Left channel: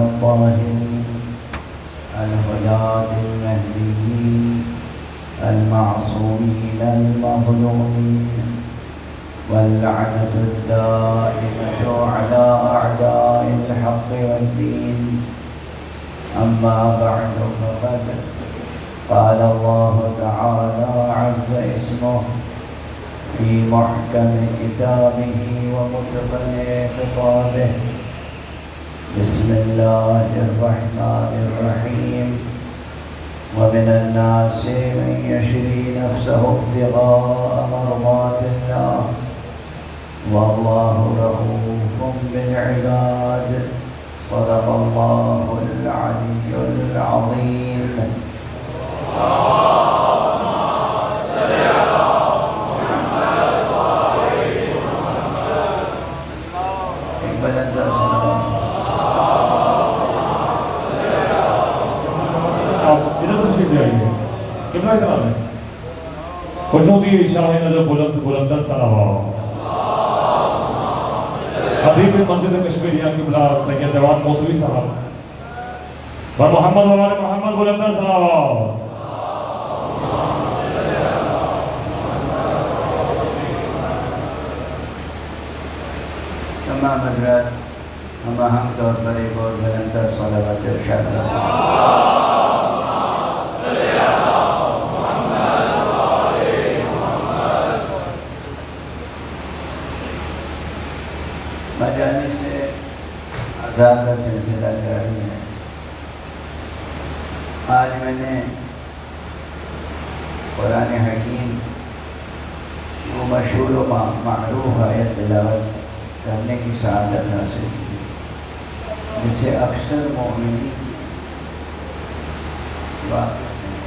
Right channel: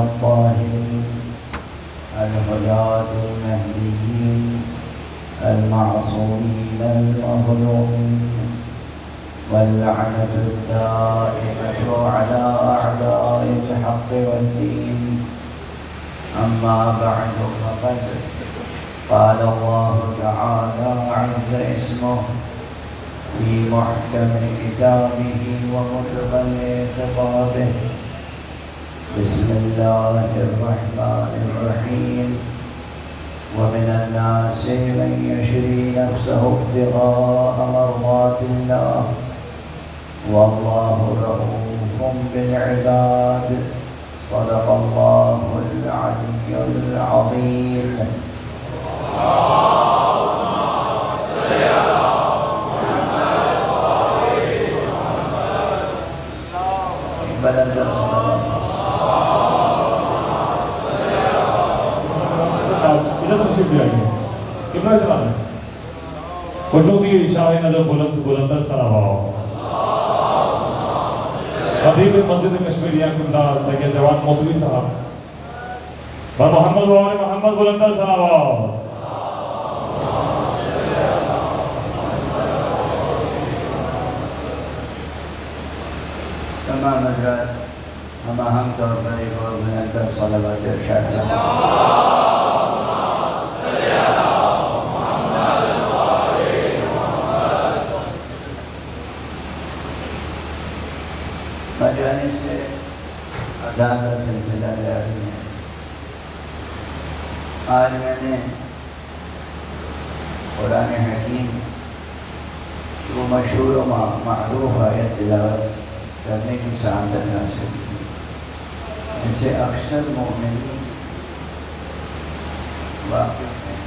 الطاهرين الهداة المهديين المعصومين المظلومين واللعنة الدائمة على أعداء الحق والدين. أما بعد فقد قال الله تعالى عز اسمه في محكم كتابه ومتقن خطابه. بسم الله الرحمن الرحيم. ومن الناس من يشري نفسه ابتغاء مرضات الله والله رؤوف بالعباد. صدق الله العلي العظيم. کٹوں کی شاہ نظر بلند بلندر سلام خطیب مسجد کشمیریہ قبلہ سید جواد موسوی صاحب اور محمد وآل محمد بلندر سلام. تمام حضرات ہم اہم طور پر ایک اور بلندر صلوات ارشاد کریں. مجانے سے عذاب کا سلسلہ جاری ہے. آج میں نے قرآن حکیم وہ مشہور و معروف آیت تلاوت کرنے کی سعادت حاصل کی جس سے اکثر مومنین واقف ہیں.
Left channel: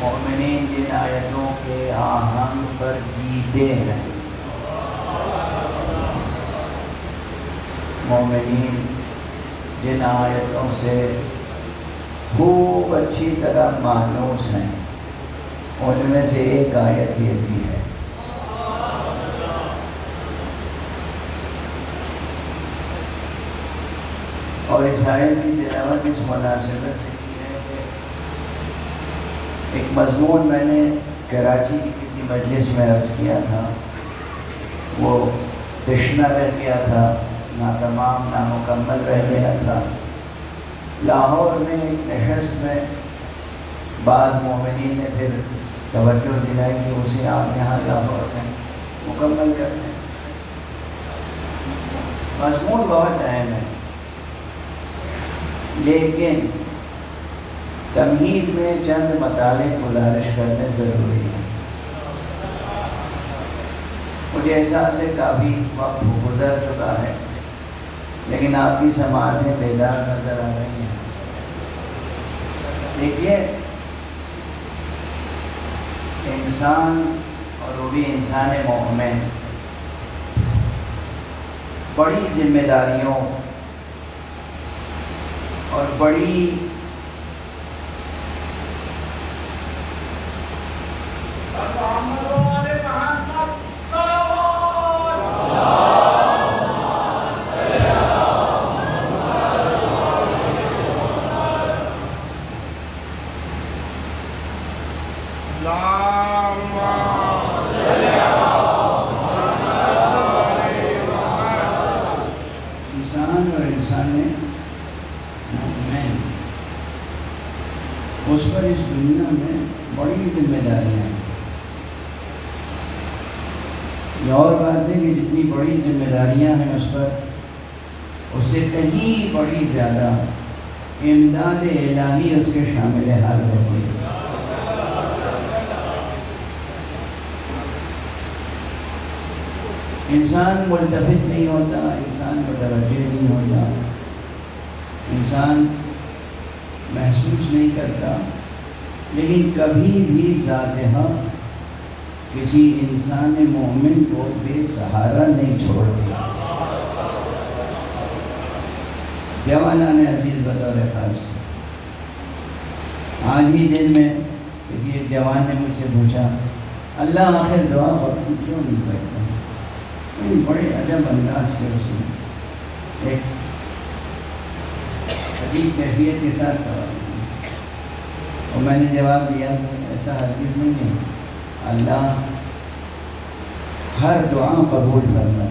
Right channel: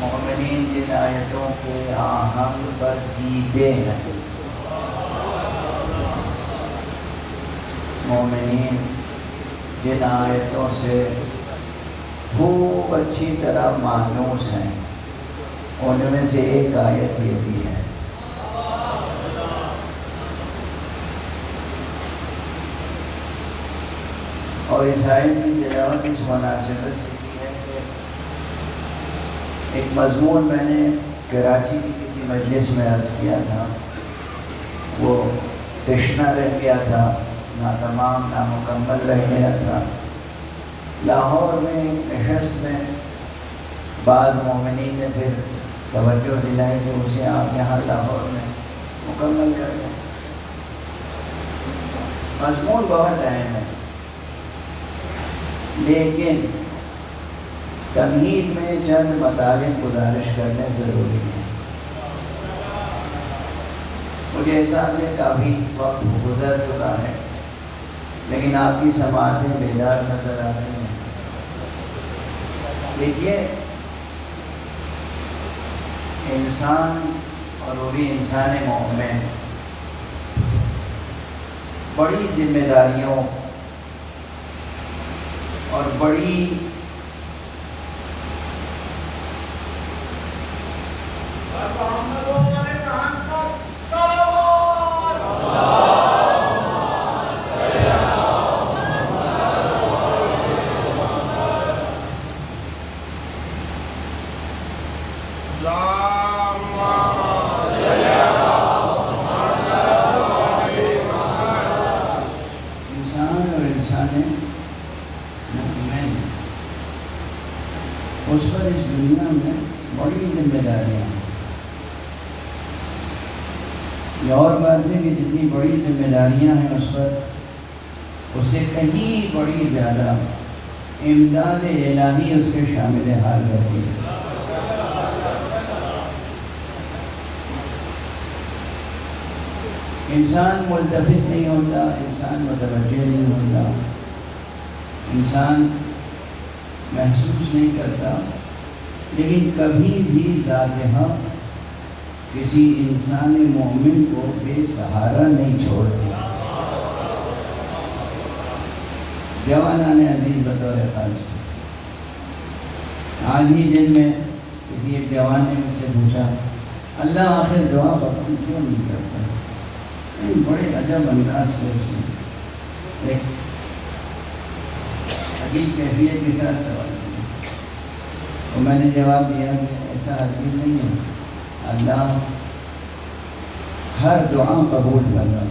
مومنین جن آیتوں کے آہنگ پر جیتے ہیں، مومنین جن آیتوں سے خوب اچھی طرح مانوس ہیں، ان میں سے ایک آیت یہ بھی ہے. اور اس آیت کی تلاوت اس مناسبت سے کی ہے کہ ایک مضمون میں نے کراچی کی کسی مجلس میں عرض کیا تھا، وہ تشنہ رہ گیا تھا، ناتمام نامکمل رہ گیا تھا. لاہور میں ایک نشست میں بعض مومنین نے پھر توجہ دلائی کہ اسے آپ یہاں لاہور میں مکمل کر دیں. مضمون بہت اہم ہے، لیکن تمہید میں چند مطالب گزارش کرنے ضروری ہے. مجھے احساس ہے کافی وقت گزر چکا ہے، لیکن آپ کی سماعتیں بیدار نظر آ رہی ہیں. دیکھیے، انسان اور وہ بھی انسان مومن بڑی ذمہ داریوں اور بڑی اس پر اس دنیا میں بڑی ذمہ داریاں ہیں. یہ اور بات ہے کہ جتنی بڑی ذمہ داریاں ہیں اس پر، اس سے کہیں بڑی زیادہ امداد الہی اس کے شامل حال ہوتی ہے. انسان ملتفت نہیں ہوتا، انسان متوجہ نہیں ہوتا، انسان محسوس نہیں کرتا، لیکن کبھی بھی ذاتہ کسی انسان مومن کو بے سہارا نہیں چھوڑتی. دیوانان عزیز بطور خاص، آج ہی دن میں کسی ایک جوان نے مجھ سے پوچھا، اللہ آخر دعا وقت کیوں نہیں کرتا؟ بڑے عجب انداز سے اس نے ایک عجیب کیفیت کے ساتھ سوال کیا، اور میں نے جواب دیا کہ ایسا ہرگز نہیں ہے، اللہ ہر دعا قبول فرماتا ہے،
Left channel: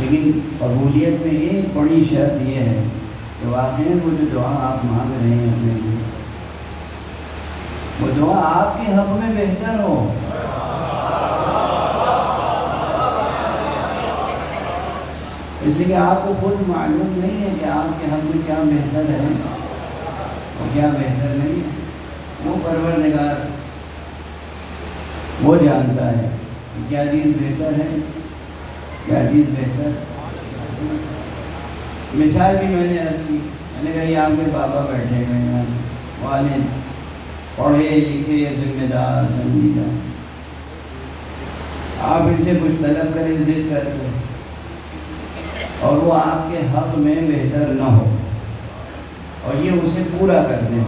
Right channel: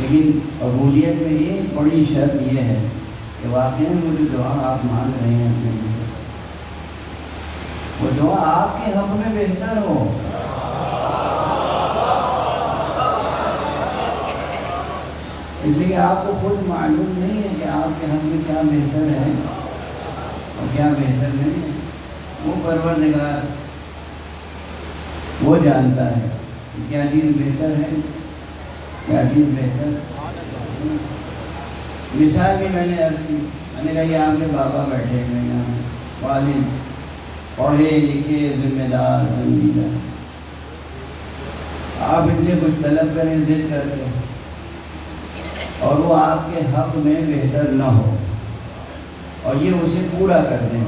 لیکن قبولیت میں ایک بڑی شرط یہ ہے کہ واقعی وہ جو دعا آپ مانگ رہے ہیں اپنے لیے، وہ دعا آپ کے حق میں بہتر ہو۔ اس لیے کہ آپ کو خود معلوم نہیں ہے کہ آپ کے حق میں کیا بہتر ہے اور کیا بہتر نہیں ہے، وہ پروردگار وہ جانتا ہے کہ کیا چیز بہتر ہے، کیا چیز بہتر۔ مثال بھی میں نے عرض کی، میں نے کہا یہ آپ کے بابا بیٹھے ہوئے ہیں، والد پڑھے لکھے ذمہ دار سمجھیدہ، آپ ان سے کچھ طلب کریں ضد کر کے اور وہ آپ کے حق میں بہتر نہ ہو اور یہ اسے پورا کر دیں،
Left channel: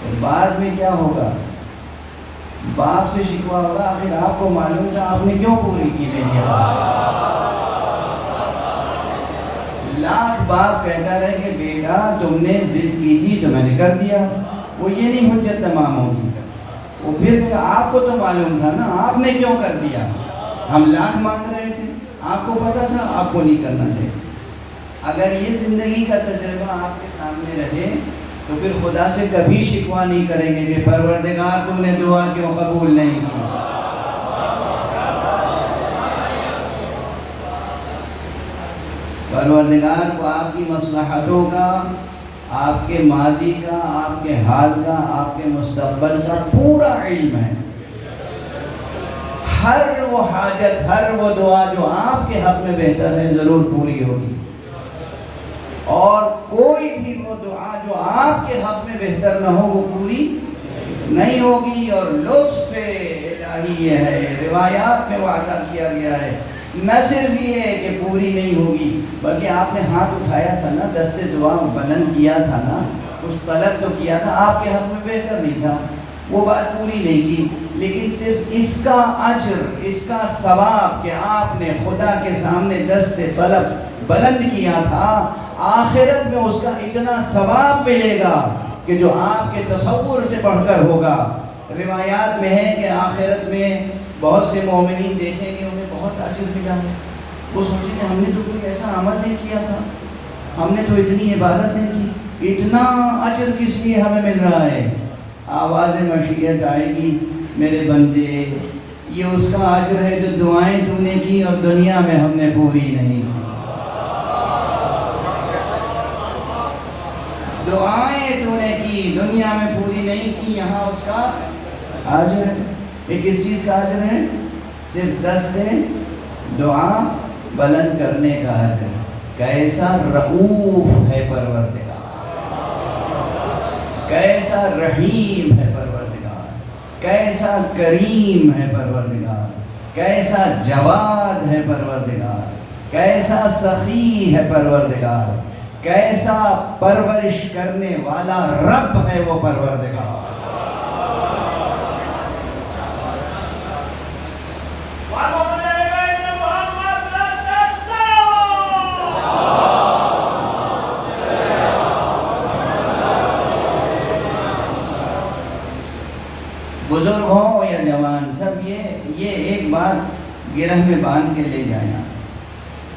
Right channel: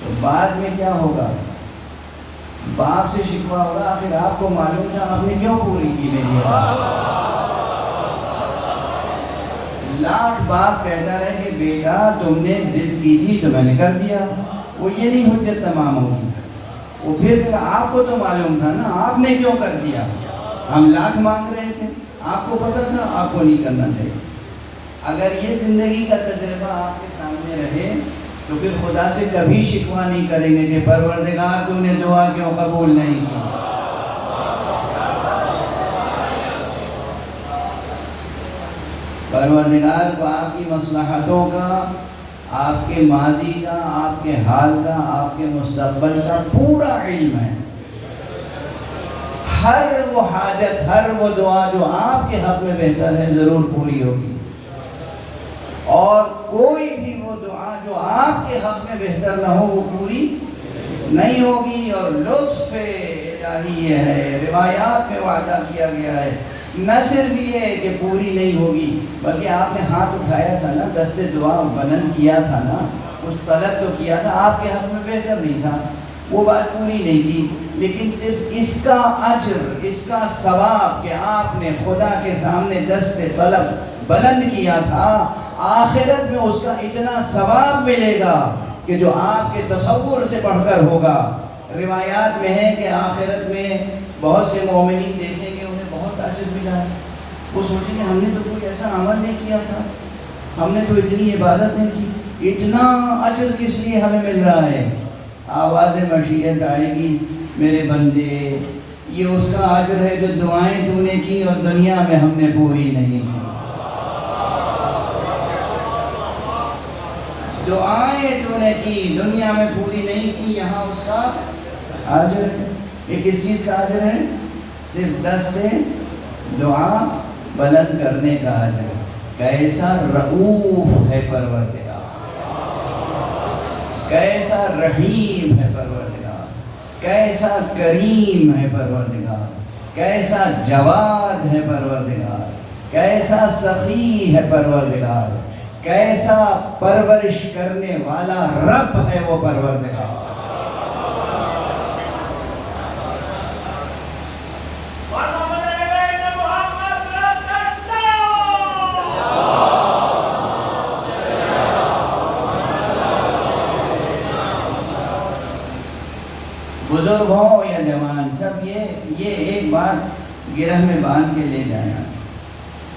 تو بعد میں کیا ہوگا؟ باپ سے شکوہ ہوگا، آخر آپ کو معلوم تھا آپ نے کیوں پوری کی میری بات۔ لاکھ باپ کہتا رہے کہ بیٹا تم نے ضد کی تھی تو میں نے کر دیا، وہ یہ نہیں حجت تمام ہوگی، وہ پھر آپ کو تو معلوم تھا نا آپ نے کیوں کر دیا، ہم لاکھ مانگ رہے تھے، آپ کو پتا تھا آپ کو نہیں کرنا چاہیے۔ اگر یہ زندگی کا تجربہ آپ کے سامنے رہے تو پھر خدا سے کبھی شکوہ نہیں کریں گے کہ پروردگار تو نے دعا کیوں قبول نہیں کی۔ پروردگار کو آپ کی مصلحتوں کا، آپ کے ماضی کا، آپ کے حال کا، آپ کے مستقبل کا پورا علم ہے۔ ہر وہ حاجت، ہر وہ دعا جو آپ کے حق میں بہتر ہے ضرور پوری ہوگی، اور کوئی بھی وہ دعا جو آپ کے حق میں بہتر نہ ہو وہ پوری نہیں ہوگی۔ اور لطف الہی یہ ہے، روایات میں وعدہ کیا گیا ہے، نہ صرف یہ ہے کہ پوری نہیں ہوگی بلکہ آپ نے ہاتھ اٹھایا تھا نا، دست دعا بلند کیا تھا نا، کچھ طلب تو کیا تھا، آپ کے حق میں بہتر نہیں تھا، وہ بات پوری نہیں کی، لیکن صرف اس کا اجر، اس کا ثواب کہ آپ نے خدا کے سامنے دست طلب بلند کیا تھا، آخرت میں اس کا اتنا ثواب ملے گا کہ جو آپ کے تصور سے بڑھ کر ہوگا۔ روایات میں ہے کہ آخرت میں بہت سے مومنین دیکھیں گے انہیں بہت اجر ملا ہے، وہ سوچیں گے ہم نے تو کوئی ایسا عمل نہیں کیا تھا، ہم نے تو اتنی عبادت نہیں کی، اتنا اجر کس لیے ہمیں مل رہا ہے؟ آواز مشیت آئے گی، میرے بندے یہ اس کا اجر ہے جو دعائیں تو نے کی اور دنیا میں ہم نے پوری نہیں کی، دعائیں تو نے کی دنیا میں پوری نہیں کی، یہاں اس کا اجر ہے۔ یہ کس چیز کا اجر ہے؟ صرف دست دعا بلند کرنے کا اجر۔ کیسا رؤوف ہے پروردگار، کیسا رحیم ہے پروردگار، کیسا کریم ہے پروردگار، کیسا جواد ہے پروردگار، کیسا سخی ہے پروردگار، کیسا پرورش کرنے والا رب ہے وہ پروردگار۔ بزرگ ہوں یا جوان، سب یہ ایک بات گرہ میں باندھ کے لے جائیں۔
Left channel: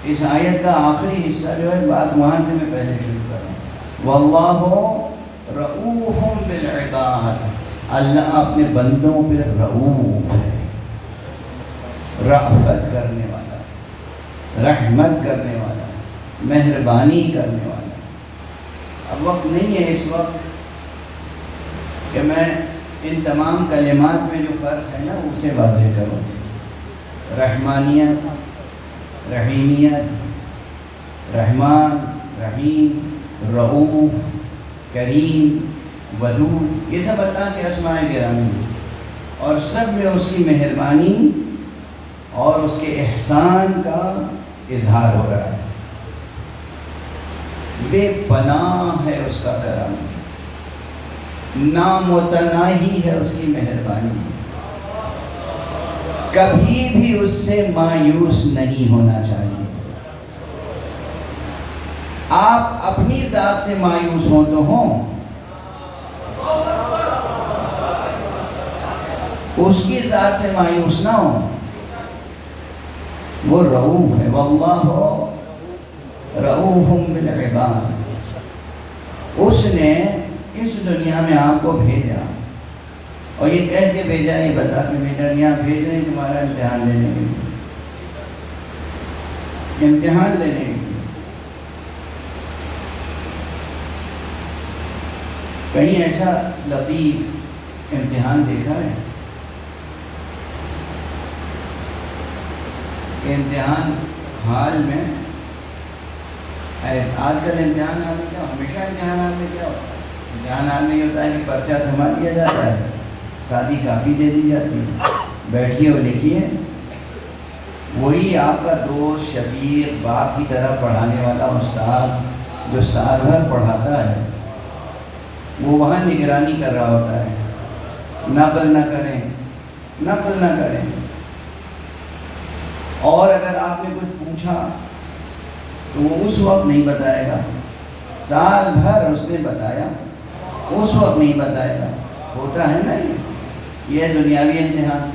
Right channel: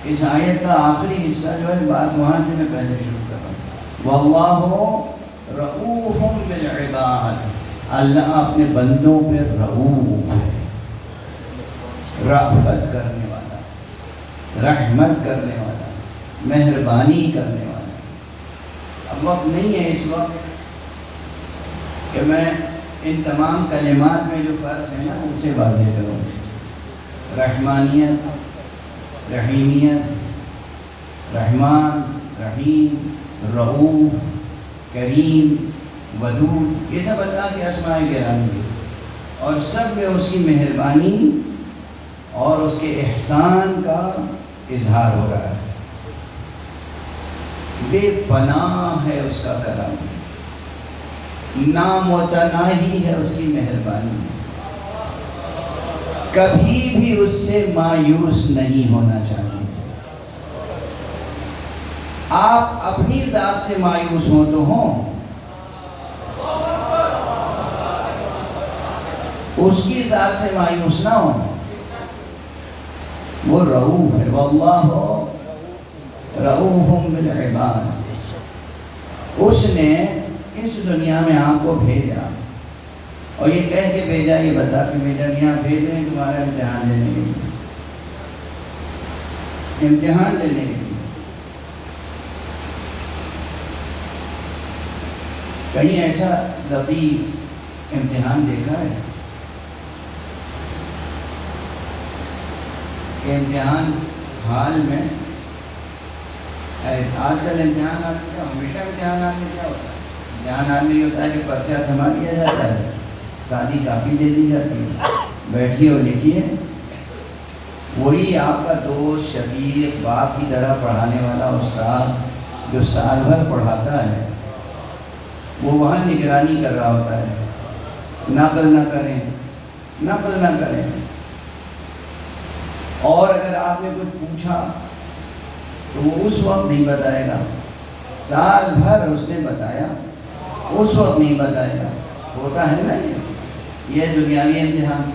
اس آیت کا آخری حصہ جو ہے بات وہاں سے میں پہلے شروع کروں، واللہ رؤوف بالعباد، اللہ اپنے بندوں پہ رؤوف ہے، رأفت کرنے والا، رحمت کرنے والا، مہربانی کرنے والا۔ اب وقت نہیں ہے اس وقت کہ میں ان تمام کلمات میں جو فرق ہے نا اسے واضح کروں۔ رحمانیت، رحیمیت، رحمان، رحیم، رؤوف، کریم، ودود، یہ سب اللہ کے اسماء گرامی ہیں، اور سب میں اس کی مہربانی اور اس کے احسان کا اظہار ہو رہا ہے۔ بے پناہ ہے اس کا کرم، نامتناہی ہے اس کی مہربانی، کبھی بھی اس سے مایوس نہیں ہونا چاہیے۔ آپ اپنی ذات سے مایوس ہوں تو ہوں، اس کی ذات سے مایوس نہ ہوں۔ وہ رؤوف ہے، واللہ رؤوف بالعباد۔ اس نے اس دنیا میں آپ کو بھیجا اور یہ کہہ کے بھیجا، یہ بتا کے بھیجا، یہاں بھیج رہی تمہارا امتحان لینے کے لیے، امتحان لینے کے لیے۔ کہیں ایسا لطیف امتحان دیکھا ہے کہ امتحان حال میں آج کل امتحان حال میں کیا ہمیشہ امتحان حال میں کیا ہوتا ہے؟ امتحان حال میں یہ ہوتا ہے کہ پرچہ تھما دیا جاتا ہے، سادی کاپی دے دی جاتی ہے، بیٹھیے اور لکھیے۔ وہی آپ کا دوست، شفیق، باپ کی طرح پڑھانے والا استاد جو سال بھر پڑھاتا ہے، وہ وہاں نگرانی کر رہا ہوتا ہے، نقل نہ کریں، نقل نہ کریں۔ اور اگر آپ نے کچھ پوچھا تو وہ اس وقت نہیں بتائے گا، سال بھر اس نے بتایا، اس وقت نہیں بتائے گا۔ ہوتا ہے نا یہ دنیاوی امتحان۔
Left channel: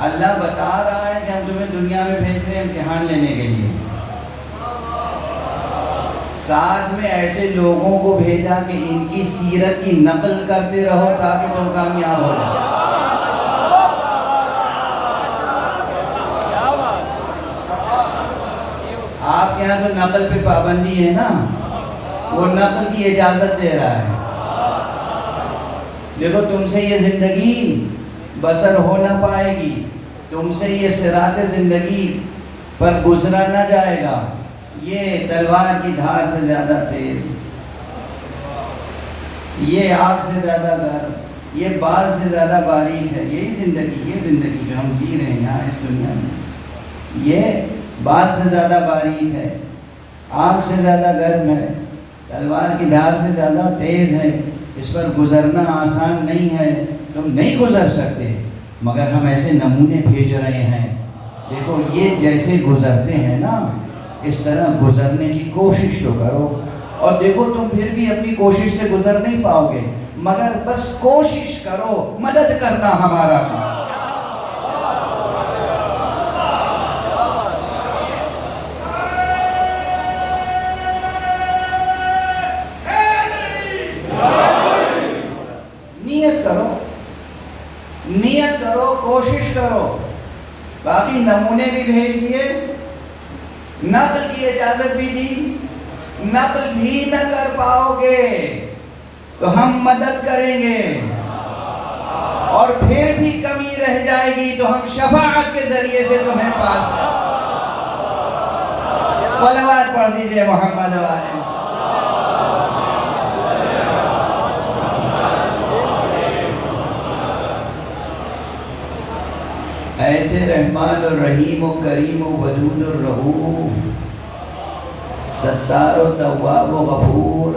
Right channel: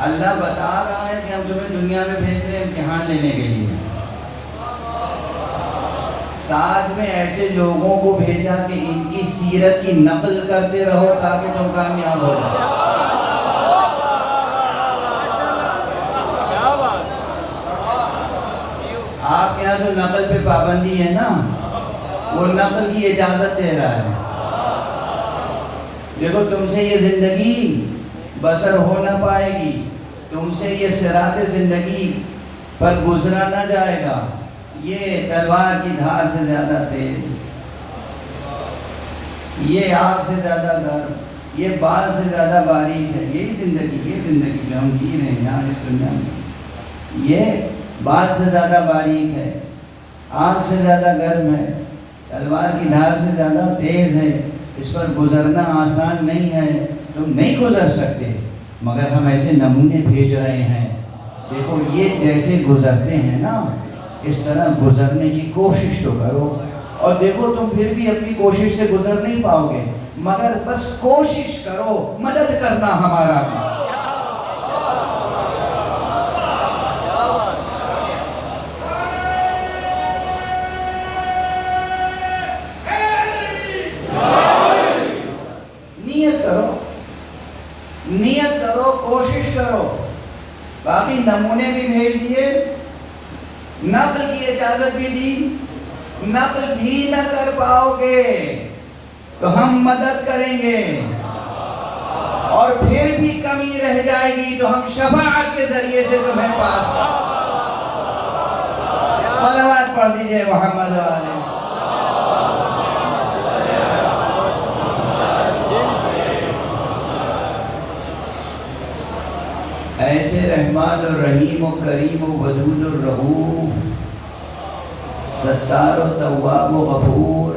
اللہ بتا رہا ہے کہ ہم تمہیں دنیا میں بھیج رہے ہیں امتحان لینے کے لیے، ساتھ میں ایسے لوگوں کو بھیجا کہ ان کی سیرت کی نقل کرتے رہو تاکہ تم کامیاب ہو جاؤ۔ آپ کے یہاں تو نقل پہ پابندی ہے نا، وہ نقل کی اجازت دے رہا ہے۔ دیکھو تم سے یہ زندگی بسر ہو نہ پائے گی، تم سے یہ صراط زندگی پر گزرا نہ جائے گا، یہ تلوار کی دھار سے زیادہ تیز، یہ آگ سے زیادہ گرم، یہ بال سے زیادہ باریک ہے۔ یہی زندگی، یہ زندگی جو ہم جی رہے ہیں یہاں اس دنیا میں، یہ بال سے زیادہ باریک ہے، آگ سے زیادہ گرم ہے، تلوار کی دھار سے زیادہ تیز ہے، اس پر گزرنا آسان نہیں ہے، تم نہیں گزر سکتے، مگر ہم ایسے نمونے بھیج رہے ہیں۔ دیکھو یہ جیسے گزرتے ہیں نا، اس طرح گزرنے کی کوشش تو کرو، اور دیکھو تم پھر بھی اپنی کوشش سے گزر نہیں پاؤ گے، مگر بس کوشش کرو، مدد کرنا ہمارا کام۔ نیت کرو، کوشش کرو۔ باقی نمونے بھی بھیج دیے، نقل کی اجازت بھی دی، نقل بھی نہ کر پاؤ گے تو ہم مدد کریں گے، اور پھر بھی کمی رہ جائے گی تو ہم شفاعت کے ذریعے سے تمہیں پاس کریں۔ صلوات پڑھ دیجئے محمد والے۔ ایسے رحمان و رحیم و کریم و ودود و رؤوف، ستار و تواب و غفور،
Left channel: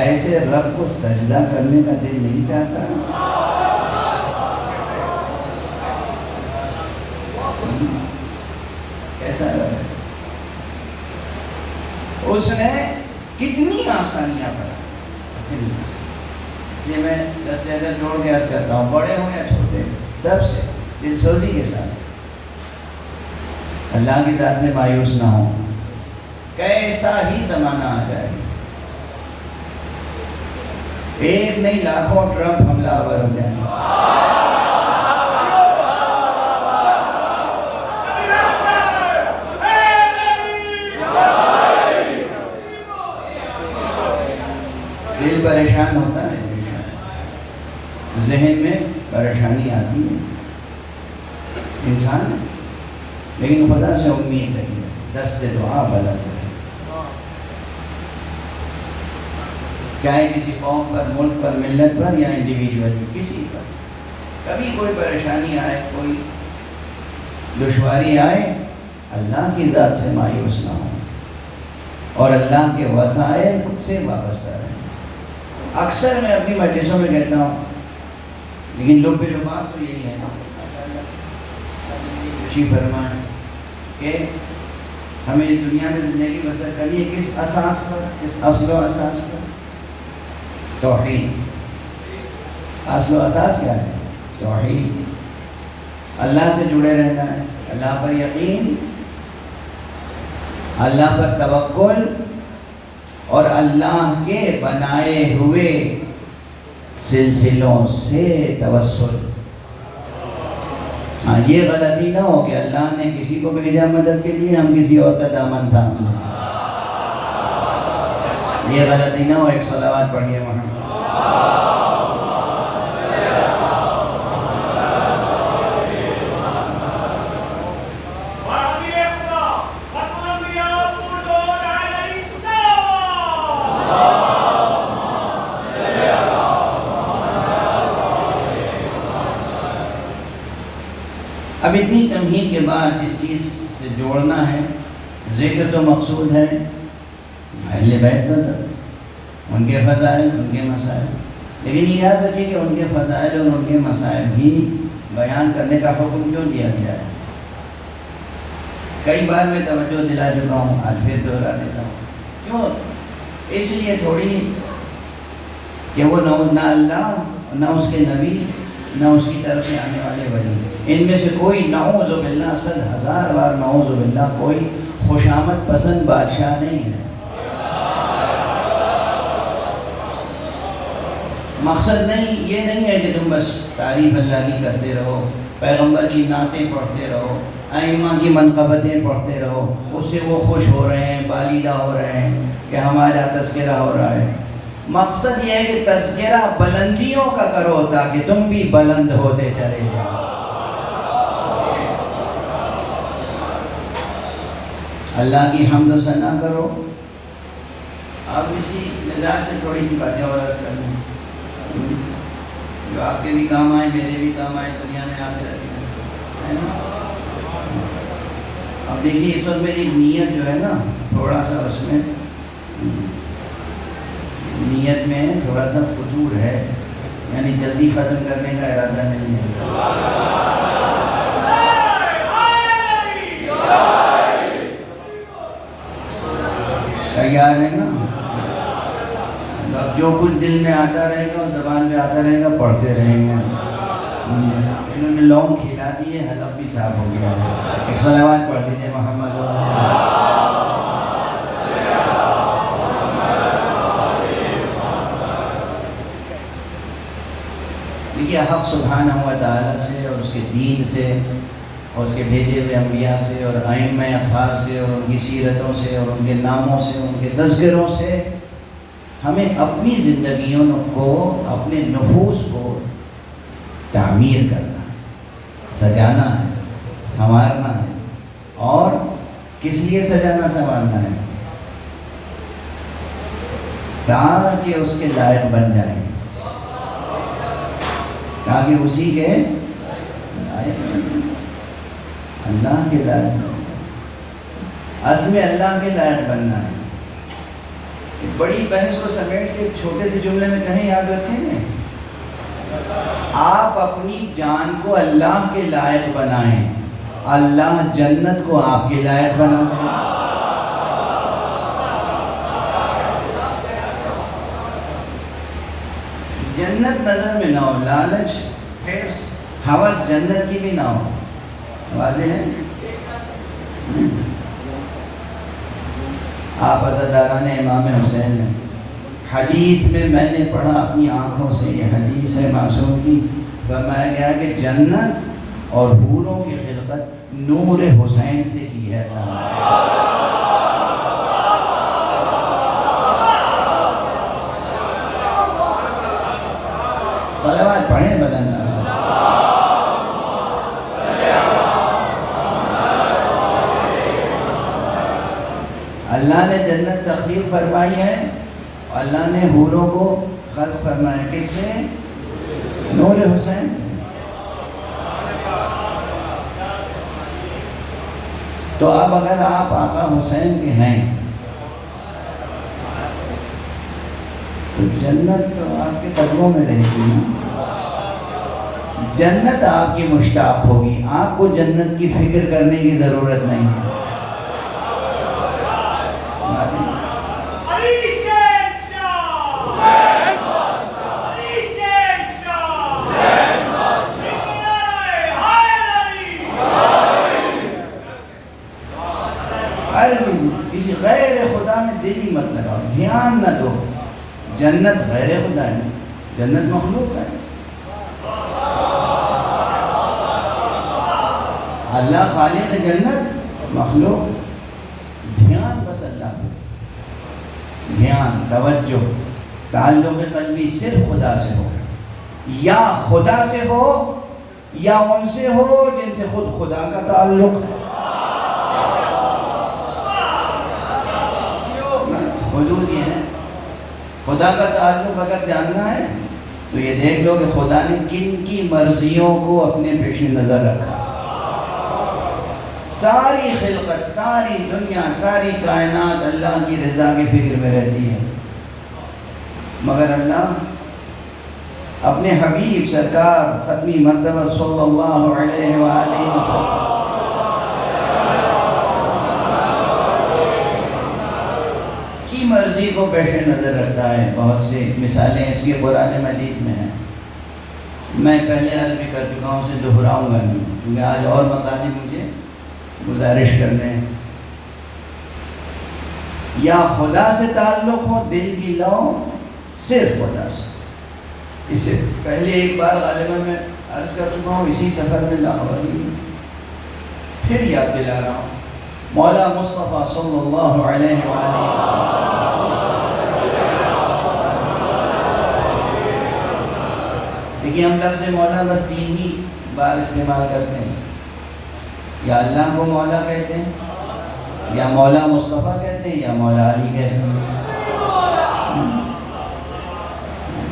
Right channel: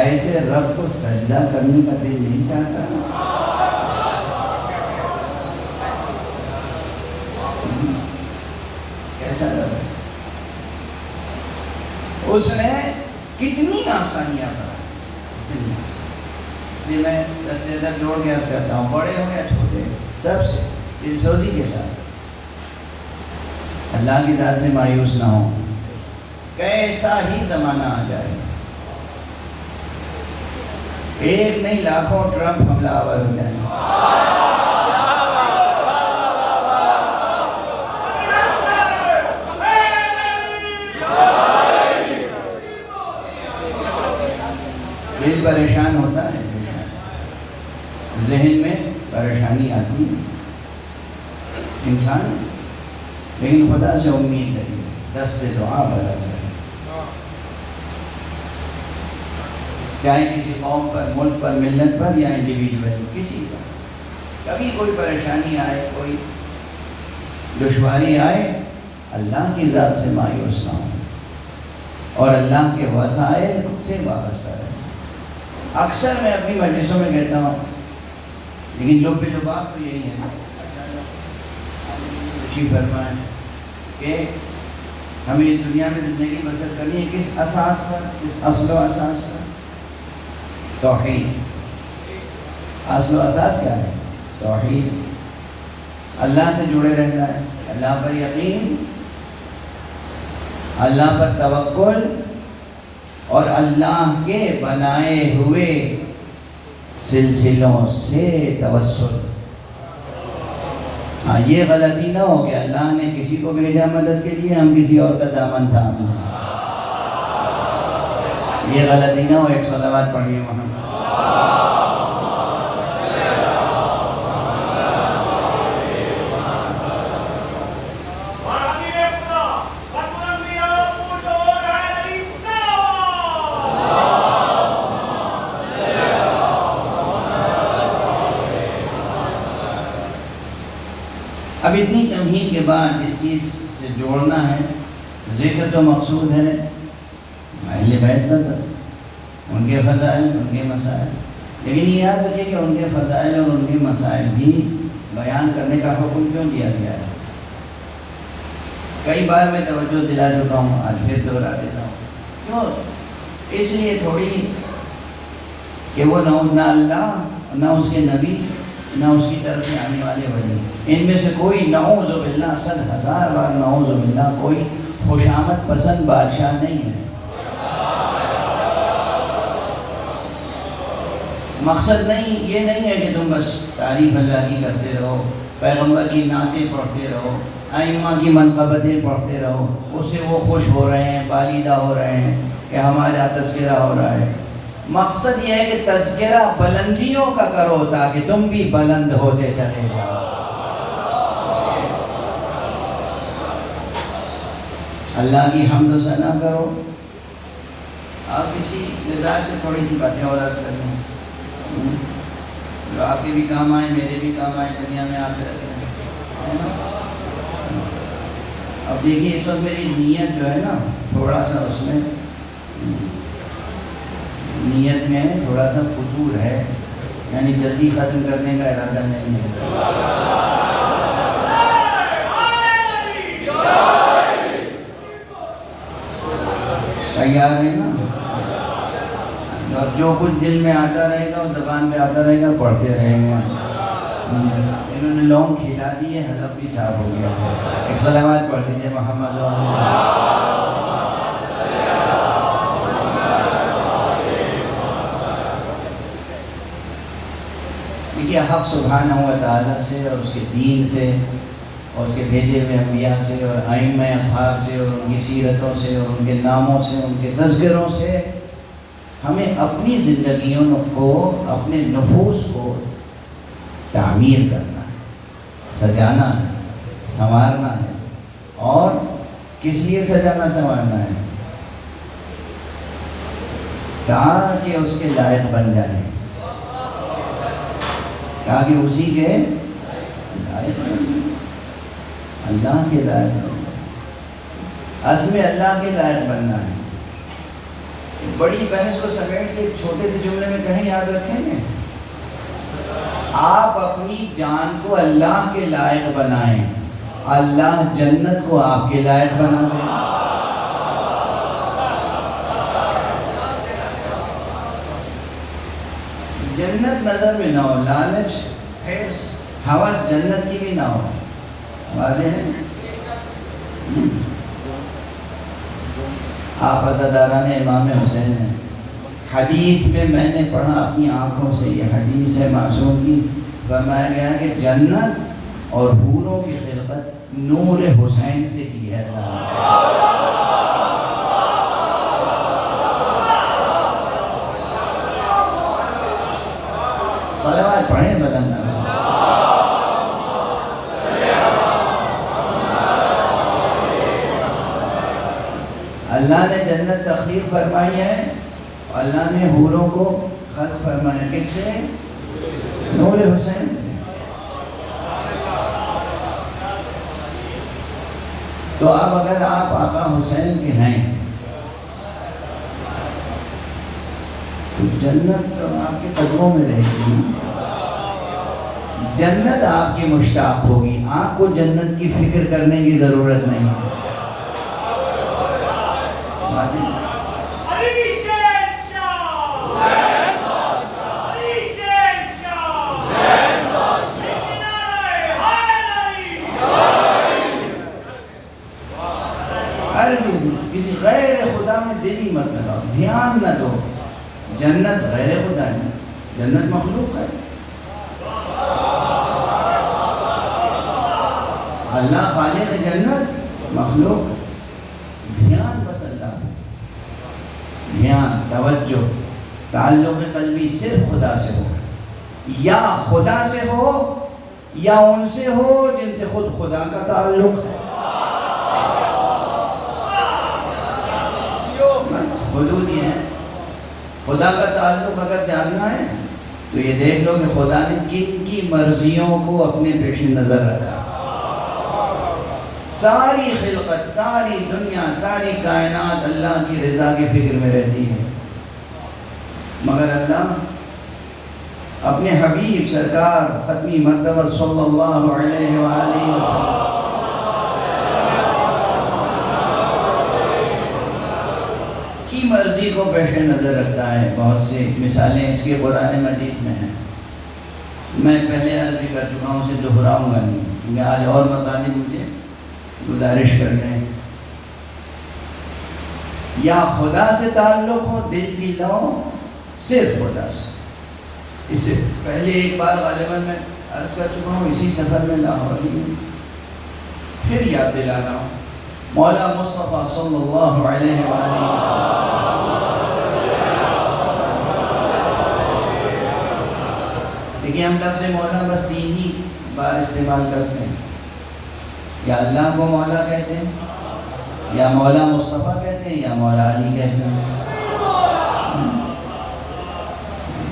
ایسے رب کو سجدہ کرنے کا دل نہیں چاہتا؟ کیسا رب ہے؟ اس نے کتنی آسانیاں کرائی، کتنی آسان۔ اس لیے میں دست عدد جوڑ کے عرض کرتا ہوں، بڑے ہوں یا چھوٹے، سب سے دل سوزی کے ساتھ اللہ کی ذات سے مایوس نہ ہو۔ کیسا ہی زمانہ آ جائے، ایک نہیں لاکھوں ٹرمپ حملہ آور ہو جائیں، دل پریشان ہوتا ہے، ذہن میں پریشانی آتی ہے انسان، لیکن خدا سے امید ہے، دست دعا بدل ہے۔ چاہے کسی قوم پر، ملک پر، ملت پر یا انڈیویجول کسی پر کبھی کوئی پریشانی آئے، کوئی دشواری آئے، اللہ کی ذات سے مایوس نہ ہو اور اللہ کے وسائل سے وابستہ رہے۔ اکثر میں اپنی مجلسوں میں کہتا ہوں، لیکن لب لباب تو یہی ہے، خوشی فرمائیں کہ ہمیں اس دنیا میں زندگی بسر کرنی ہے کس اساس پر؟ کس اصل و اساس پر؟ توحید۔ اصل و اساس کیا ہے؟ توحید۔ اللہ سے جڑے رہنا ہے، اللہ پر یقین، اللہ پر توکل، اور اللہ کے بنائے ہوئے سلسلوں سے توسل۔ ہاں، یہ غلطی نہ ہو کہ اللہ نے کسی کو بھیجا مدد کے لیے، ہم کسی اور کا دامن تھام لیں۔ یہ غلطی نہ ہو۔ ایک صلوات پڑھیے محمد۔ اب اتنی تمہید کے بعد جس چیز سے جوڑنا ہے، ذکر تو مقصود ہے اہل بیت کا، ان کے فضائل، ان کے مسائل، لیکن یہ یاد رکھیے کہ ان کے فضائل اور ان کے مسائل بھی بیان کرنے کا حکم کیوں دیا گیا ہے۔ کئی بار میں توجہ دلا چکا ہوں، آج پھر دوہرا دیتا ہوں۔ کیوں؟ اس لیے تھوڑی کہ وہ نہ اللہ، نہ اس کے نبی، نہ اس کی طرف سے آنے والے ولی، ان میں سے کوئی نعوذ باللہ، 100,000 بار نعوذ باللہ، کوئی خوشامد پسند بادشاہ نہیں ہے۔ مقصد نہیں، یہ نہیں ہے کہ تم بس تعریف اللہ کی کرتے رہو، پیغمبر کی نعتیں پڑھتے رہو، ائمہ کی منقبتیں پڑھتے رہو، اس سے وہ خوش ہو رہے ہیں، بالیدہ ہو رہے ہیں کہ ہمارا تذکرہ ہو رہا ہے۔ مقصد یہ ہے کہ تذکرہ بلندیوں کا کرو تاکہ تم بھی بلند ہوتے چلے جاؤ۔ اللہ کی حمد و ثنا کرو۔ آپ اسی مزاج سے تھوڑی سی باتیں اور عرض کرتے ہیں جو آپ کے بھی کام آئے، میرے بھی کام آئے، دنیا میں آپ رہتے ہیں۔ اب دیکھیے اس وقت میری نیت جو ہے نا، تھوڑا سا اس میں نیت میں تھوڑا سا فطور ہے، یعنی جلدی ختم کرنے کا ارادہ نہیں ہے۔ تیار ہے نا؟ اب جو کچھ دل میں آتا رہے گا، زبان پہ آتا رہے گا، پڑھتے رہیں گے۔ انہوں نے لونگ کھلا دیے، حلق بھی صاف ہو گیا ہے۔ ایک صلوات پڑھ دیجیے محمد دیکھیے، حق سبحانہ و تعالیٰ سے اور اس کے دین سے اور اس کے بھیجے ہوئے انبیاء سے اور ائمہ اطہار سے اور ان کی سیرتوں سے اور ان کے ناموں سے، ان کے تذکروں سے ہمیں اپنی زندگیوں کو، اپنے نفوس کو تعمیر کرنا ہے، سجانا ہے، سنوارنا ہے۔ اور کس لیے سجانا سنوارنا ہے؟ تاکہ اس کے لائق بن جائیں، تاکہ اسی کے لائق بن جائیں، اللہ کے لائق بن جائیں۔ اصل میں اللہ کے لائق بننا ہے۔ بڑی بحث کو سمیٹ کے چھوٹے سے جملے میں کہیں یاد رکھیں گے، آپ اپنی جان کو اللہ کے لائق بنائیں، اللہ جنت کو آپ کے لائق بنائیں۔ جنت نظر میں نہ ہو، لالچ، حرص، ہوس جنت کی بھی نہ ہو۔ واضح ہے؟ آپ عزاداران امام حسین ہیں۔ حدیث میں نے پڑھا اپنی آنکھوں سے، یہ حدیث ہے معصوم کی، فرمایا گیا کہ جنت اور حوروں کی خلقت نور حسین سے کی ہے۔ صلوات پڑھیں بدن اللہ نے جنت تخلیق فرمائی ہے، اللہ نے حوروں کو خلق فرمایا۔ کس سے؟ نور حسین سے۔ تو اب اگر آپ آقا حسین کے ہیں تو جنت تو آپ کے قدموں میں رہے گی، جنت آپ کی مشتاق ہوگی، آپ کو جنت کی فکر کرنے کی ضرورت نہیں ہے۔ جنت غیر خدا ہے، جنت مخلوق ہے. اللہ خالق جنت، مخلوق. دھیان بس اللہ، دھیان، توجہ، تعلق قلبی صرف خدا سے ہو، یا خدا سے ہو یا ان سے ہو جن سے خود خدا کا تعلق ہے. حدود یہ ہے. خدا کا تعلق اگر جاننا ہے تو یہ دیکھ لو کہ خدا نے کن کی مرضیوں کو اپنے پیش نظر رکھا. ساری خلقت، ساری دنیا، ساری کائنات اللہ کی رضا کی فکر میں رہتی ہے، مگر اللہ اپنے حبیب سرکار ختمی مرتبہ صلی اللہ علیہ وآلہ وسلم کی مرضی کو پیش نظر رکھتا ہے. بہت سی مثالیں اس کی قرآن مجید میں ہیں. میں پہلے عرض بھی کر چکا ہوں، اسے دہراؤں گا نہیں کیونکہ آج اور مطالب مجھے گزارش کرنے ہیں. یا خدا سے تعلق ہو، دل کی لو صرف خدا سے. اس سے پہلے ایک بار غالباً میں عرض کر چکا ہوں اسی سفر میں لاہور میں، پھر یاد دلا رہا ہوں. مولا مصطفیٰ صلی اللہ علیہ وآلہ وسلم دیکھیں، ہم لفظ مولا بس 3 ہی بار استعمال کرتے ہیں. یا اللہ کو مولا کہتے ہیں، یا مولا مصطفیٰ کہتے ہیں، یا مولا علی کہتے ہیں.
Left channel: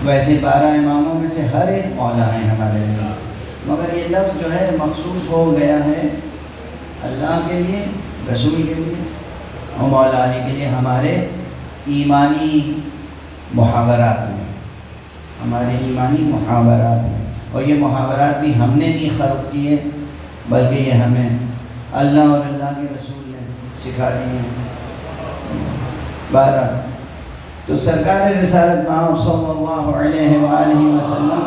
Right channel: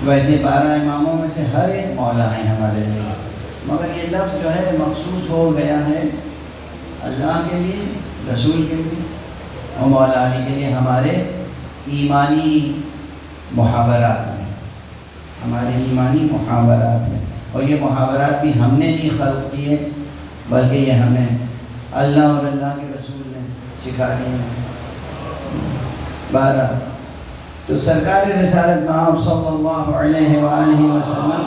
ویسے 12 اماموں میں سے ہر ایک مولا ہیں ہمارے لیے، مگر یہ لفظ جو ہے مخصوص ہو گیا ہے اللہ کے لیے، رسول کے لیے اور مولا علی کے لیے ہمارے ایمانی محاورات میں، ہمارے ایمانی محاورات میں. اور یہ محاورات بھی ہم نے نہیں خلق کیے بلکہ یہ ہمیں اللہ اور اللہ کے رسول نے سکھا دیے ہیں. 12 تو سرکار رسالت نام صلی اللہ علیہ وآلہ وسلم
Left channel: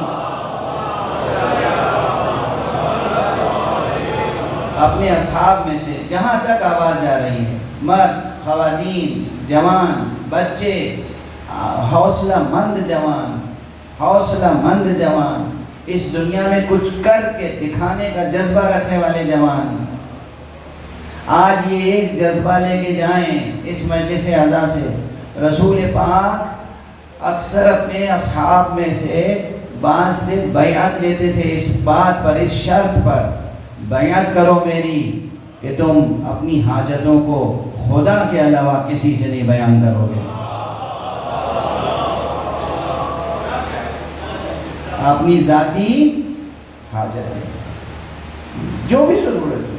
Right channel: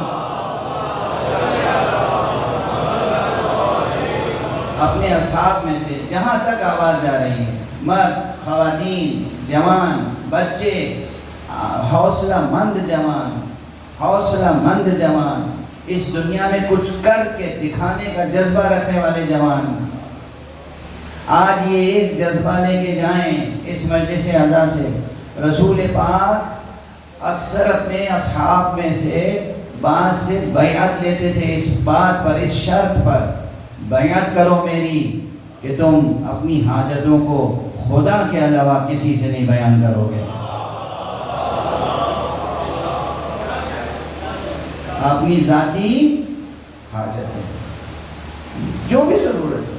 اپنے اصحاب میں سے جہاں تک آواز جا رہی ہے، مرد، خواتین، جوان، بچے، حوصلہ مند جوان، حوصلہ مند جوان، اس دنیا میں کچھ کر کے دکھانے کا جذبہ رکھنے والے جوان، آج یہ ایک جذبہ لے کے جائیں اس مجلس اعزا سے. رسول پاک اکثر اپنے اصحاب میں سے بعض سے بیعت لیتے تھے اس بات پر، اس شرط پر، بیعت کرو میری کہ تم اپنی حاجتوں کو خدا کے علاوہ کسی سے نہیں بیان کرو گے. اپنی ذاتی حاجتیں، جو بھی ضرورت ہو،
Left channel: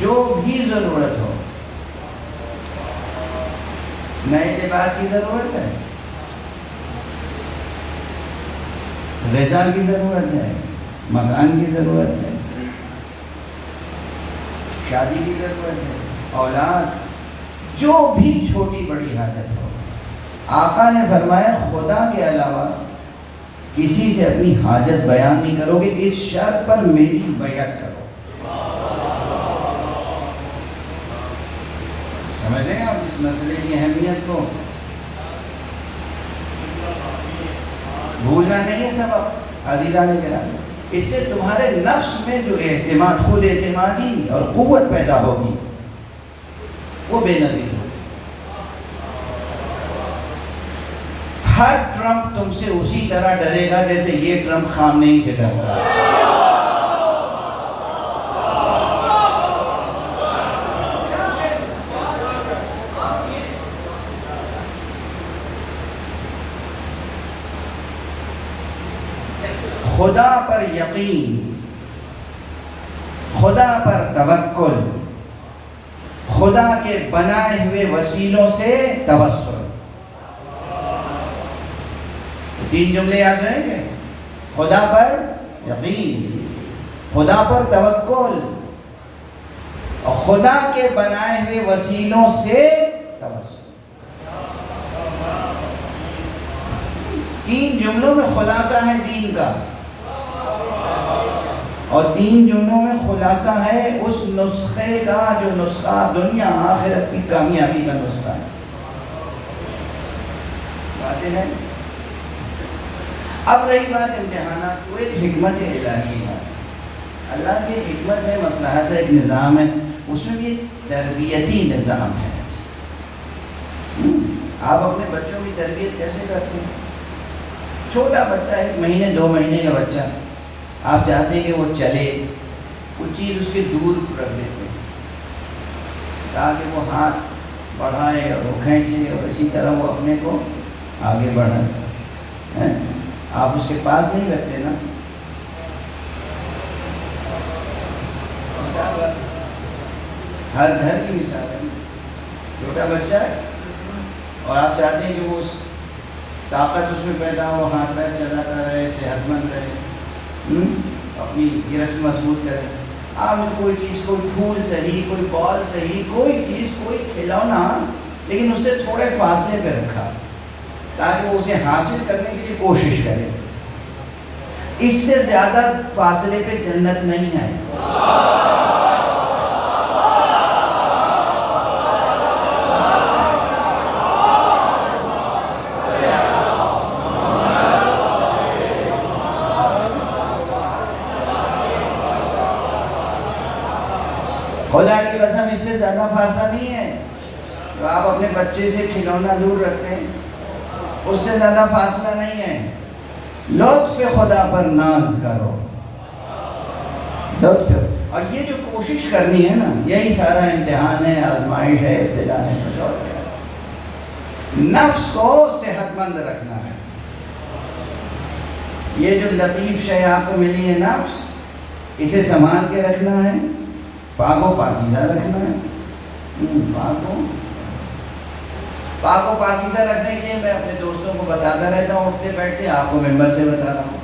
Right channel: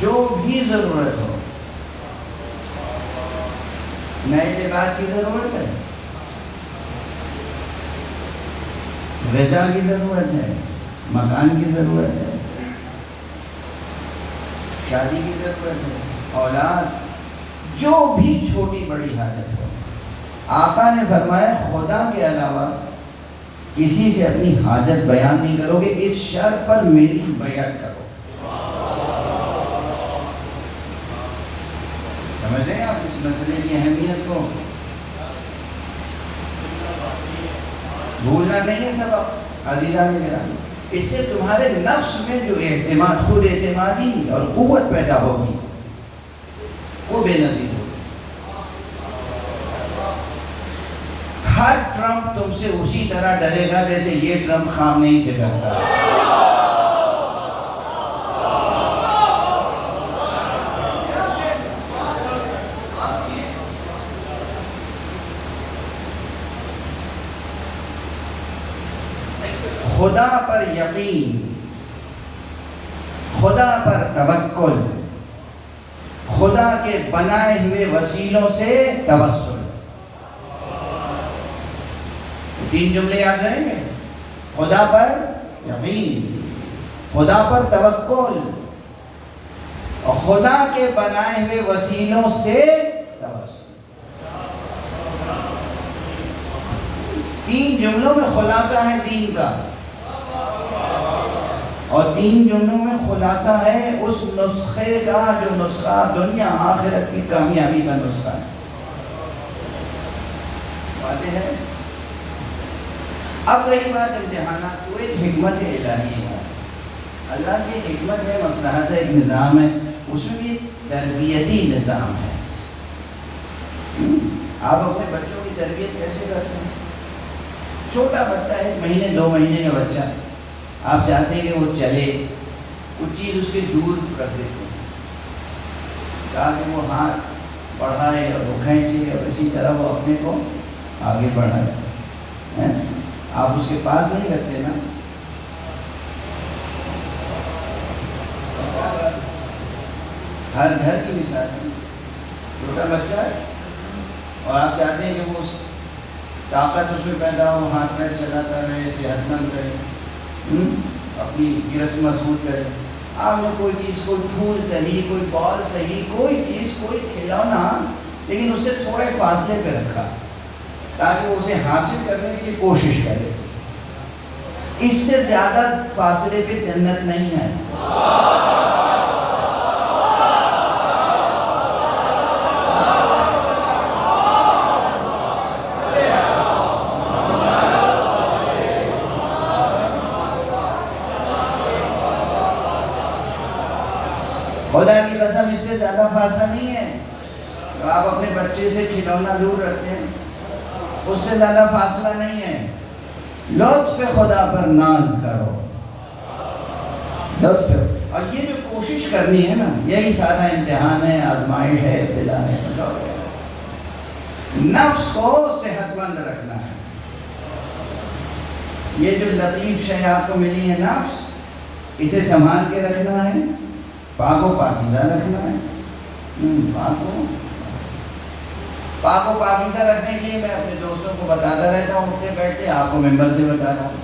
جو بھی ضرورت ہو. نئے لباس کی ضرورت ہے، غذا کی ضرورت ہے، مکان کی ضرورت ہے، شادی کی ضرورت ہے، اولاد، جو بھی چھوٹی بڑی حاجت ہو. آقا نے فرمایا خدا کے علاوہ کسی سے اپنی حاجت بیان نہیں کرو گے، اس شرط پر میری بیعت کرو. سمجھ رہے ہیں آپ اس مسئلے کی اہمیت کو؟ بھولنا نہیں ہے سبب عزیزان کرام. اس سے تمہارے نفس میں جو اعتماد، خود اعتمادی اور قوت پیدا ہوگی وہ بے نظیر ہوگی. ہر ٹرمپ تم سے اسی طرح ڈرے گا جیسے یہ ٹرمپ خامنئی سے ڈرتا ہے. خدا پر یقین، خدا پر توکل، خدا کے بنائے ہوئے وسیلوں سے توسل. 3 جملے یاد رہیں گے: خدا پر یقین، خدا پر توکل اور خدا کے بنائے ہوئے وسیلوں سے توسل. 3 جملوں میں خلاصہ ہے دین کا، اور 3 جملوں میں خلاصہ ہے اس نسخے کا جو نسخہ دنیا آخرت کی کامیابی کا نسخہ ہے. آتے ہیں. اب رہی بات امتحانات، وہ ایک حکمت الہی ہے، اللہ کی حکمت ہے، مصلحت ہے، ایک نظام ہے، اس میں بھی تربیتی نظام ہے. آپ اپنے بچوں کی تربیت کیسے کرتے ہیں؟ چھوٹا بچہ 1 مہینے 2 مہینے کا بچہ، آپ چاہتے ہیں کہ وہ چلے، کچھ چیز اس کے دور رکھ دیتے ہیں تاکہ وہ ہاتھ بڑھائے اور وہ کھینچے اور اسی طرح وہ اپنے کو آگے بڑھائے. آپ اس کے پاس نہیں رکھتے نا. ہر گھر کی مثال ہے، چھوٹا بچہ ہے اور آپ چاہتے ہیں کہ وہ طاقت اس میں پیدا ہو، ہاتھ پیر چلاتا رہے، صحت مند رہے، اپنی گرفت مضبوط کرے. آپ نے کوئی چیز، کوئی پھول صحیح، کوئی بال صحیح، کوئی چیز، کوئی کھلونا، لیکن اسے تھوڑے فاصلے پہ رکھا تاکہ وہ اسے حاصل کرنے کے لیے کوشش کرے. اس سے زیادہ فاصلے پہ جنت نہیں ہے. خدا کی قسم اس سے زیادہ فاصلہ نہیں ہے. تو آپ اپنے بچے سے کھلونا دور رکھتے ہیں، اس سے زیادہ فاصلہ نہیں ہے. لطف خدا پر ناز کرو، لطف. اور یہ جو کوشش کرنی ہے نا، یہی سارا امتحان ہے، آزمائش ہے، ابتلا ہے. نفس کو صحت مند رکھنا ہے. یہ جو لطیف شے آپ کو ملی ہے نفس، اسے سنبھال کے رکھنا ہے، پاک و پاکیزہ رکھنا ہے. پاک و پاکیزہ رکھنے کے لیے میں اپنے دوستوں کو بتاتا رہتا ہوں، اٹھتے بیٹھتے آپ کو ممبر سے بتاتا ہوں.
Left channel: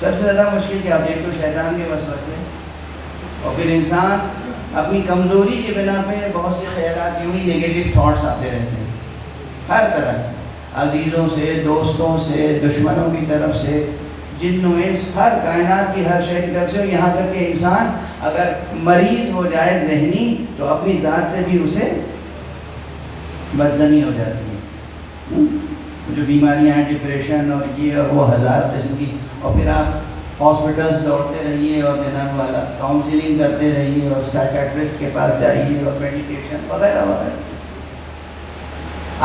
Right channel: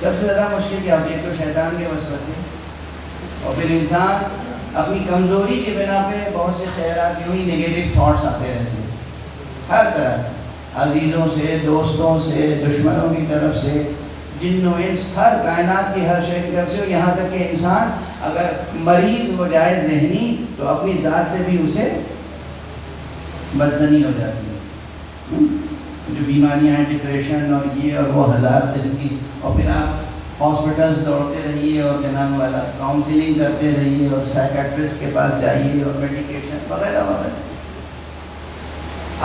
سب سے زیادہ مشکل کیا ہوتی ہے؟ تو شیطان کے وسوسے، اور پھر انسان اپنی کمزوری کے بنا پہ بہت سے خیالات، یوں ہی نیگیٹو تھاٹس آتے رہتے ہیں ہر طرح، عزیزوں سے، دوستوں سے، دشمنوں کی طرف سے، جن و انس، ہر کائنات کی ہر شے کی طرف سے. یہاں تک کہ انسان اگر مریض ہو جائے ذہنی تو اپنی ذات سے بھی اسے بدزنی ہو جاتی ہے. جو بیماریاں ہیں، ڈپریشن اور یہ اور وہ ہزار قسم کی، اور پھر آپ ہاسپٹلس دوڑتے رہیے اور جناب والا کاؤنسلنگ کرتے رہیے اور سائیکیٹرسٹ کے پاس جائیے اور میڈیکیشن وغیرہ وغیرہ.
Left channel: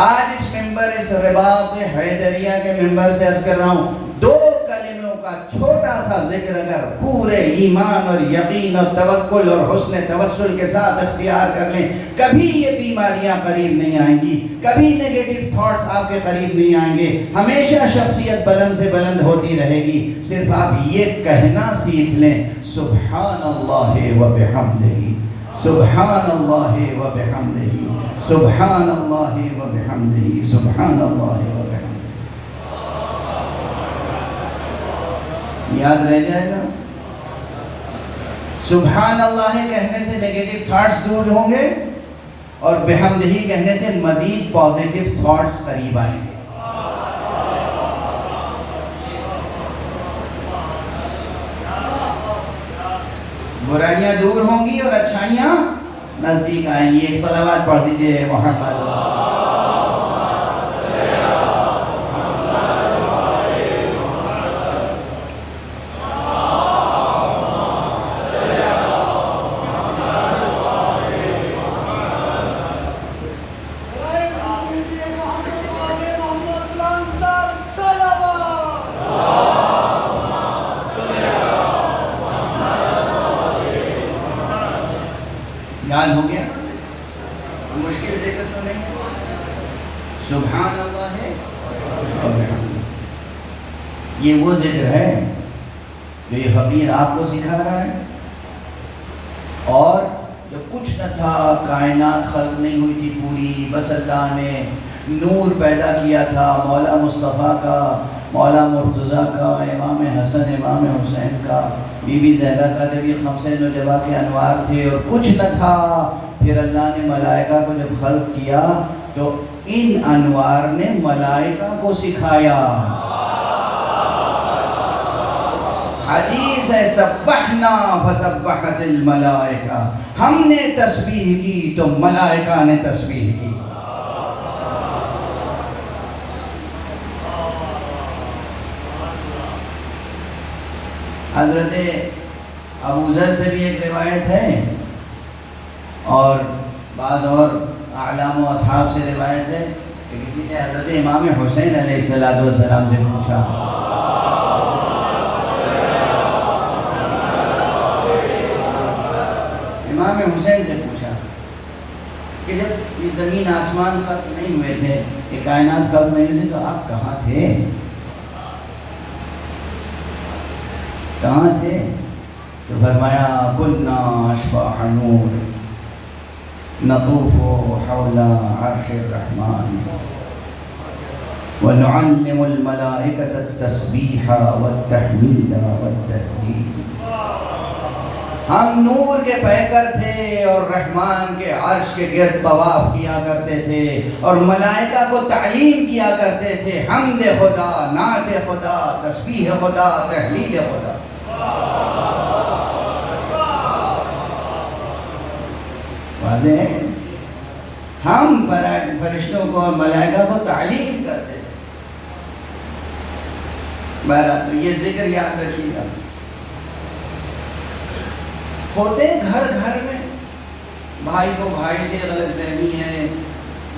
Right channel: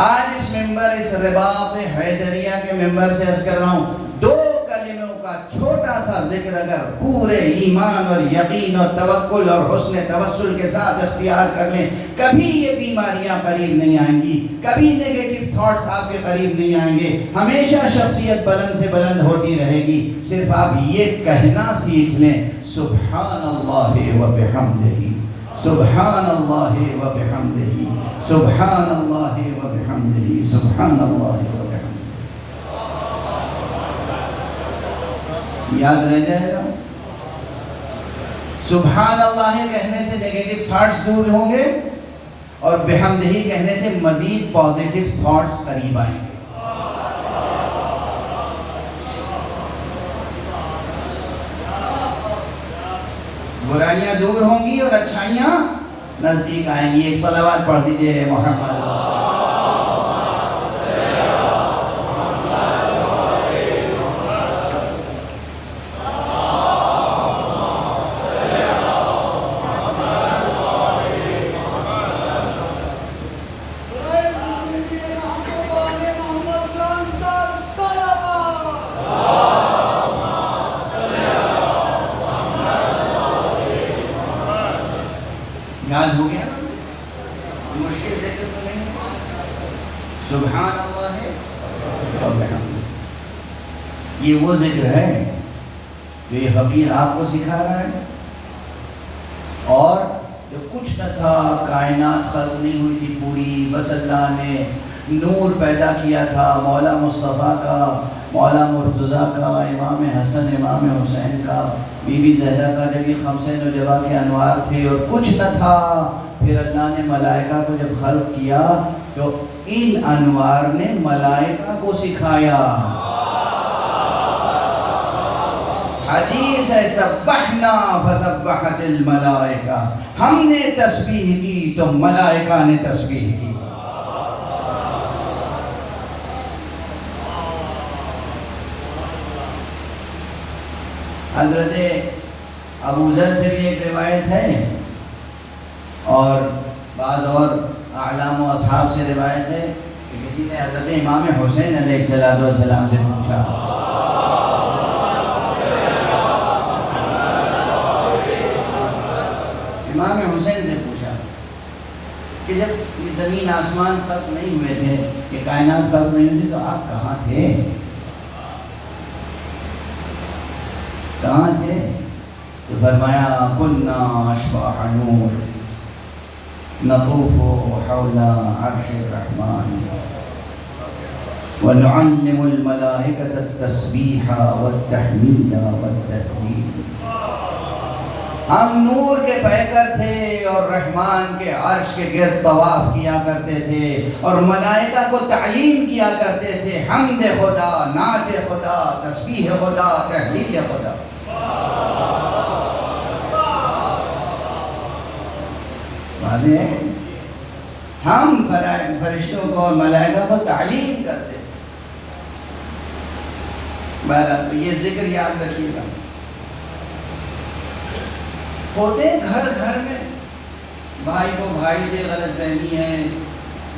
آج اس ممبر، اس رباط حیدریہ کے ممبر سے عرض کر رہا ہوں، 2 کلموں کا چھوٹا سا ذکر اگر پورے ایمان اور یقین اور توکل اور حسن توسل کے ساتھ اختیار کر لیں، کبھی یہ بیماریاں قریب نہیں آئیں گی، کبھی نیگیٹو تھاٹس آپ کے قریب نہیں آئیں گے. ہمیشہ شخصیت بلند سے بلند ہوتی رہے گی. صرف آپ یہ کہنا سیکھ لیں، سبحان اللہ و بحمدہ، سبحان اللہ و بحمدہ، سبحان اللہ و بحمدہ، سبحان اللہ و بحمدہ. یاد رہ جائے گا. سبحان اللہ کہنے سے نیگیٹو تھاٹس دور ہوں گے اور بحمدہ کہنے سے مزید پازیٹو تھاٹس قریب آئیں گے. برائیاں دور ہوں گی اور اچھائیاں نزدیک آئیں گی. ایک صلوات پڑھ دیجئے محمد. یاد ہو گیا؟ مشکل ذکر تو نہیں. سبحان اللہ ہے. یہ وہ ذکر ہے جو یہ فقیر آپ کو سکھا رہا ہے. اور جو کچھ نہ تھا، کائنات خلق نہیں ہوئی تھی پوری، بس اللہ نے نور پیدا کیا تھا مولا مصطفیٰ کا، مولا مرتضیٰ کا، امام حسن، امام حسین کا، بی بی زہرا کا. نبی خمسین نجبہ کے انوار تھے اور کچھ نہ تھا. پھر اللہ نے ملائکہ کو جب خلق کیا تو ان انوار نے ملائکہ کو سکھایا. حدیث ہے سبحنا فسبحت الملائکہ، ہم نے تسبیح کی تو ملائکہ نے تسبیح کی. حضرت ابو ذر سے بھی ایک روایت ہے اور بعض اور اعلام و اصحاب سے روایت ہے کہ کسی نے حضرت امام حسین علیہ السلام سے پوچھا، امام حسین سے پوچھا کہ جب یہ زمین آسمان ختم نہیں ہوئے تھے، یہ کائنات ختم نہیں ہوئی تو آپ کہاں تھے؟ کہاں تھے؟ تو فرمایا کنا اشباح نور نطوف حول عرش الرحمن ونعلم الملائکة التسبیح والتحمید والتہلیل. ہم نور کے پیکر تھے اور رحمان کے عرش کے گرد طواف کیا کرتے تھے اور ملائکہ کو تعلیم کیا کرتے تھے حمد خدا، نعت خدا، تسبیح خدا، تحلیل خدا. واضح ہے، ہم فرشتوں کو اور ملائکہ کو تعلیم کرتے تھے. بہرحال یہ ذکر یاد رکھیے گا. ہوتے گھر گھر میں بھائی کو بھائی سے غلط فہمی ہے،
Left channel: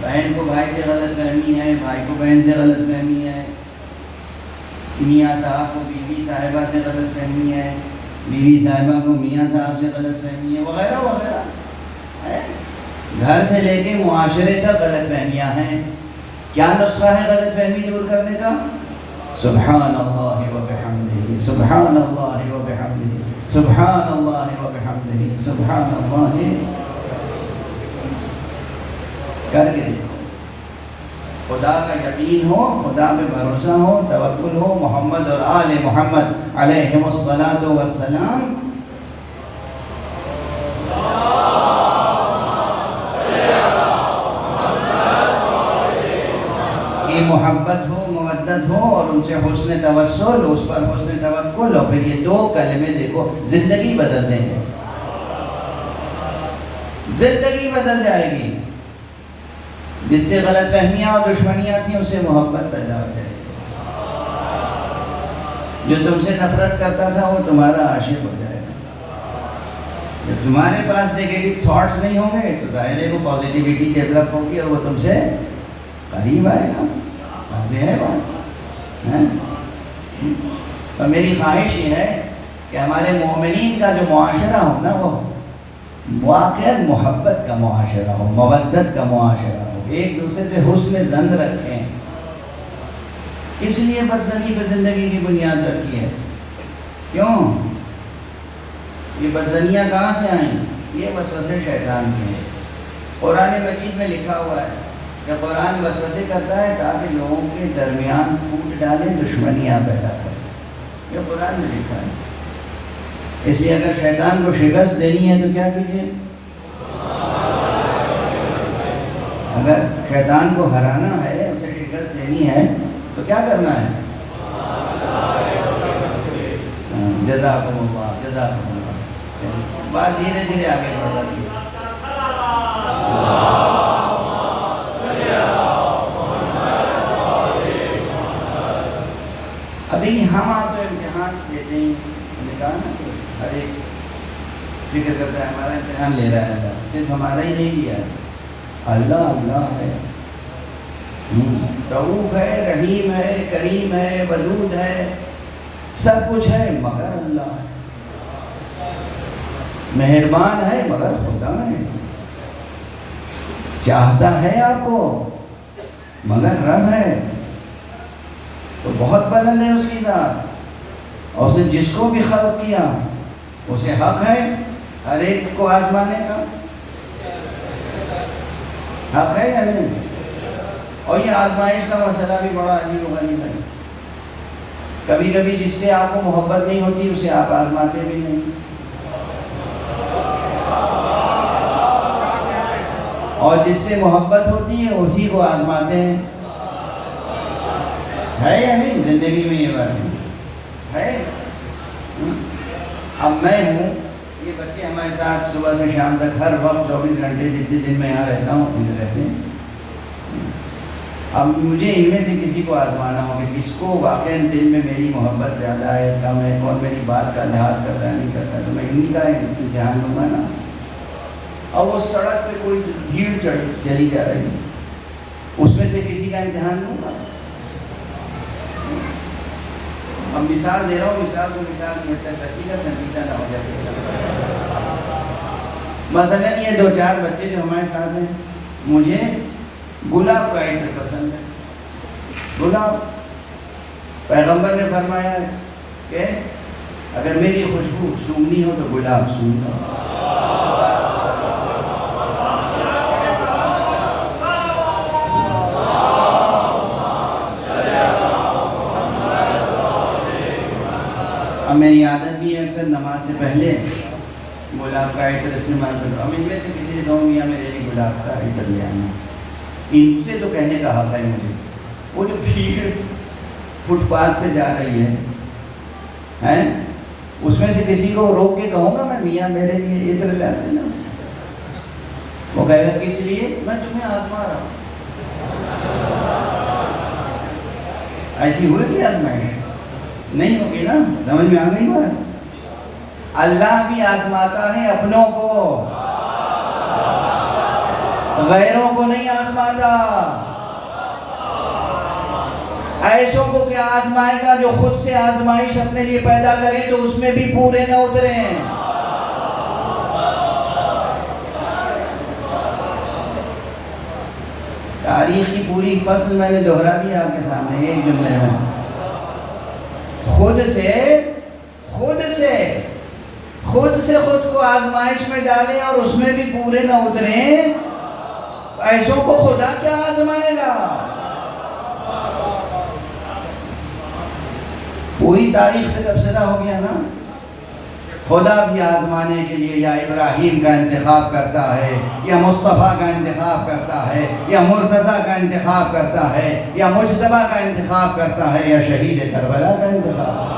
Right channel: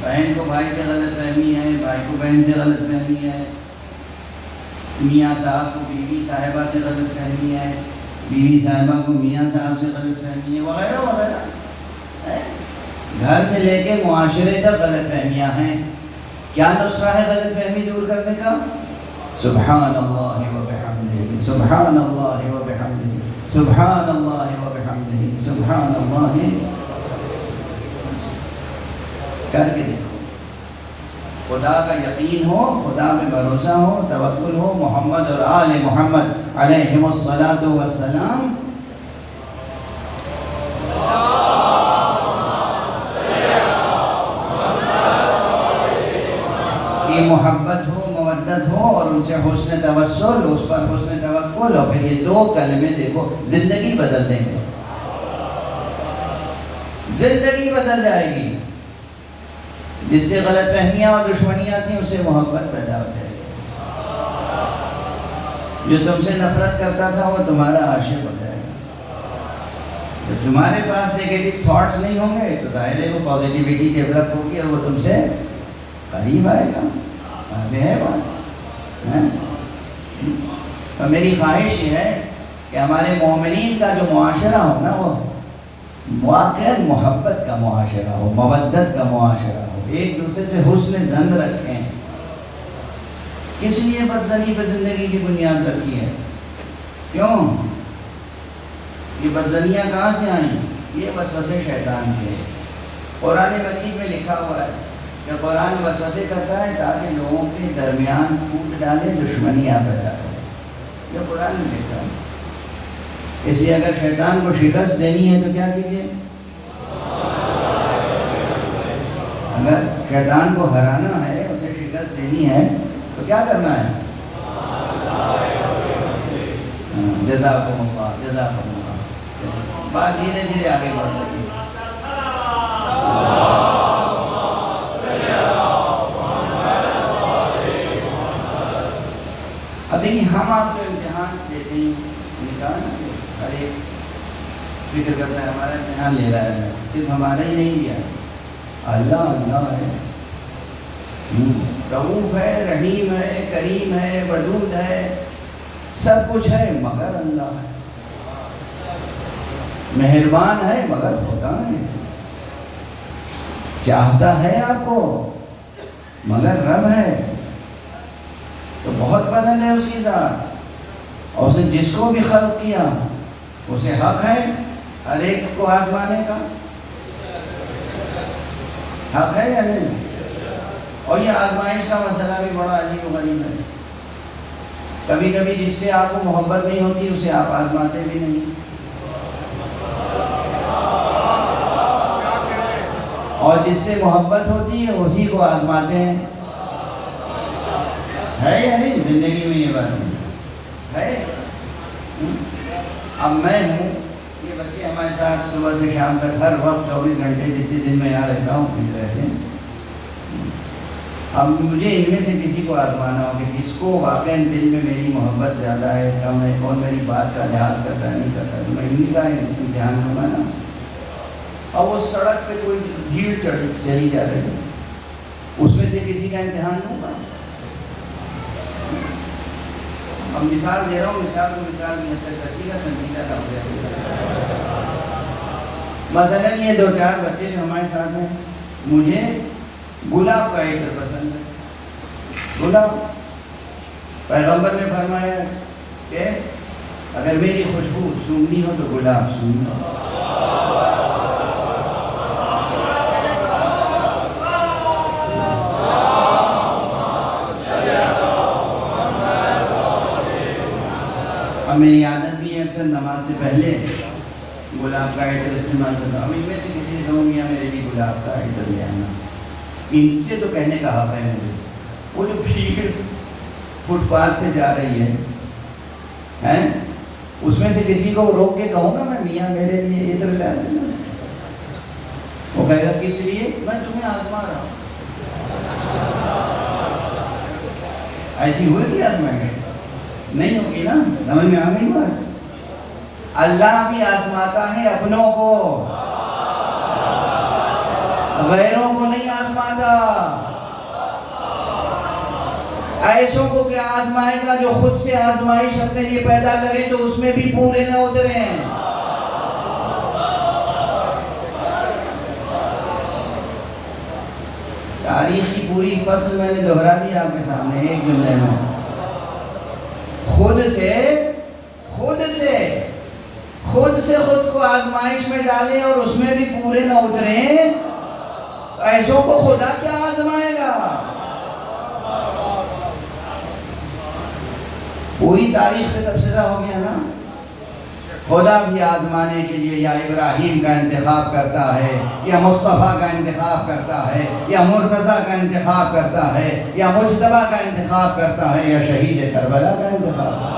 بہن کو بھائی سے غلط فہمی ہے، بھائی کو بہن سے غلط فہمی ہے، میاں صاحب کو بیوی صاحبہ سے غلط فہمی ہے، بیوی صاحبہ کو میاں صاحب سے غلط فہمی ہے، وغیرہ وغیرہ. گھر سے لے کے معاشرے تک غلط فہمیاں ہیں. کیا نسخہ ہے غلط فہمی دور کرنے کا؟ سبحان اللہ وبحمدہ، سبحان اللہ وبحمدہ، سبحان اللہ وبحمدہ، سبحان اللہ. کر کے دیکھو، خدا کا یقین ہو، خدا پہ بھروسہ ہو، توکل ہو، محمد اور آل محمد علیہم الصلاۃ والسلام کی محبت ہو، مودت ہو اور ان سے حسن توسل، اس پر حسن توکل، اور پھر یہ دو کلمے دیکھو زندگی بدل دیں گے. زندگی بدل جائے گی. جس سے غلط فہمیاں اور دشمنیاں تھیں اس سے محبت پیدا ہو جائے گی. جو تم سے نفرت کرتا تھا وہ تمہارا عاشق ہو جائے گا. جب تمہارے پاس نیگیٹو تھاٹس نہیں ہوں گے تو ظاہر ہے وہ پازیٹیوٹی ڈیولپ ہوگی اور وہ تم سے قریب آئے گا. واضح ہے بات. تو میری خواہش یہ ہے کہ ہمارے مومنین کا جو معاشرہ ہو نا وہ واقعاً محبت کا معاشرہ ہو، مودت کا معاشرہ ہو، ایک دوسرے سے حسن ظن رکھیں. کس لیے بدزنی پہ زندگی کی بنیاد رکھی ہے؟ کیوں؟ یہ بدزنیاں کہاں سے آئیں؟ یہ وسوسے شیطان کے. قرآن مجید میں لکھا ہوا ہے کہ قرآن وسوسے کرتا ہے تاکہ لوگوں کے درمیان پھوٹ ڈالے، دشمنیاں پیدا کرے. یہ قرآن میں لکھا ہے. اس لیے اگر شیطان کو شکست دینی ہے تو کیا کیجیے؟ اگر شیطان کو ہرانا ہے، اسے شکست دینی ہے تو کیا کرنا ہے؟ جزاکم اللہ، جزاکم اللہ. بات دھیرے دھیرے آگے بڑھ رہی ہے. ابھی ہم آپ کو امتحان دیتے ہیں، ہر ایک فکر کرتا ہے ہمارا امتحان لے رہا ہے. صرف ہمارا ہی نہیں لیا ہے، اللہ اللہ ہے، رؤوف ہے، رحیم ہے، کریم ہے، ودود ہے، سب کچھ ہے مگر اللہ ہے. مہربان ہے مگر خدا ہے. چاہتا ہے آپ کو مگر رب ہے. تو بہت بلند ہے اس کی ذات. اور اس نے جس کو بھی خلق کیا اسے حق ہے ہر ایک کو آزمانے کا. حق ہے یا نہیں؟ اور یہ آزمائش کا مسئلہ بھی بڑا عجیب و غریب ہے. کبھی کبھی جس سے آپ کو محبت نہیں ہوتی اسے آپ آزماتے بھی نہیں، اور جس سے محبت ہوتی ہے اسی کو آزماتے ہیں. ہے یا نہیں زندگی میں یہ بات ہے؟ اب میں ہوں، یہ بچے ہمارے ساتھ صبح سے شام تک ہر وقت 24 گھنٹے جتنے دن میں یہاں رہتا ہوں رہتے ہیں. اب مجھے ان میں سے کسی کو آزمانا ہو کہ کس کو واقعی دل میں میری محبت زیادہ ہے کم ہے، کون میری بات کا لحاظ کرتا نہیں کرتا، تو میں انہیں کا امتحان لوں گا نا۔ اور وہ سڑک پہ کوئی بھیڑ چلی جا رہی ہے، اس میں سے کسی کا امتحان لوں گا۔ اب مثال دے رہا ہوں، مثال کو مثال کی حد تک رکھیے گا، سنجیدہ نہ ہو جائے گا۔ مثلاً یہ 2-4 بچے جو ہمارے ساتھ ہیں، مجھے گلاب کا عطر پسند ہے۔ گلاب، پیغمبر نے فرمایا کہ اگر میری خوشبو سونگنی ہو تو گلاب سونگنا۔ اب میری عادت بھی ہے اکثر نماز سے پہلے گلاب کا عطر استعمال کرتا ہوں۔ اب ان میں سے کسی سے کہوں یا میرے لیے گلاب کا عطر لے آنا، ان سے تو کہنے کا حق ہے مجھے۔ وہ جو بھیڑ فٹ پاتھ پہ جا رہی ہے، اس میں سے کسی کو روک کے کہوں گا میں میاں میرے لیے عطر لا دینا؟ وہ کہے گا کس لیے؟ میں تمہیں آزما رہا ہوں۔ ایسی ہوئی کہ آزمائش نہیں ہوگی نا؟ سمجھ میں آ گئی بات؟ اللہ بھی آزماتا ہے اپنوں کو، غیروں کو نہیں آزماتا۔ ایسوں کو کیا آزمائے گا جو خود سے آزمائش اپنے لیے پیدا کریں تو اس میں بھی پورے نہ اتریں۔ تاریخ کی پوری فصل میں نے دہرا دی آپ کے سامنے ایک جملے میں۔ خود کو آزمائش میں ڈالیں اور اس میں بھی پورے نہ اتریں، ایسوں کو خدا کیا آزمائے گا؟ پوری تاریخ پہ تبصرہ ہو گیا نا۔ خدا بھی آزمانے کے لیے یا ابراہیم کا انتخاب کرتا ہے، یا مصطفیٰ کا انتخاب کرتا ہے، یا مرتضیٰ کا انتخاب کرتا ہے، یا مجتبیٰ کا انتخاب کرتا ہے، یا شہید کربلا کا انتخاب۔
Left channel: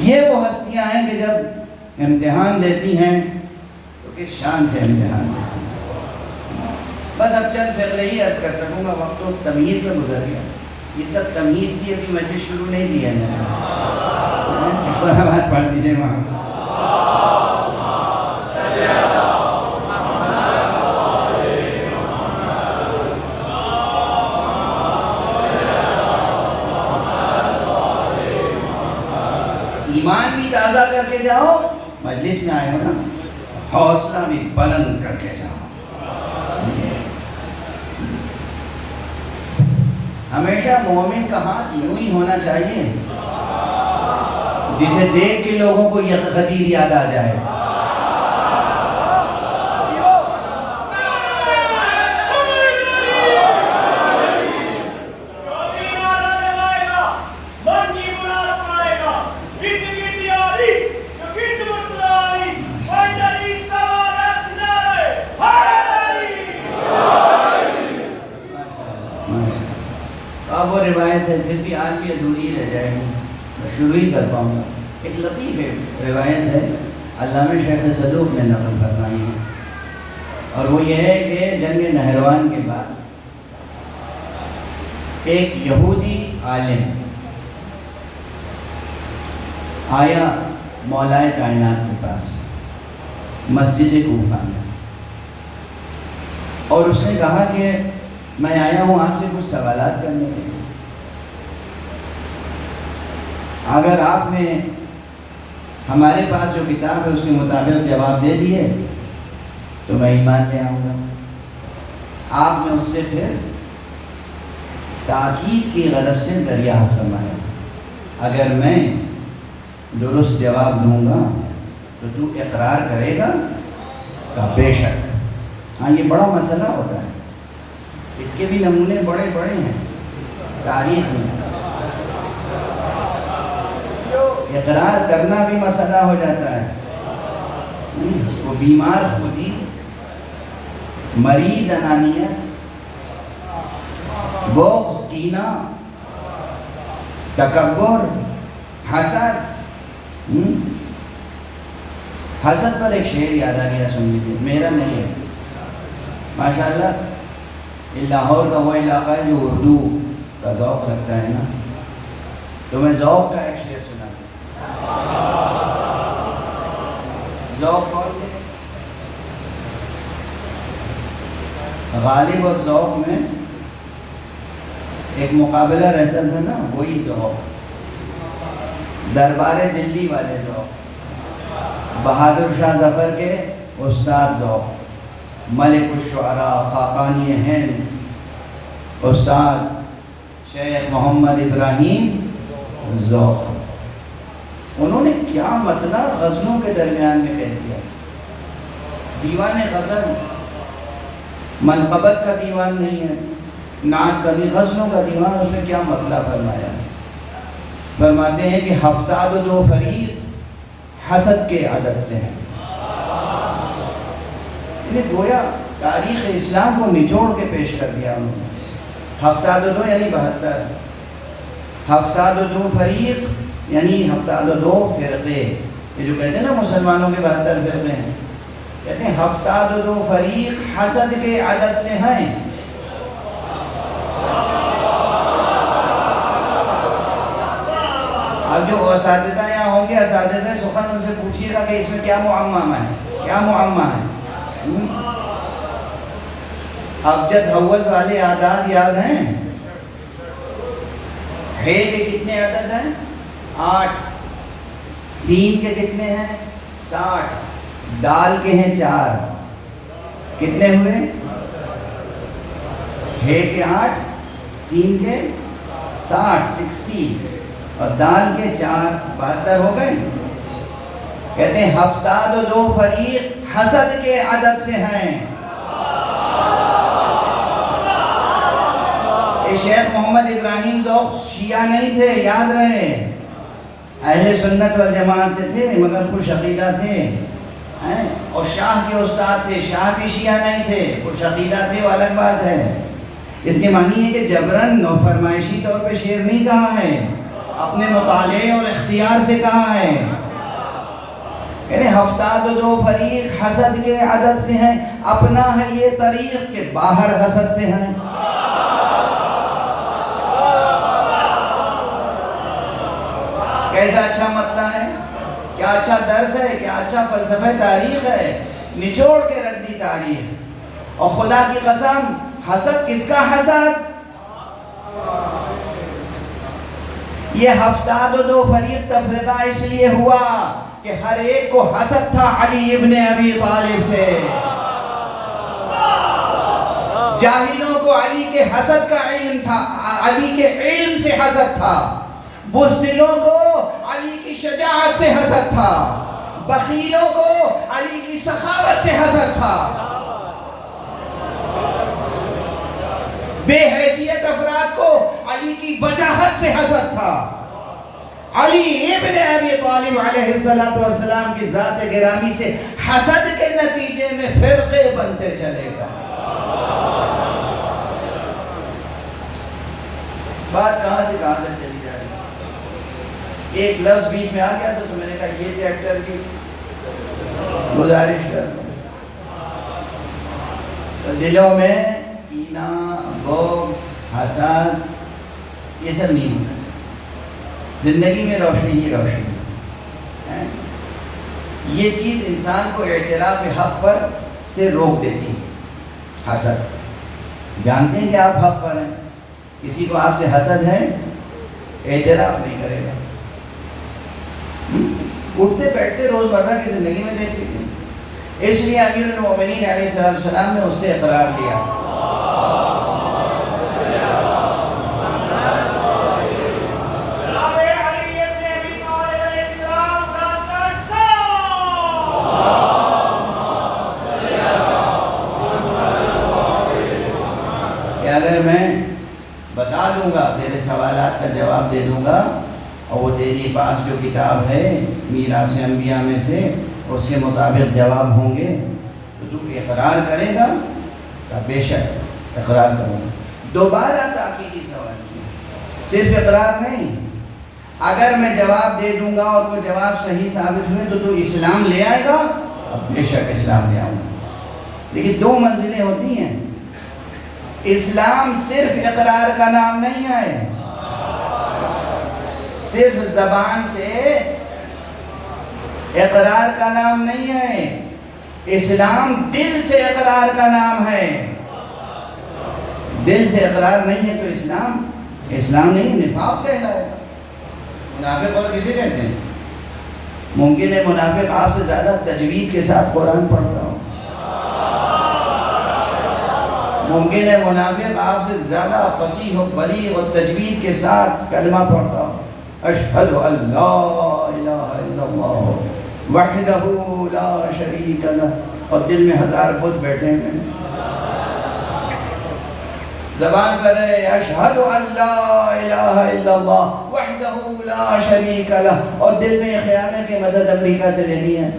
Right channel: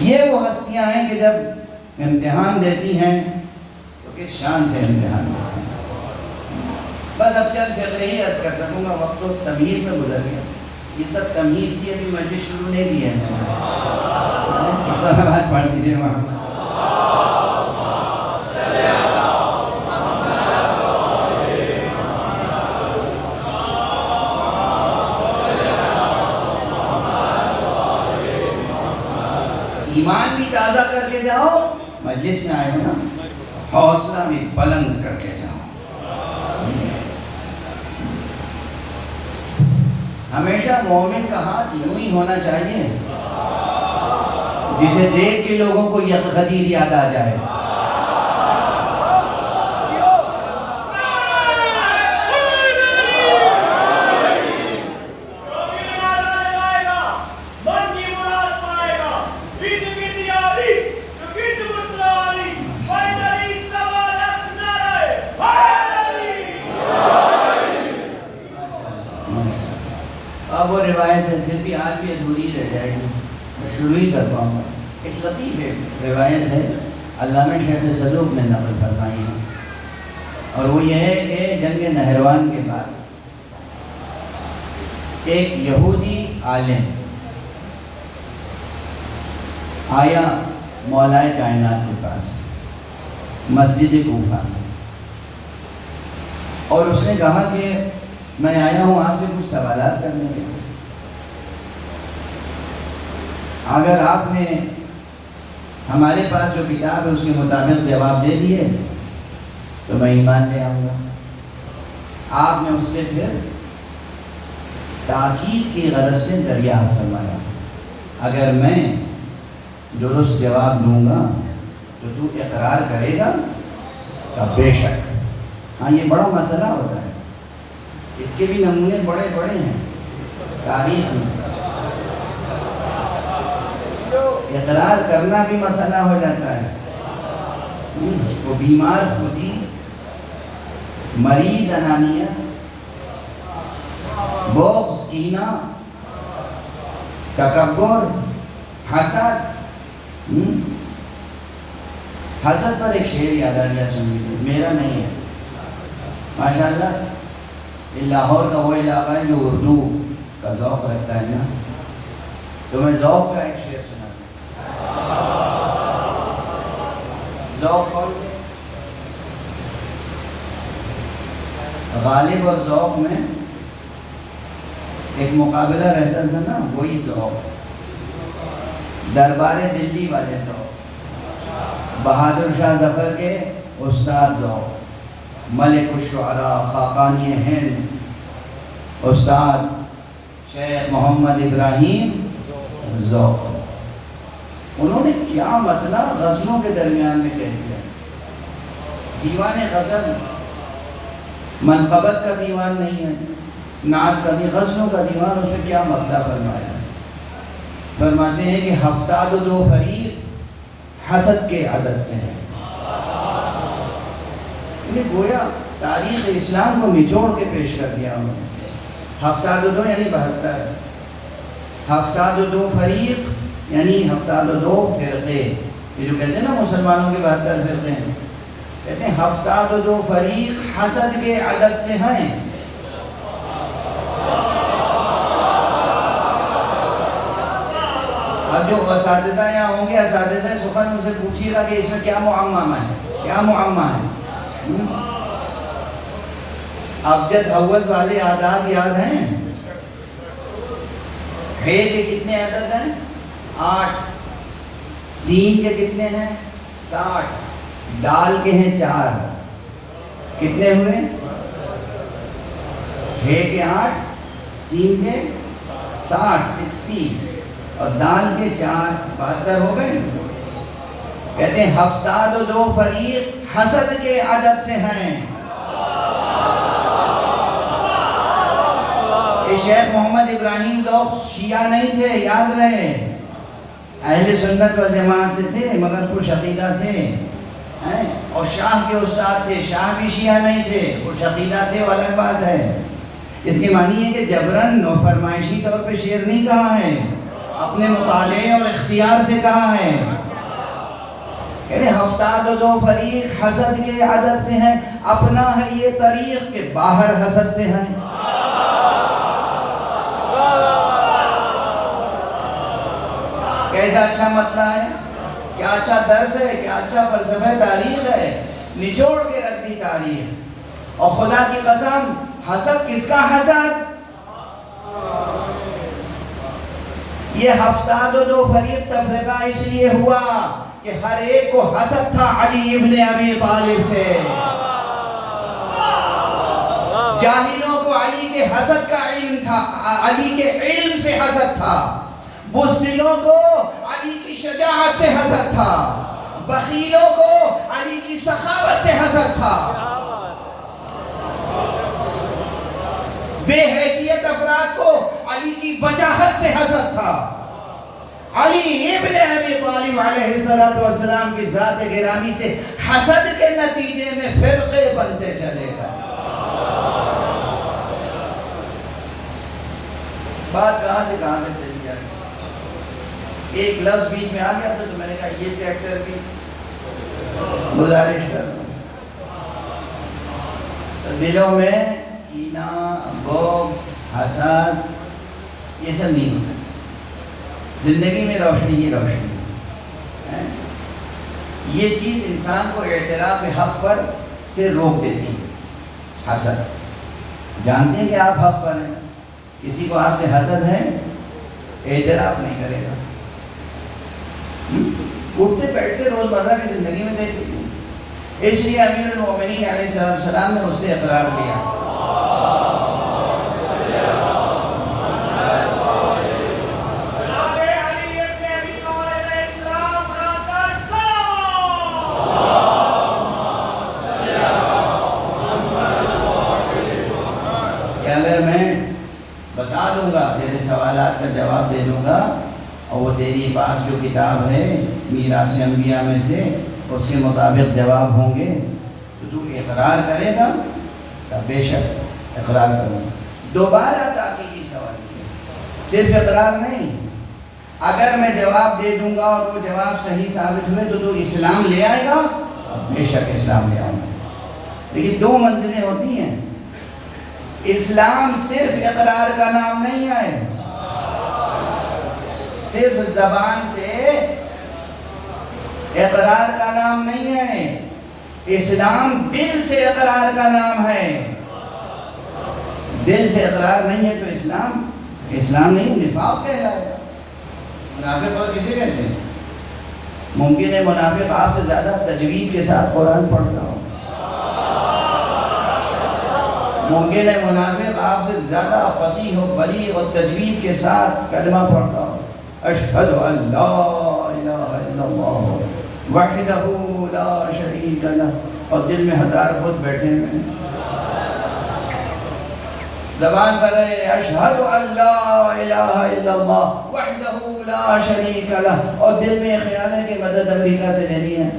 یہ وہ ہستیاں ہیں کہ جب امتحان دیتی ہیں تو کس شان سے امتحان دیتی ہیں۔ بس اب چند فقرے ہی عرض کر سکوں گا، وقت تو تمیز میں گزر گیا۔ یہ سب تمیز کی ابھی مجلس شروع نہیں کی ہے بات پڑھ دیجیے وہاں۔ ایمان بھی تازہ کر کے جاؤ، مجلس میں آئے ہو نا، حوصلہ بھی بلند کر کے جاؤ۔ ہمیشہ مومن کا ہاتھ یوں ہی ہونا چاہیے جسے دیکھ کے لوگوں کو یہ غدیر یاد آ جائے۔ اب وہ روایت ہے، پھر بھی آج بھی ادھوری رہ جائے گی، شروع ہی کر پاؤں گا۔ ایک لطیف روایت ہے، علامہ شیخ صدوق نے نقل فرمائی ہے، اور وہ یہ ہے کہ جنگ نہروان کے بعد ایک یہودی عالم آیا مولائے کائنات کے پاس مسجد کوفہ میں، اور اس نے کہا کہ میں آیا ہوں آپ سے کچھ سوالات کرنے کے لیے، اگر آپ نے ہمارے پاس جو کتاب ہے اس کے مطابق جواب دے دیے تو میں ایمان لے آؤں گا۔ آپ نے اس سے پھر تاکید کی غرض سے دریافت فرمایا، اگر میں درست جواب دوں گا تو تو اقرار کرے گا؟ کہ بے شک۔ ہاں، یہ بڑا مسئلہ ہوتا ہے، اس کے بھی نمونے بڑے بڑے ہیں تاریخ میں۔ اقرار کرنا بھی مسئلہ ہو جاتا ہے۔ وہ بیمار خودی، مریض انانیت، بغض، کینہ، تکبر، حسد۔ حسد پر ایک شعر یاد آ گیا، سن لیجیے، میرا نہیں ہے، ماشاءاللہ یہ لاہور کا وہ علاقہ ہے جو اردو کا ذوق رکھتا ہے نا. تو میں ذوق کا ایک شعر سنا ذوق کون سے غالب اور ذوق میں ایک مقابلہ رہتا تھا نا, وہی ذوق دربار دلی والے ذوق, بہادر شاہ ظفر کے استاد ذوق, ملک الشعراء خاقانی ہند استاد شیخ محمد ابراہیم ذوق. انہوں نے کیا مطلب غزلوں کے درمیان میں کہہ دیا. دیوان غزل منقبت کا دیوان نہیں ہے, نعت کا بھی, غزلوں کا دیوان. اس میں کیا مطلب فرمایا؟ فرماتے ہیں کہ ہفتاد و دو فریق حسد کے عدد سے ہیں. گویا تاریخ اسلام کو نچوڑ کے پیش کر دیا انہوں نے. ہفتاد و دو یعنی 72, ہفتاد و دو فریق یعنی ہفتاد و دو فرقے. یہ جو کہتے ہیں نا مسلمانوں کے 72 فرقے ہیں, کہتے ہیں ہفتاد و دو فریق حسد کے عدد سے ہیں. اب جو اساتذہ یہاں ہوں گے, اساتذہ سخن, ان سے پوچھیے گا کہ اس میں کیا معمہ ہے, کیا معمہ ہے. ابجد حوض والے اعداد یاد ہیں؟ ہے کے کتنے عدد ہیں؟ 8. سین کے کتنے ہیں؟ 60. دال کے ہیں 4. کتنے ہوئے؟ ہے کے 8, سین کے 60 اور دال کے 4, 72 ہو گئے. کہتے ہیں ہفتاد و دو فریق حسد کے عدد سے ہیں. یہ شیخ محمد ابراہیم ذوق شیعہ نہیں تھے, یاد رہے, اہل سنت والجماعت سے تھے مگر خوش عقیدہ تھے. اور شاہ کے استاد تھے, شاہ بھی شیعہ نہیں تھے, خوش عقیدہ تھے, وہ الگ بات ہے. اس کے معنی ہے کہ جبرن و فرمائشی طور پہ شعر نہیں کہا ہے, اپنے مطالعے اور اختیار سے کہا ہے. یعنی ہفتاد و دو فریق حسد کے عدد سے ہیں. اپنا ہے یہ طریق کہ باہر حسد سے ہیں. کیسا اچھا مطلع ہے, کیا اچھا درس ہے, کیا اچھا فلسفہ تاریخ ہے. نچوڑ کے رکھ دی تاریخ. اور خدا کی قسم, حسد کس کا حسد؟ یہ ہفتاد و دو فریق تفرقہ اس لیے ہوا کہ ہر ایک کو حسد تھا علی ابن ابی طالب سے. جاہلوں کو علی کے حسد کا علم تھا, علی کے علم سے حسد تھا. بزدلوں کو علی کی شجاعت سے حسد تھا. بخیلوں کو علی کی سخاوت سے حسد تھا. بے حیثیت افراد کو علی کی وجاہت سے حسد تھا. علی ابن ابی طالب علیہ السلام کی ذات گرامی سے حسد کے نتیجے میں فرقے بنتے چلے گا. بات کہاں سے کہاں تک چلی جائے گی. ایک لفظ بیچ میں آ گیا تو میں نے کہا یہ چیپٹر کی گزارش کر. دلوں میں کینہ, بغض, حسد یہ سب نہیں. زندگی میں روشنی ہی روشنی. یہ چیز انسان کو اعتراف حق پر سے روک دیتی. حسد, جانتے ہیں کہ آپ حق پر ہیں, کسی کو آپ سے حسد ہے, اعتراف نہیں کرے گا. اٹھتے بیٹھتے روزمرہ کی زندگی میں دیکھتے ہیں. اس لیے امیر المومنین علیہ السلام نے اس سے اقرار کیا. اگر میں بتا دوں گا, تیرے سوالات کا جواب دے دوں گا, اور وہ تیری پاس جو کتاب ہے میراث انبیاء میں سے اس کے مطابق جواب ہوں گے, تو تو اقرار کرے گا. بے شک اقرار کروں گا. دوبارہ تاکیدی سوال کیا, صرف اقرار نہیں. اگر میں جواب دے دوں گا اور وہ جواب صحیح ثابت ہوئے تو تو اسلام لے آئے گا؟ بے شک اسلام لے آؤں گا. لیکن دو منزلیں ہوتی ہیں. اسلام صرف اقرار کا نام نہیں ہے، صرف زبان سے اقرار کا نام نہیں ہے. اسلام دل سے اقرار کا نام ہے. دل سے اقرار نہیں ہے تو اسلام نہیں، نفاق کہلائے گا. منافق اور کسے کہتے ہیں؟ ممکن ہے منافق آپ سے زیادہ تجوید کے ساتھ قرآن پڑھتا ہو، ممکن ہے منافق آپ سے زیادہ فصیح و بلیغ اور تجوید کے ساتھ کلمہ پڑھتا ہو، اشہد ان لا الہ الا اللہ وحدہ لا شریک لہ، اور دل میں ہزار بت بیٹھے ہیں. زبان پر ہے اشہد ان لا الہ الا اللہ وحدہ لا شریک لہ، اور دل میں یہ خیال ہے کہ مدد امریکہ سے لینی ہے.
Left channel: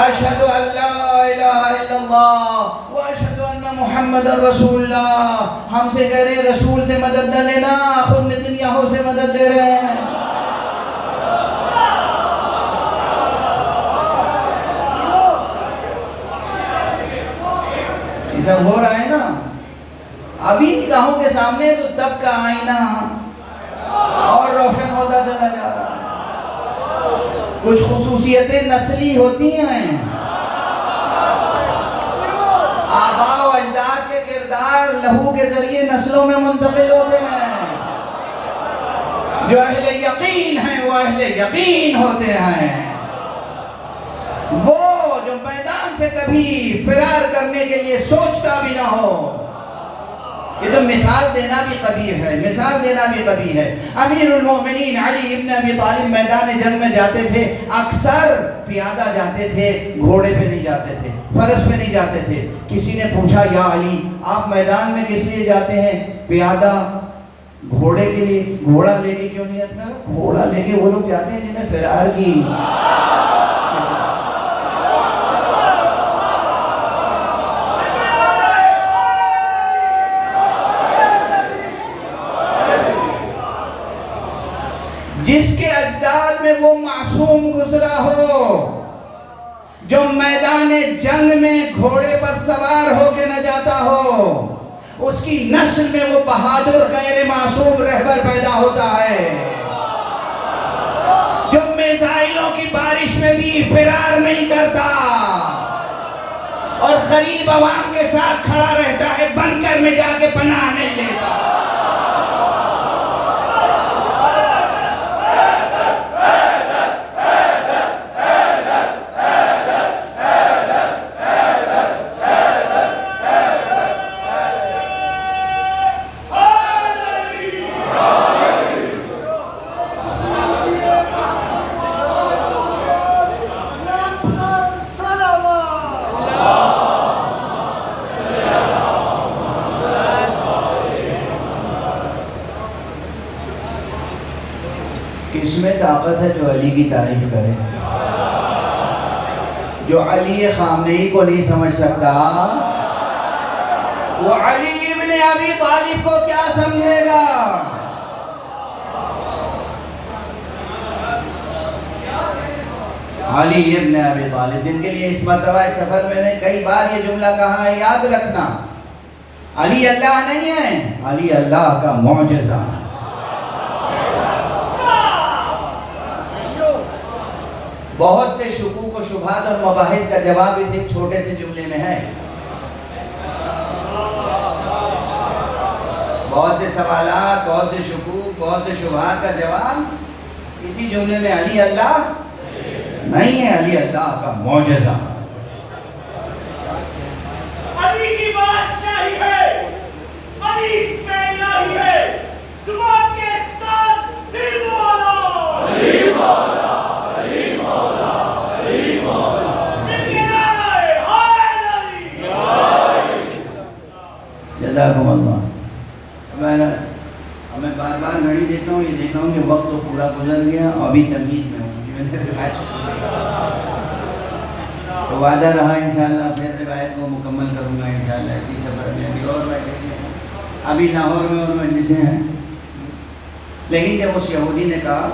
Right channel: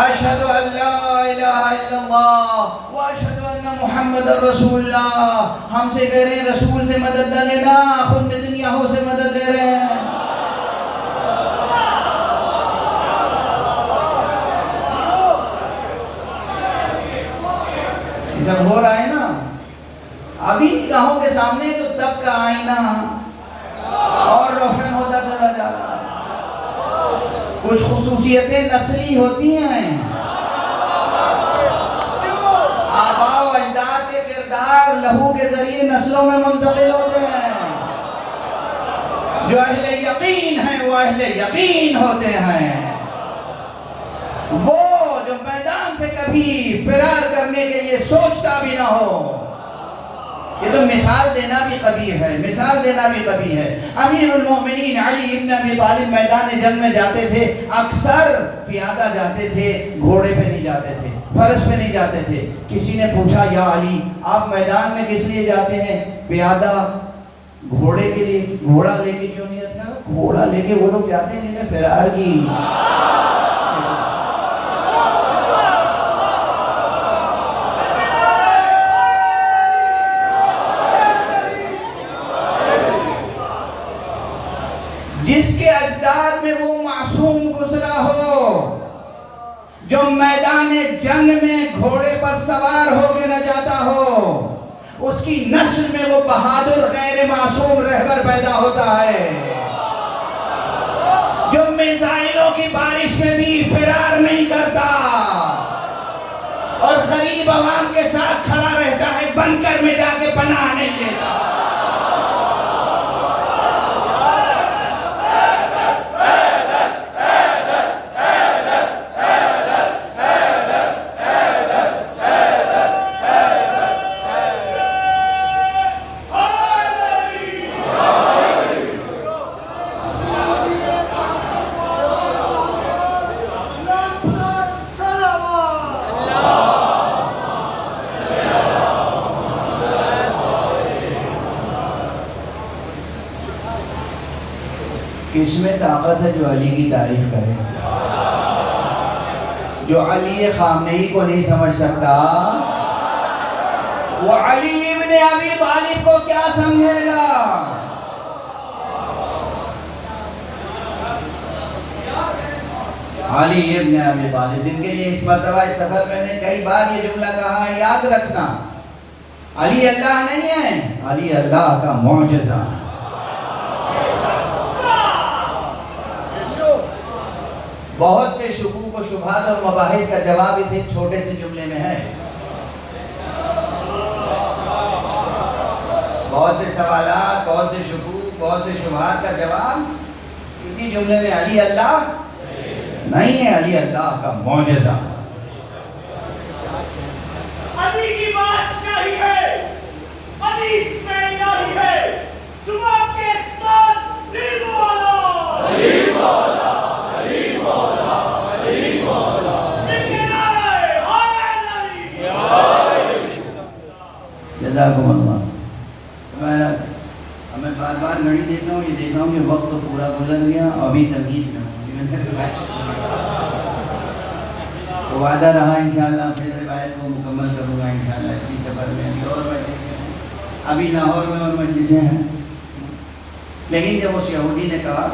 اشہد ان لا الہ الا اللہ واشہد ان محمد رسول اللہ. ہم سے کہہ رہے ہیں رسول سے مدد نہ لینا، خود نتنیاہو سے مدد لے رہے ہیں. یہ سب ہو رہا ہے نا ابھی نگاہوں کے سامنے، تو تب کا آئینہ اور روشن ہوتا چلا جا رہا ہے. کچھ خصوصیتیں نسلی ہوتی ہیں. آباء و اجداد کے کردار لہو کے ذریعے نسلوں میں منتقل ہوتے ہیں. جو اہل یقین ہیں وہ اہل یقین ہوتے ہیں. وہ جو میدان سے کبھی فرار کرنے کے لیے سوچتا بھی نہ ہو. یہ تو مثال دینا بھی قبیح ہے، مثال دینا بھی قبیح ہے. امیر المومنین علی ابن ابی طالب میدان جنگ میں جاتے تھے، اکثر پیادہ جاتے تھے، گھوڑے پہ نہیں جاتے تھے، فرس پہ نہیں جاتے تھے. کسی نے پوچھا یا علی آپ میدان میں کس لیے جاتے ہیں؟ پیادہ گھوڑے کے لیے. گھوڑا لے کے کیوں نہیں جاتا؟ گھوڑا لے کے وہ لوگ جاتے ہیں جنہیں فرار کی. جس کے اجداد میں وہ معصوم گزرا ہو، جو میدان جنگ میں گھوڑے پر سوار ہو کے نہ جاتا ہو، اس کی نسل میں وہ بہادر غیر معصوم رہبر پیدا ہوتا ہے، جو میزائلوں کی بارش میں بھی فرار نہیں کرتا اور غریب عوام کے ساتھ کھڑا رہتا ہے، بنکر میں جا کے پناہ نہیں لیتا. کس میں طاقت ہے جو علی کی تعریف کرے؟ جو علی خامنئی کو نہیں سمجھ سکتا وہ علی ابن ابی طالب کو کیا سمجھے گا؟ علی ابن ابی طالب، جن کے لیے اس مرتبہ اس سفر میں نے کئی بار یہ جملہ کہا ہے، یاد رکھنا علی اللہ نہیں ہے، علی اللہ کا معجزہ. بہت سے شکوک و شبہات اور مباحث کا جواب اس ایک چھوٹے سے جملے میں ہے. بہت سے سوالات، بہت سے شکوک، بہت سے شبہات کا جواب اسی جملے میں علی اللہ نہیں ہے، علی اللہ کا معجزہ. علی کی بادشاہی ہے، علی اس میں الہی ہے، صبح کے ساتھ دل مولا علی مولا علی مولا علی مولا جزاکم اللہ. میں بار بار گھڑی دیکھ رہا ہوں، یہ دیکھ رہا ہوں کہ وقت تو پورا گزر گیا، ابھی تمہید میں ہوں. تو وعدہ رہا انشاءاللہ پھر روایت کو مکمل کروں گا انشاءاللہ اسی سفر میں بھی. اور ابھی لاہور میں اور مجلسیں ہیں، لیکن جب اس یہودی نے کہا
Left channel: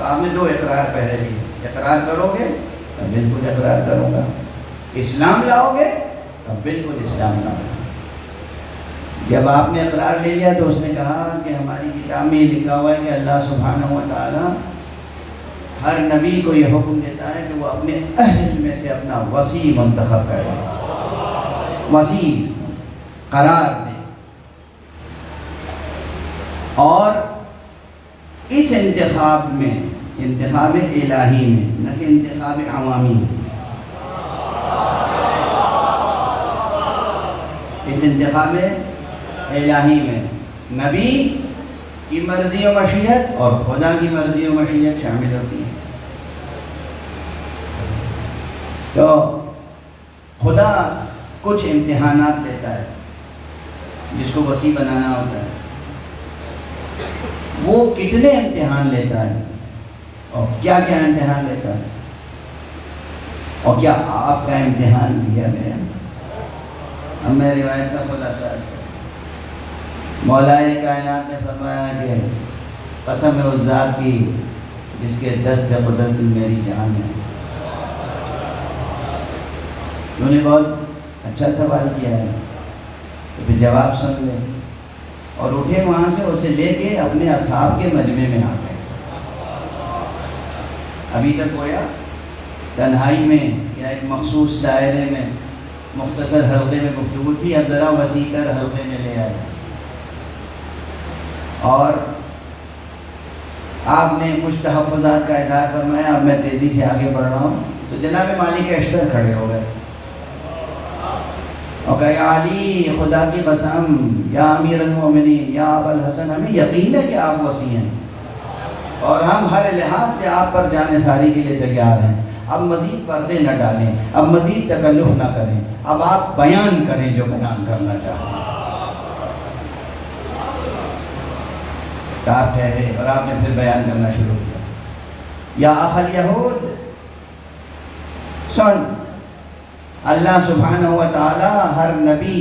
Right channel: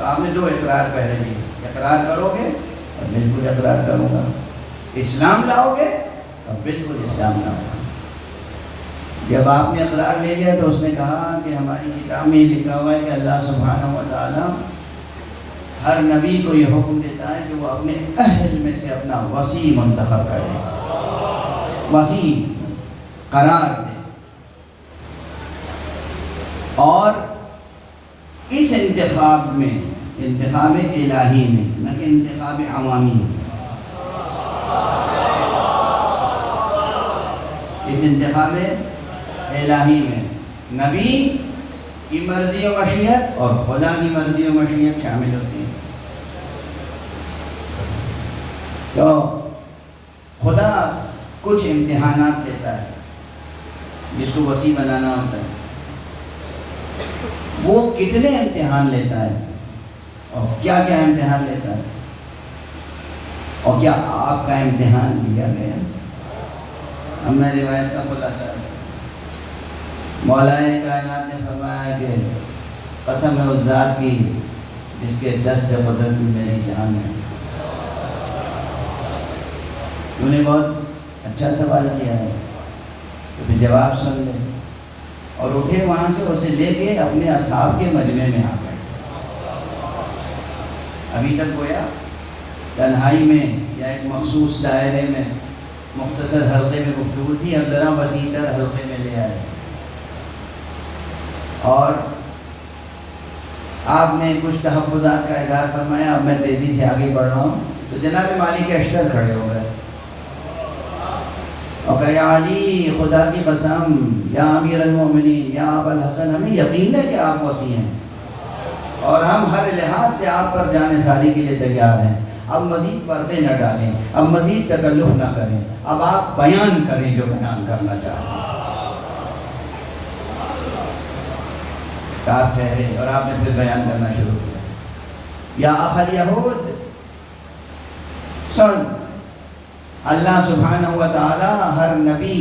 تو آپ نے 2 اقرار پہلے لیے، اقرار کرو گے تو بالکل اقرار کروں گا، اسلام لاؤ گے تو بالکل اسلام لاؤ گے۔ جب آپ نے اقرار لے لیا تو اس نے کہا کہ ہماری کتاب میں یہ لکھا ہوا ہے کہ اللہ سبحانہ و تعالیٰ ہر نبی کو یہ حکم دیتا ہے کہ وہ اپنے اہل میں سے اپنا وصی منتخب کرے، وصی قرار دے، اور اس انتخاب میں، انتخاب الہی میں، نہ کہ انتخاب عوامی میں، اس انتخاب الہی میں نبی کی مرضی و مشیت اور خدا کی مرضی و مشیت شامل ہوتی ہے۔ تو خدا کچھ امتحانات دیتا ہے جس کو وسیع بنانا ہوتا ہے، وہ کتنے امتحان لیتا ہے اور کیا کیا امتحان لیتا ہے، اور کیا آپ کا امتحان لیا گیا؟ ہمیں روایت کا خلاصہ ہے، مولا کائنات نے فرمایا کہ قسم ہے اس ذات کی جس کے دست قدرت میں میری جان ہے۔ انہوں نے بہت اچھا سوال کیا ہے، تو پھر جواب سن لیں، اور اٹھے وہاں سے اسے لے کے اپنے اصحاب کے مجمع میں آ گئے۔ ابھی تک گویا تنہائی میں یا ایک مخصوص دائرے میں مختصر حلقے میں گفتگو تھی، اب ذرا وسیع تر حلقے میں لے آئے، اور آپ نے کچھ تحفظات کا اظہار فرمایا۔ اب میں تیزی سے آگے بڑھ رہا ہوں تو جناب مالک اشتر کھڑے ہو گئے اور کہا یا علی، خدا کی قسم، یا امیر المومنین، یا ابا الحسن، ہمیں یقین ہے کہ آپ وسیع ہیں اور ہم ہر لحاظ سے آپ پر جانے ساری کے لیے تیار ہیں۔ اب مزید پردے نہ ڈالیں، اب مزید تکلف نہ کریں، اب آپ بیان کریں جو بیان کرنا چاہیں۔ آپ ٹھہرے اور آپ نے پھر بیان کرنا شروع کیا۔ یا اخل یہود، سن، اللہ سبحانہ و تعالی ہر نبی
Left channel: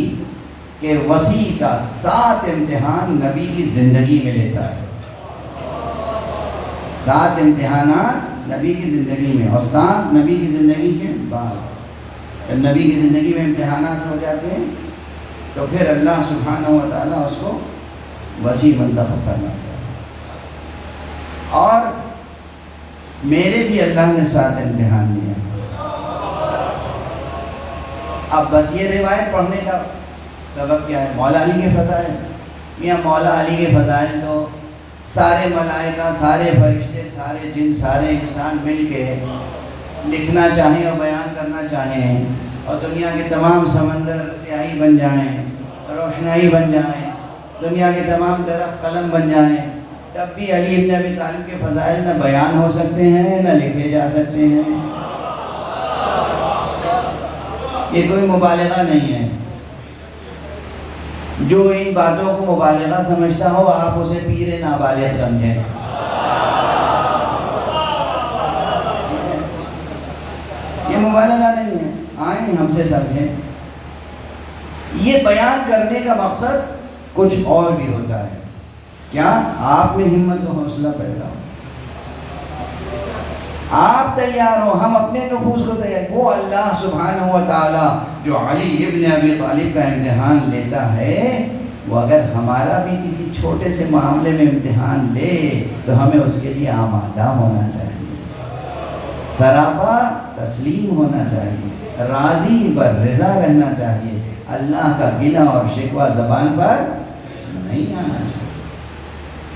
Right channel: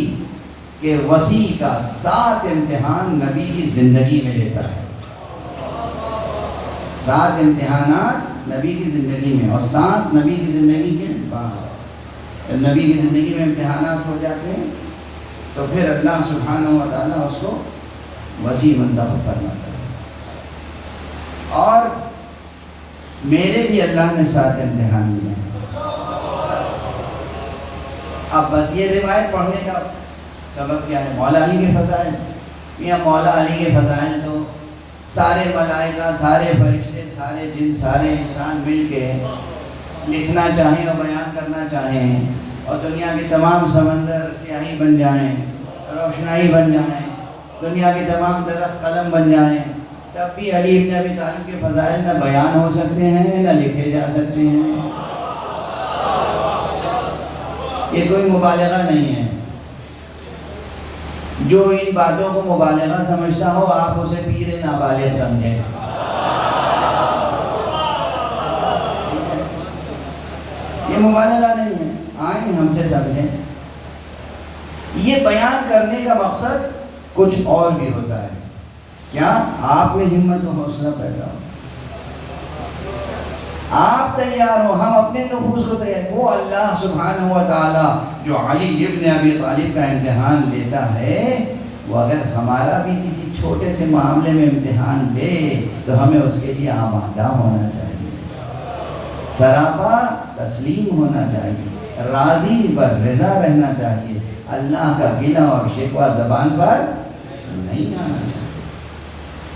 کے وسیع کا 7 امتحان نبی کی زندگی میں لیتا ہے، 7 امتحانات نبی کی زندگی میں، اور 7 نبی کی زندگی کے بعد۔ نبی کی زندگی میں امتحانات ہو جاتے ہیں تو پھر اللہ سبحانہ و تعالیٰ اس کو وسیع منتخب کرنا ہے۔ اور میرے بھی اللہ نے 7 امتحان لیے ہیں۔ اب بس یہ روایت پڑھنے کا سبب کیا ہے؟ مولا علی کے فضائل، یا مولا علی کے فضائل تو سارے ملائکہ، سارے فرشتے، سارے جن، سارے انسان مل کے لکھنا چاہیں اور بیان کرنا چاہیں، اور دنیا کے تمام سمندر سیاہی بن جائیں، روشنائی بن جائیں، دنیا کے تمام درخت قلم بن جائیں، تب بھی علی ابن ابی طالب کے فضائل نہ بیان ہو سکتے ہیں نہ لکھے جا سکتے ہیں۔ یہ کوئی مبالغہ نہیں ہے۔ جو ان باتوں کو مبالغہ سمجھتا ہو آپ اسے پیر نابالغ سمجھیں۔ یہ مبالغہ نہیں ہے، آئیں ہم سے سمجھیں۔ یہ بیان کرنے کا مقصد کچھ اور بھی ہوتا ہے، کیا آپ میں ہمت و حوصلہ پیدا ہو، آپ تیار ہو، ہم اپنے نفوس کو تیار۔ وہ اللہ سبحانہ و تعالیٰ جو علی ابن ابی طالب کا امتحان لیتا ہے، وہ اگر ہمارا بھی کسی چھوٹے سے معاملے میں امتحان لے تو ہمیں اس کے لیے آمادہ ہونا چاہیے، سراپا تسلیم ہونا چاہیے، راضی پر رضا رہنا چاہیے، اللہ کا گلہ اور شکوہ زبان پر نہیں آنا چاہیے۔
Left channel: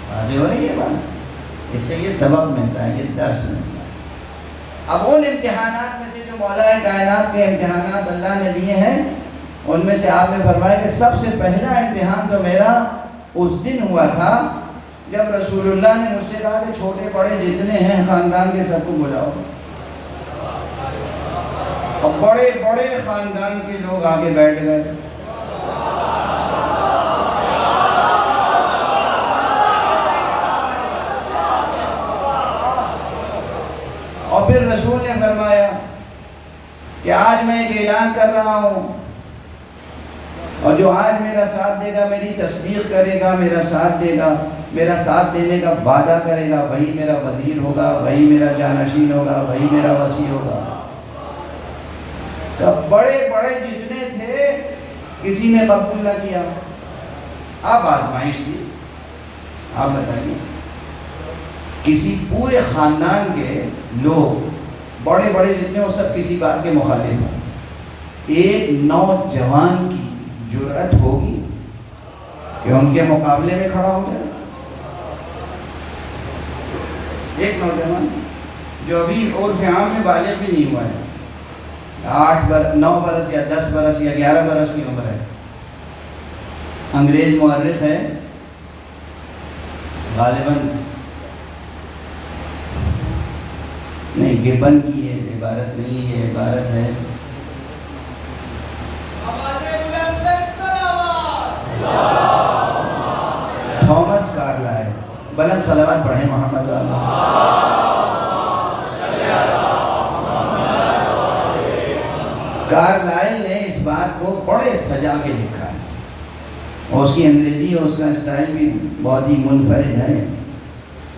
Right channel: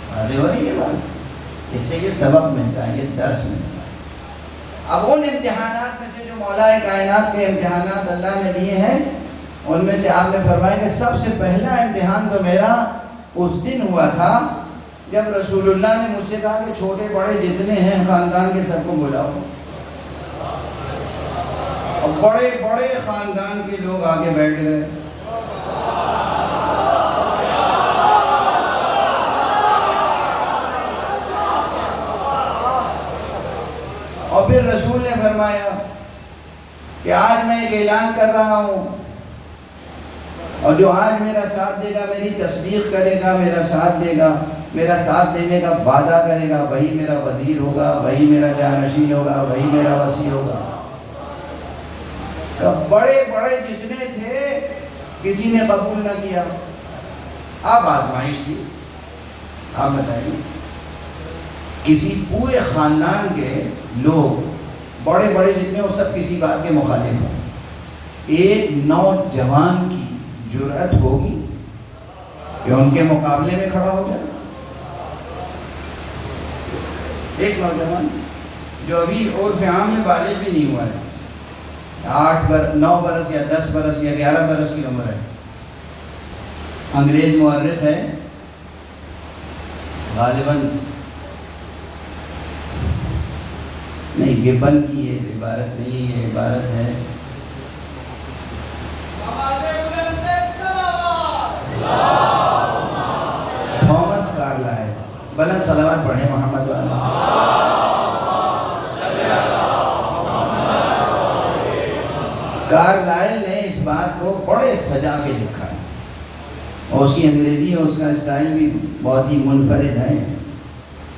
واضح ہو رہی ہے بات؟ اس سے یہ سبق ملتا ہے، یہ درس ملتا ہے۔ اب ان امتحانات میں سے جو مولا کائنات کے امتحانات اللہ نے لیے ہیں، ان میں سے آپ نے فرمایا کہ سب سے پہلا امتحان تو میرا اس دن ہوا تھا جب رسول اللہ نے مجھ سے کہا کہ چھوٹے بڑے جتنے ہیں خاندان کے سب کو بلاؤ، اور بڑے بڑے خاندان کے لوگ آگے بیٹھ گئے۔ اور پھر رسول نے فرمایا کہ آج میں ایک اعلان کر رہا ہوں اور جو آج میرا ساتھ دے گا، میری تصدیق کرے گا، میرا ساتھ دے گا، میرا ساتھ دینے کا وعدہ کرے گا، وہی میرا وزیر ہوگا، وہی میرا جانشین ہوگا، وہی میرا وزیر ہوگا۔ تب بڑے بڑے جتنے تھے کسی نے قبول نہ کیا۔ اب آزمائش تھی، آپ بتائیے، کسی پورے خاندان کے لوگ بڑے بڑے جتنے وہ سب کسی بات کے مخالف ہیں، ایک نوجوان کی جرأت ہوگی کہ ان کے مقابلے میں کھڑا ہو جائے؟ ایک نوجوان جو ابھی عرف عام میں بالغ بھی نہیں ہوا ہے، 9 برس یا 10 برس یا 11 برس کی عمر ہے، انگریز مورخ ہے، غالباً نہیں، گبن کی یہ عبارت نہیں، یہ عبارت ہے تھامس کارلائل۔ بلند صلوات پڑھیں محمد والا۔ کارلائل نے اس بات کو بڑے سجا کے لکھا ہے، اور اس کی انگریزی اور اس کا اسٹائل بھی بہت ہی منفرد ہے۔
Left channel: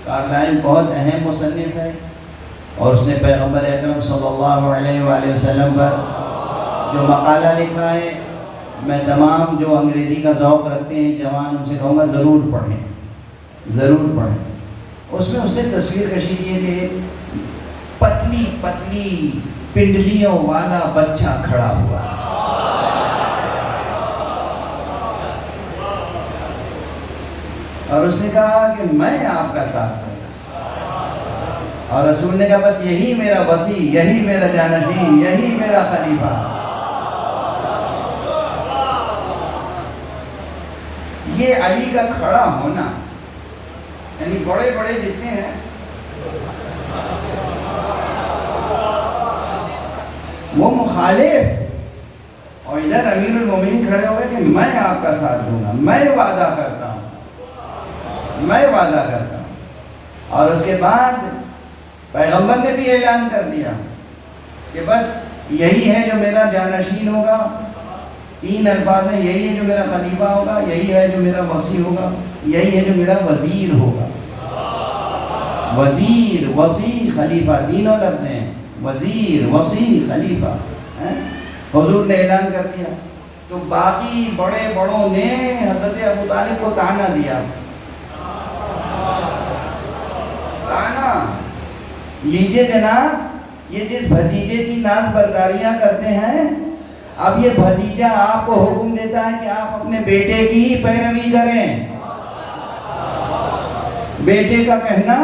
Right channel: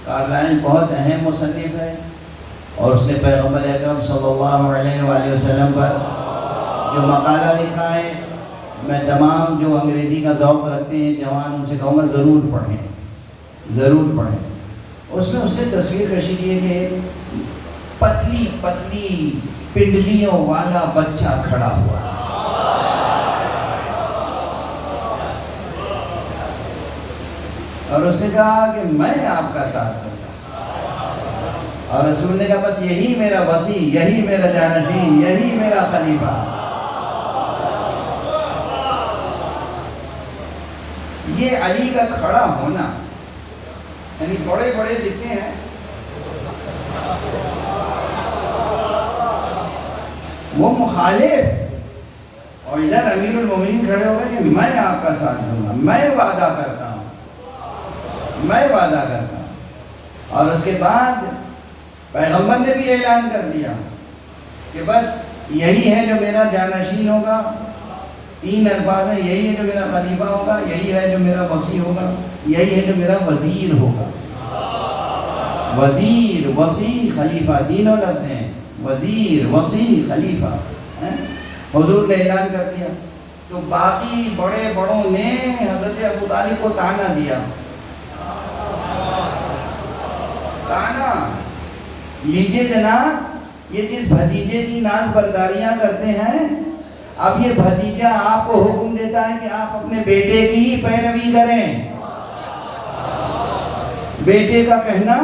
کارلائل بہت اہم مصنف ہے، اور اس نے پیغمبر اکرم صلی اللہ علیہ وآلہ وسلم پر جو مقالہ لکھا ہے، میں تمام جو انگریزی کا ذوق رکھتے ہیں جوان ان سے کہوں گا ضرور پڑھیں، ضرور پڑھیں۔ اس میں اس نے تصویر کشی کی ہے کہ پتلی پتلی پنڈلیوں والا بچہ کھڑا ہوا، اور اس نے کہا کہ میں آپ کا ساتھ دوں گا، اور رسول نے کہا بس یہی میرا وصی، یہی میرا جانشین، یہی میرا خلیفہ۔ یہ علی کا کھڑا ہونا، یعنی بڑے بڑے جتنے ہیں وہ مخالف، اور ادھر امیر المومنین کھڑے ہو گئے کہ میں آپ کا ساتھ دوں گا، میں وعدہ کرتا ہوں، میں وعدہ کرتا ہوں۔ اور اس کے بعد پیغمبر نے بھی اعلان کر دیا کہ بس یہی ہے جو میرا جانشین ہوگا، 3 الفاظ ہیں، یہی ہے جو میرا خلیفہ ہوگا، یہی ہے جو میرا وصی ہوگا، یہی ہے جو میرا وزیر ہوگا۔ وزیر، وصی، خلیفہ، تینوں لفظ ہیں، وزیر، وصی، خلیفہ۔ حضور نے اعلان کر دیا تو باقی بڑے بڑوں نے حضرت ابو طالب کو طعنہ دیا، طعنہ لیجئے جناب، یہ جس بھتیجے کی ناز برداریاں کرتے ہیں، اب یہ بھتیجا آپ کو حکم دیتا ہے کہ آپ اپنے بیٹے کی پیروی کریں، بیٹے کا کہنا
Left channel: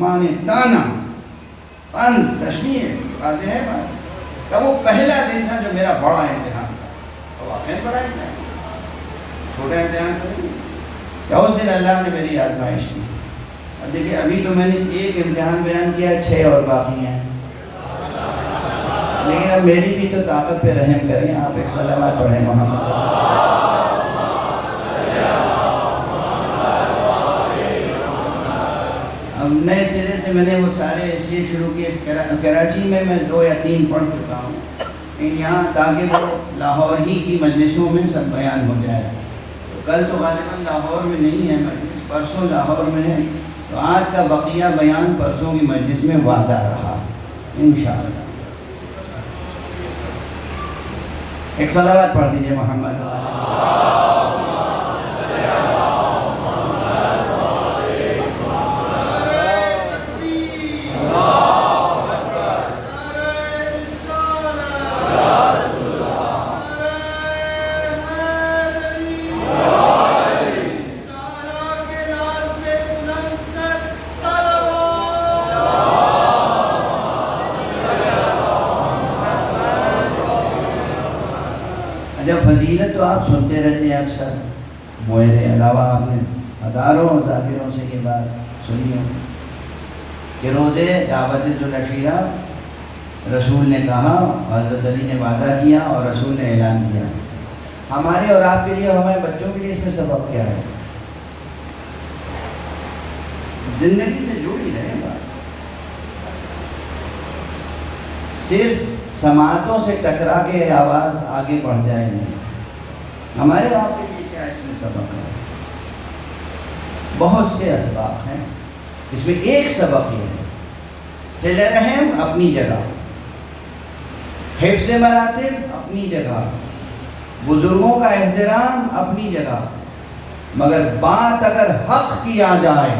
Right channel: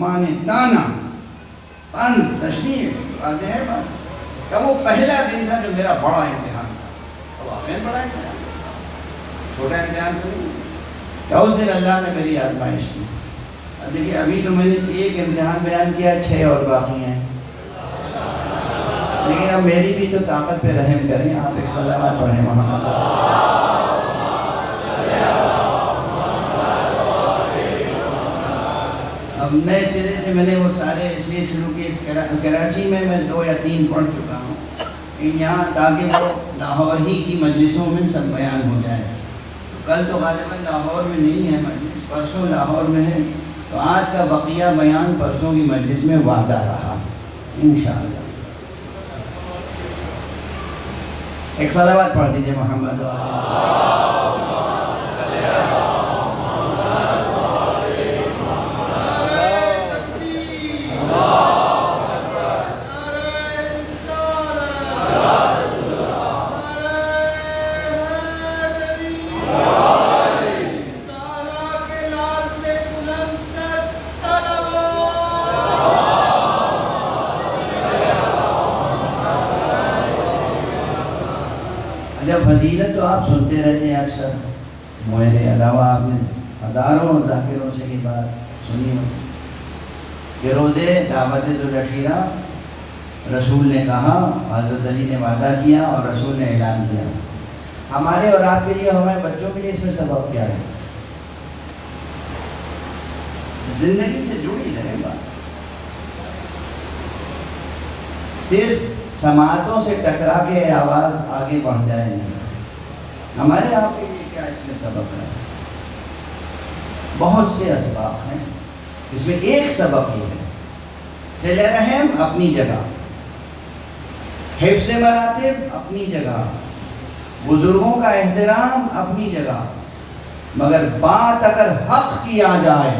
مانے، طعنہ، طنز، تشریح، واضح ہے بات۔ کہ وہ پہلا دن تھا جو میرا بڑا امتحان تھا، وہ واقعی بڑا امتحان، چھوٹا امتحان تو نہیں، کیا اس دن اللہ نے میری آزمائش کی۔ اب دیکھیے، ابھی تو میں نے ایک امتحان بیان کیا، 6 اور باقی ہیں، لیکن اب میری بھی تو طاقت پہ رحم کریں، آپ ایک صلوات پڑھیں محمد۔ اب نئے سرے سے میں نے وہ سارے اس لیے شروع کیے، کراچی میں 2 یا 3 پڑھ چکا ہوں، لیکن یہاں تاکہ وہ لاہور ہی کی مجلسوں میں سب بیان ہو جائے۔ کل تو غالباً لاہور میں نہیں ہے مجلس، پرسوں لاہور میں ہے، تو آج کا بقیہ بیان پرسوں کی مجلس میں وعدہ رہا انشاءاللہ۔ ایک صلوات پڑھ دیجئے محمد۔ جب فضیلت تو آپ سنتے رہتے ہیں اکثر، میرے علاوہ آپ نے ہزاروں ذاکروں سے یہ بات سنی ہو کہ روزے دعوت العشیرہ رسول نے کہا، حضرت علی نے وعدہ کیا اور رسول نے اعلان کیا۔ ہمارے اور آپ کے لیے، ہمارے بچوں کے لیے اس میں سبب کیا ہے؟ زندگی سے جڑی رہے بات، صرف سماعتوں سے ٹکرا کے آواز آگے بڑھ جائے نہیں۔ ہمارے آپ کے لیے کیا اس میں سبق ہے؟ بہت سے اسباب ہیں، اس میں ایک سبق یہ ہے، صلہ رحم اپنی جگہ، حفظ مراتب اپنی جگہ، بزرگوں کا احترام اپنی جگہ، مگر بات اگر حق کی آ جائے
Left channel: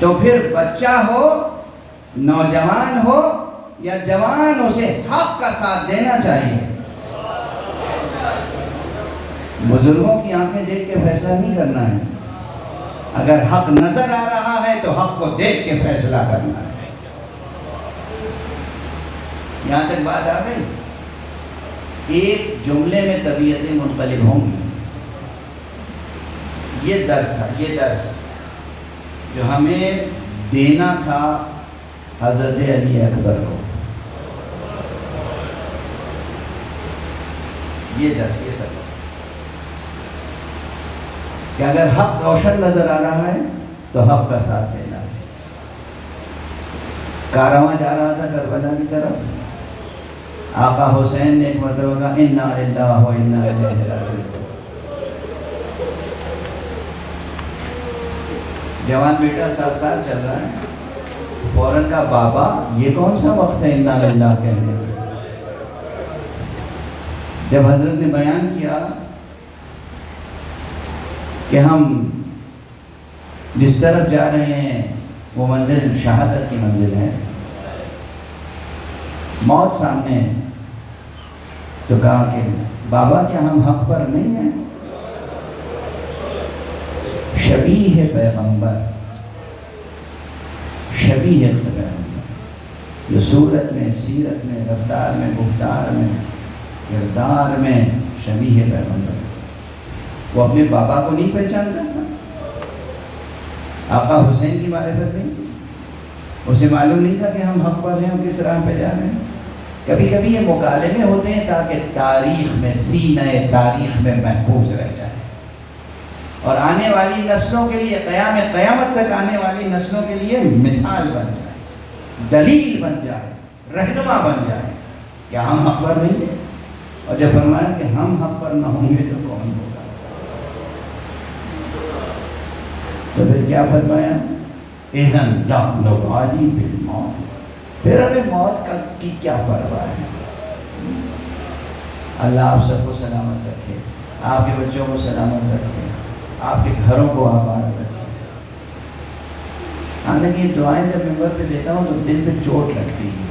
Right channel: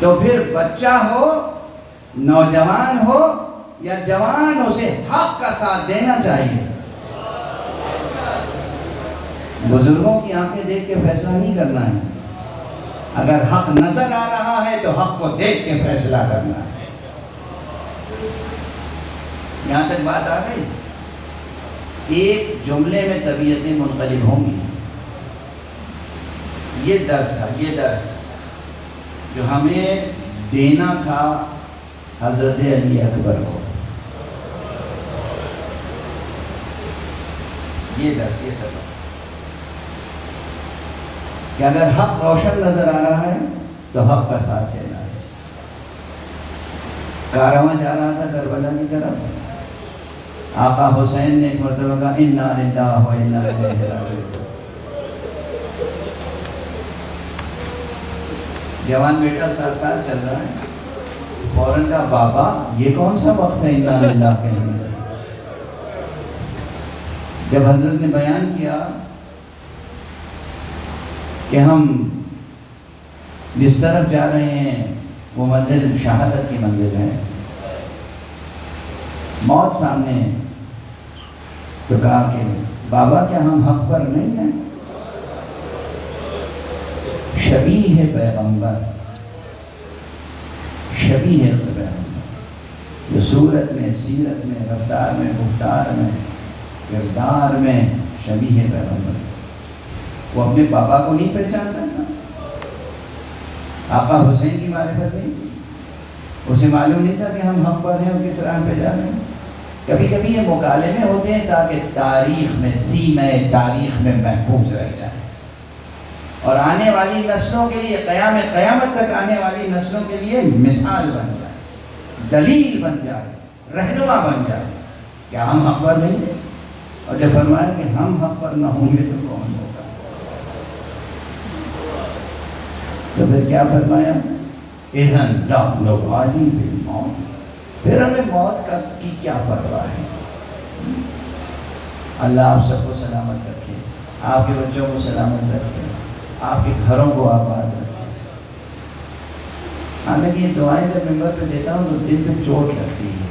تو پھر بچہ ہو، نوجوان ہو یا جوان، اسے حق کا ساتھ دینا چاہیے۔ بزرگوں کی آنکھیں دیکھ کے فیصلہ نہیں کرنا ہے، اگر حق نظر آ رہا ہے تو حق کو دیکھ کے فیصلہ کرنا ہے۔ یہاں تک بات آ گئی؟ ایک جملے میں طبیعتیں منقلب ہوں گی۔ یہ درس تھا، یہ درس جو ہمیں دینا تھا حضرت علی اکبر کو، یہ درس، یہ سبق کہ اگر حق روشن نظر آ رہا ہے تو حق کا ساتھ دینا ہے۔ کارواں جا رہا تھا کربلا کی طرف، آقا حسین نے ایک مرتبہ کہا انا للہ و انا الیہ راجعون۔ جوان بیٹا 7 سال چل رہا ہے، فوراً کا بابا یہ کون سا وقت ہے انا للہ کہنے کا؟ جب حضرت نے بیان کیا کہ ہم جس طرف جا رہے ہیں وہ منزل شہادت کی منزل ہے، موت سامنے ہے، تو کہا کہ بابا کیا ہم حق پر نہیں ہیں؟ شبیہ پیغمبر، شبیہ پیغمبر، جو صورت میں، سیرت میں، رفتار میں، گفتار میں، کردار میں شبیہ پیغمبر، وہ اپنے بابا کو نہیں پہچانتا تھا؟ آقا حسین کی معرفت نہیں تھی؟ اسے معلوم نہیں تھا کہ ہم حق پر ہیں اور کس راہ پہ جا رہے ہیں؟ کبھی کبھی یہ مکالمے ہوتے ہیں تاکہ تاریخ میں، سینہ تاریخ میں محفوظ رہ جائے، اور آنے والی نسلوں کے لیے، قیامت تک آنے والی نسلوں کے لیے مثال بن جائے، دلیل بن جائے، رہنما بن جائے۔ کیا ہم حق پر نہیں ہیں؟ اور جب فرمایا کہ ہم حق پر نہ ہوں گے تو کون ہوگا؟ تو پھر کیا فرمایا؟ اِذَنْ لَا نُبَالِي بِالْمَوْتِ، پھر ہمیں موت کی کیا پرواہ ہے؟ اللہ آپ سب کو سلامت رکھے، آپ کے بچوں کو سلامت رکھے، آپ کے گھروں کو آباد رکھے۔ ہمیں یہ دعائیں جب ممبر پہ دیتا ہوں تو دل پہ چوٹ لگتی ہے۔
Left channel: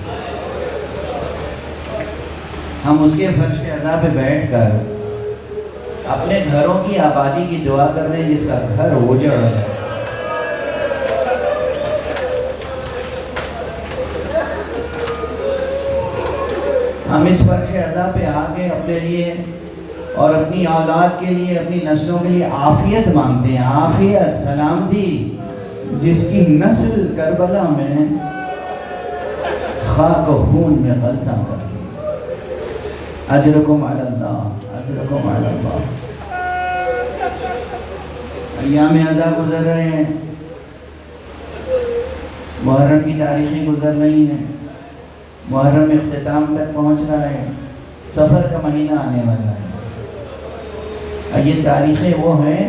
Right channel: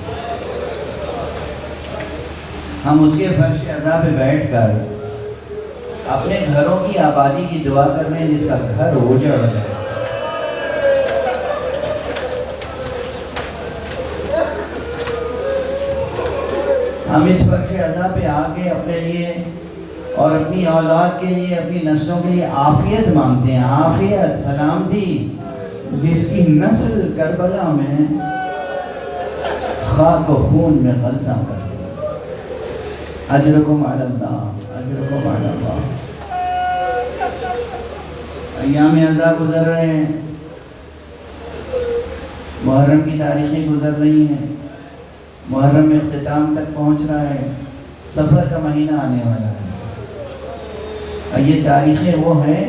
ہم اس کے فرش عزا پہ بیٹھ کر اپنے گھروں کی آبادی کی دعا کر رہے ہیں جس کا گھر اجڑ رہا ہے۔ ہم اس فرش عزا پہ آ کے اپنے لیے اور اپنی اولاد کے لیے، اپنی نسلوں کے لیے عافیت مانگتے ہیں، عافیت، سلامتی، جس کی نسل کربلا میں خاک و خون میں غلطہ کر دی۔ اجرکم علی اللہ، اجرکم علی اللہ۔ ایام عزا گزر رہے ہیں، محرم کی تاریخیں گزر رہی ہیں، محرم اختتام تک پہنچ رہا ہے، سفر کا مہینہ آنے والا ہے۔ یہ تاریخیں وہ ہیں